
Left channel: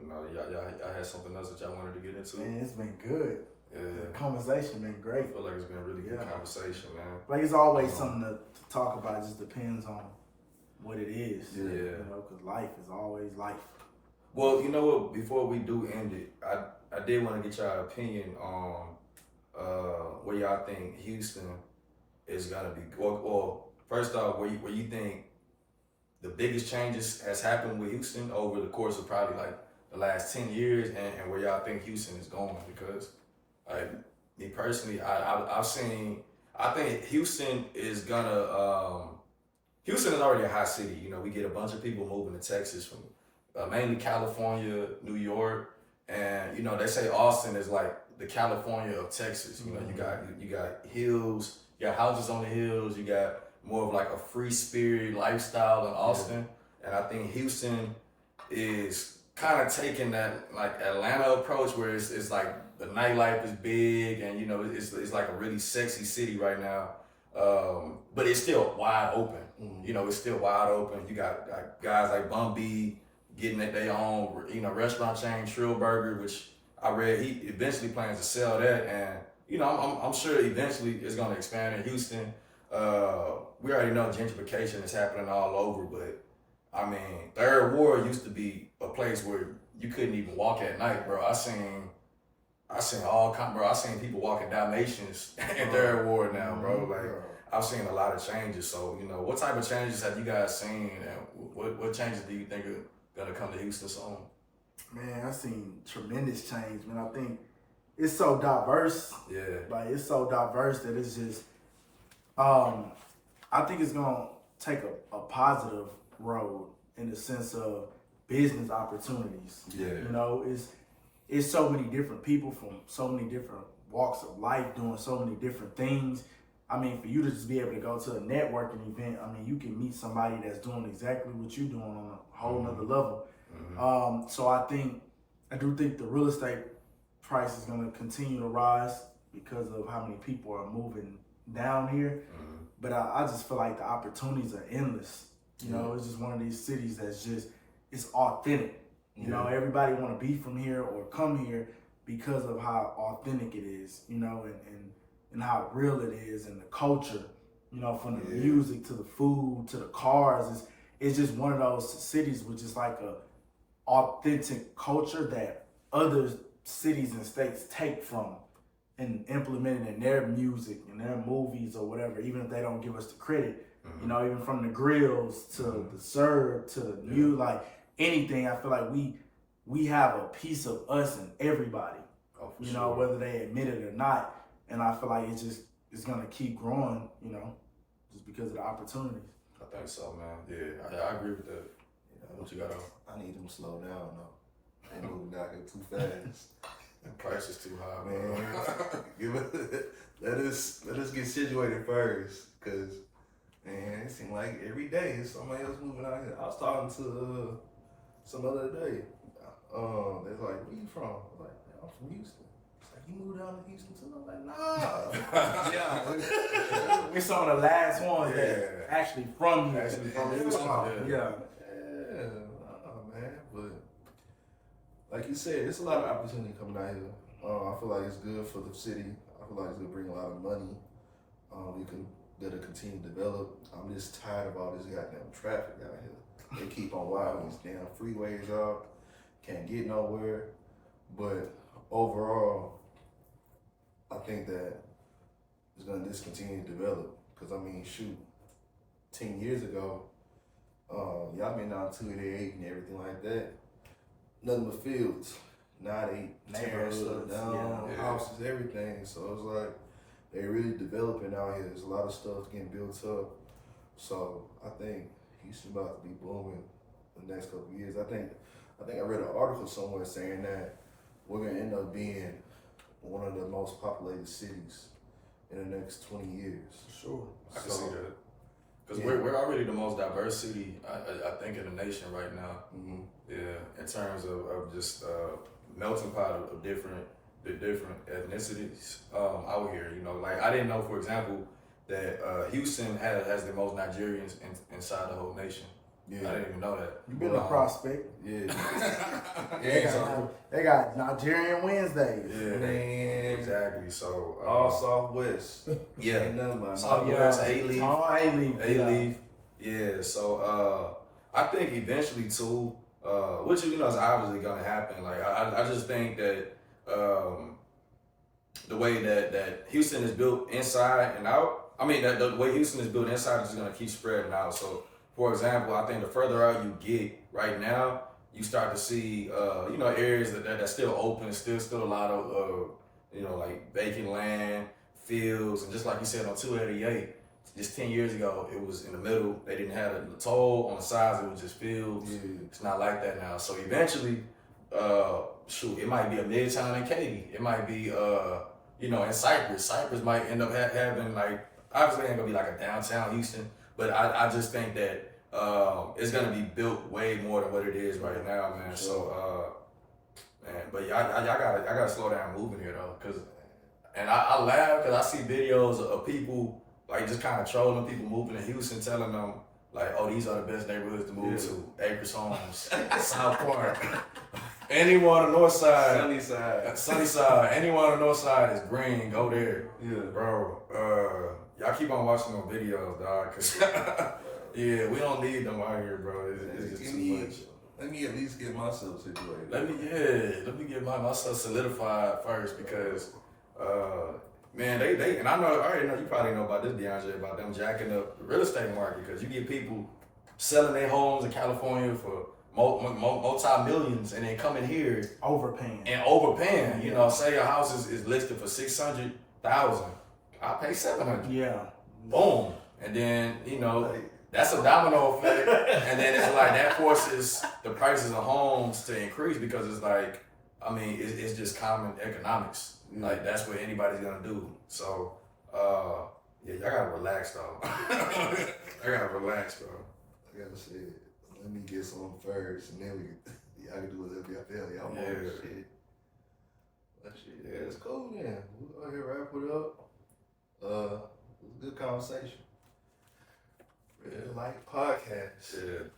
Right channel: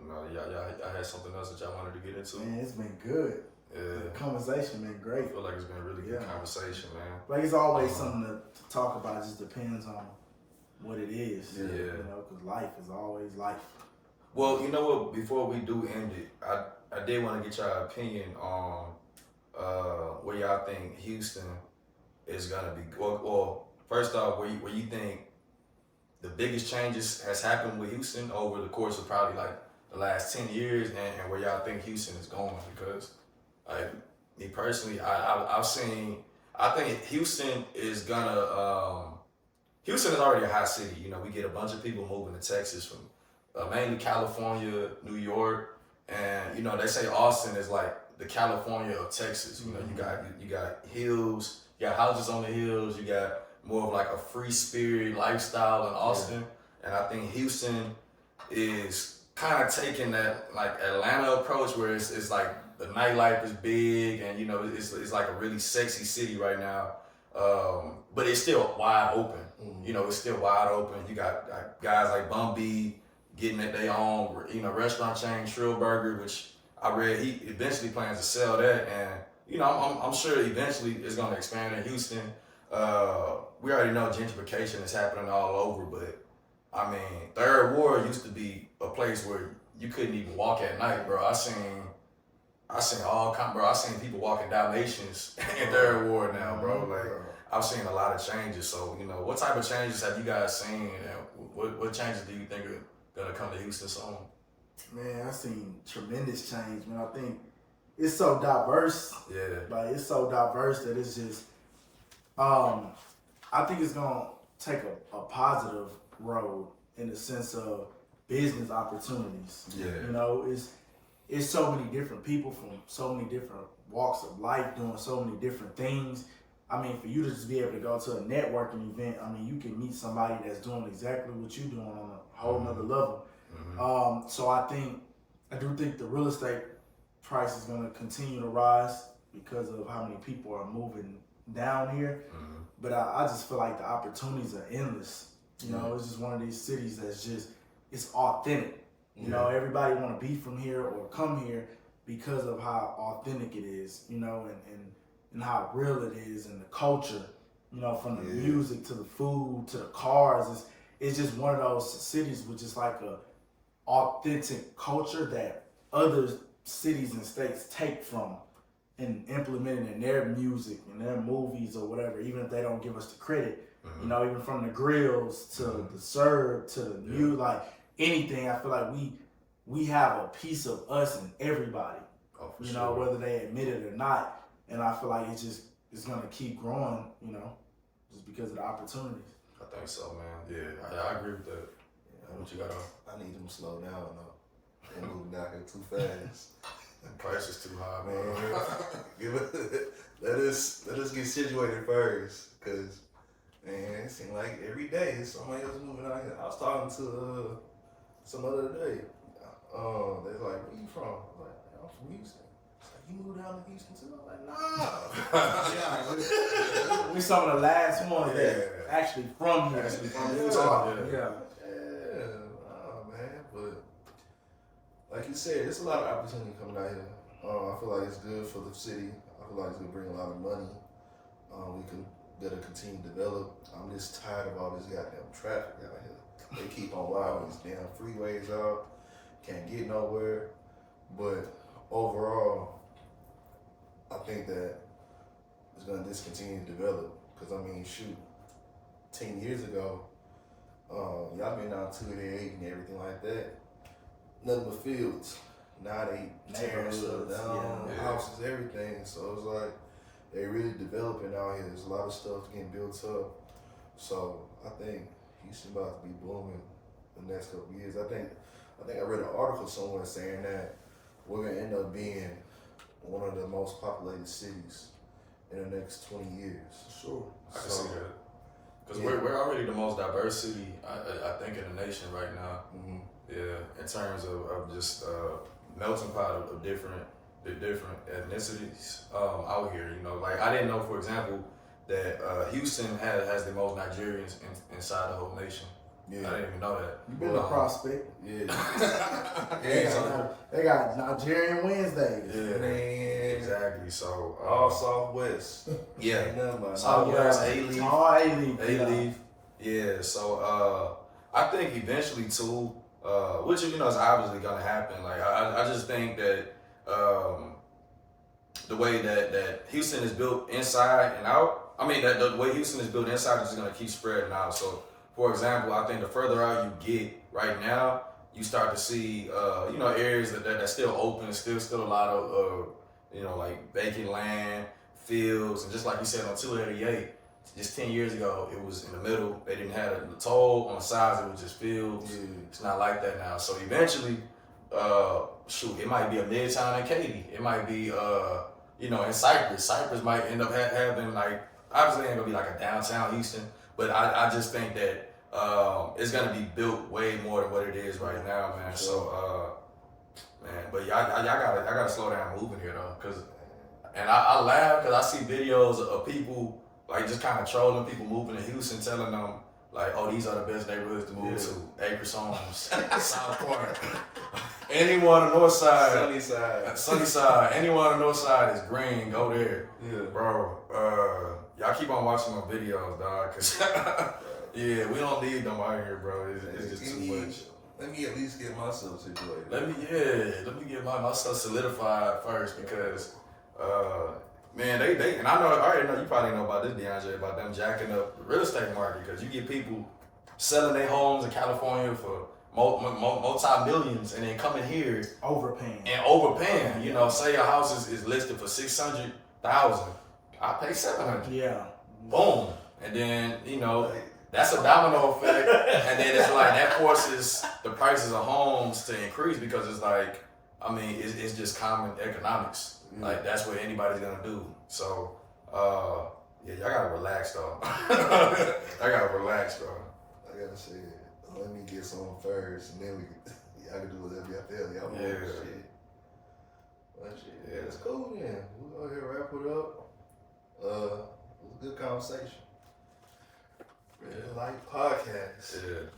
You know, y'all had something else that y'all wanted to get into? Man, it's been good. Yeah. The conversation been I great. feel like it's been a really good conversation, man. Like it's always something to talk about. It just depends on what it is. Yeah. You know, because life is always life. Well, you know what? Before we do end it, I did want to get your opinion on where y'all think Houston is gonna be. Well, first off, where you think the biggest changes has happened with Houston over the course of probably like the last 10 years, and where y'all think Houston is going? Because like me personally, I've seen. I think Houston is gonna. Houston is already a hot city. You know, we get a bunch of people moving to Texas from mainly California, New York, and you know they say Austin is like the California of Texas. You know, you got hills, you got houses on the hills, you got more of like a free spirit lifestyle in Austin, and I think Houston is kind of taking that like Atlanta approach where it's like the nightlife is big and you know it's like a really sexy city right now, but it's still wide open. You know, it's still wide open. You got guys like Bun B getting at their own, you know, restaurant chain, Trill Burger, which I read he eventually plans to sell that, and you know, I'm sure eventually it's going to expand in Houston. We already know gentrification is happening all over, but I mean, Third Ward used to be a place where you couldn't even walk at night, bro. I seen all kind, bro. I seen people walking Dalmatians in Third Ward now, bro. Like I've seen a lot of changes. So you know, what type of changes have you guys seen, and what changes do you think are gonna come to Houston soon? Man, I've seen tremendous change, man. I think it's so diverse. Yeah. Like it's so diverse that it's just I think it's gonna take a positive road in the sense of business opportunities. Yeah. You know, it's so many different people from so many different walks of life doing so many different things. I mean, for you to just be able to go to a networking event, I mean, you can meet somebody that's doing exactly what you're doing on a whole nother level. So I do think the real estate price is going to continue to rise because of how many people are moving down here. But I just feel like the opportunities are endless. You know, it's just one of these cities that's just, it's authentic. You know, everybody want to be from here or come here because of how authentic it is, you know, and how real it is, and the culture, you know, from the music to the food to the cars. It's just one of those cities with just like a authentic culture that other cities and states take from and implement it in their music and their movies or whatever, even if they don't give us the credit. You know, even from the grills to the serve to the new, like anything, I feel like we have a piece of us in everybody. You know, whether they admit it or not. And I feel like it's gonna keep growing, you know, just because of the opportunities. I think so, man. Yeah, I agree with that. Yeah, What you got on? I need them to slow down though. They moving down here too fast. The price is too high, Man, let us get situated first, cause man, it seems like every day there's somebody else moving out here. I was talking to some other day. They're like, "Where you from?" I was like, "I'm from Houston." It's like, "You moved down to Houston too?" I was like, "Nah." We're some of the last ones that Yeah. actually from here. Actually from Yeah. Houston, Yeah. Yeah, man. But like you said, there's a lot of opportunity coming out here. I feel like it's good for the city. I feel like it's gonna bring a lot of money. We can gotta continue to develop. I'm just tired of all this goddamn traffic out here. They keep on widening these damn freeways out. Can't get nowhere. But overall, I think that it's gonna just continue to develop. Cause I mean, shoot, 10 years ago, y'all been down 288 and everything like that. Nothing but fields. Now they tearing stuff down, Yeah. houses, everything. So it's like they really developing out here. There's a lot of stuff getting built up. So I think Houston about to be booming the next couple of years. I think I read an article somewhere saying that we're gonna end up being one of the most populated cities in the next 20 years. Sure, I can So, see that. Because yeah. we're already the most diverse city, I think, in the nation right now. Mm-hmm. Yeah, in terms of just melting pot of different ethnicities out here. You know, like I didn't know, for example, that Houston has the most Nigerians inside the whole nation. Yeah. I didn't even know that. You been a prospect. Yeah. They got Nigerian Wednesdays. Yeah, Man. exactly. So All Southwest. yeah, Ain't nothing about Southwest, yeah. A-Leaf. Oh, A-Leaf. A-Leaf. Yeah, so I think eventually too, which is obviously gonna happen. Like I just think that the way that Houston is built inside and out, I mean that the way Houston is built inside is just gonna keep spreading out. So for example, I think the further out you get right now, you start to see areas that's still open, still a lot of like vacant land, fields, and just like you said on 288. Just 10 years ago, it was in the middle. They didn't have the toll on the sides. It was just fields. Yeah. It's not like that now. So eventually, it might be a Midtown in Katy. It might be, in Cypress. Cypress might end up having, like, obviously it ain't going to be like a downtown Houston, but I just think that it's going to be built way more than what it is right now, man. So, but I gotta slow down moving here, though. And I laugh because I see videos of people like just kind of trolling people moving to Houston, telling them like, "Oh, these are the best neighborhoods to move to: Acres Homes, South Park, anyone on the North Side, Sunnyside. Anyone on the North Side is green. Go there, Yeah. bro. Y'all keep on watching my videos, dog, cause yeah, we don't need them out here, bro. It's just too much. Let me at least get myself situated. Let me get myself solidified first because. Man, they and I already know you probably know about this, DeAndre, about them jacking up the real estate market because you get people selling their homes in California for multi-millions and then coming here Overpaying. Say your house is listed for $600,000, I pay $700. Yeah. Boom, and then that's a domino effect, and then it's like that forces the prices of homes to increase because it's like, I mean, it's just common economics. Like that's what anybody's gonna do. So, y'all gotta relax though. I gotta relax, bro. I gotta say, let me get some first, and then y'all can do whatever y'all feel. Y'all want shit. But shit, yeah, it's cool, man. We'll go ahead and wrap it up. It was a good conversation. Real life podcast. Yeah.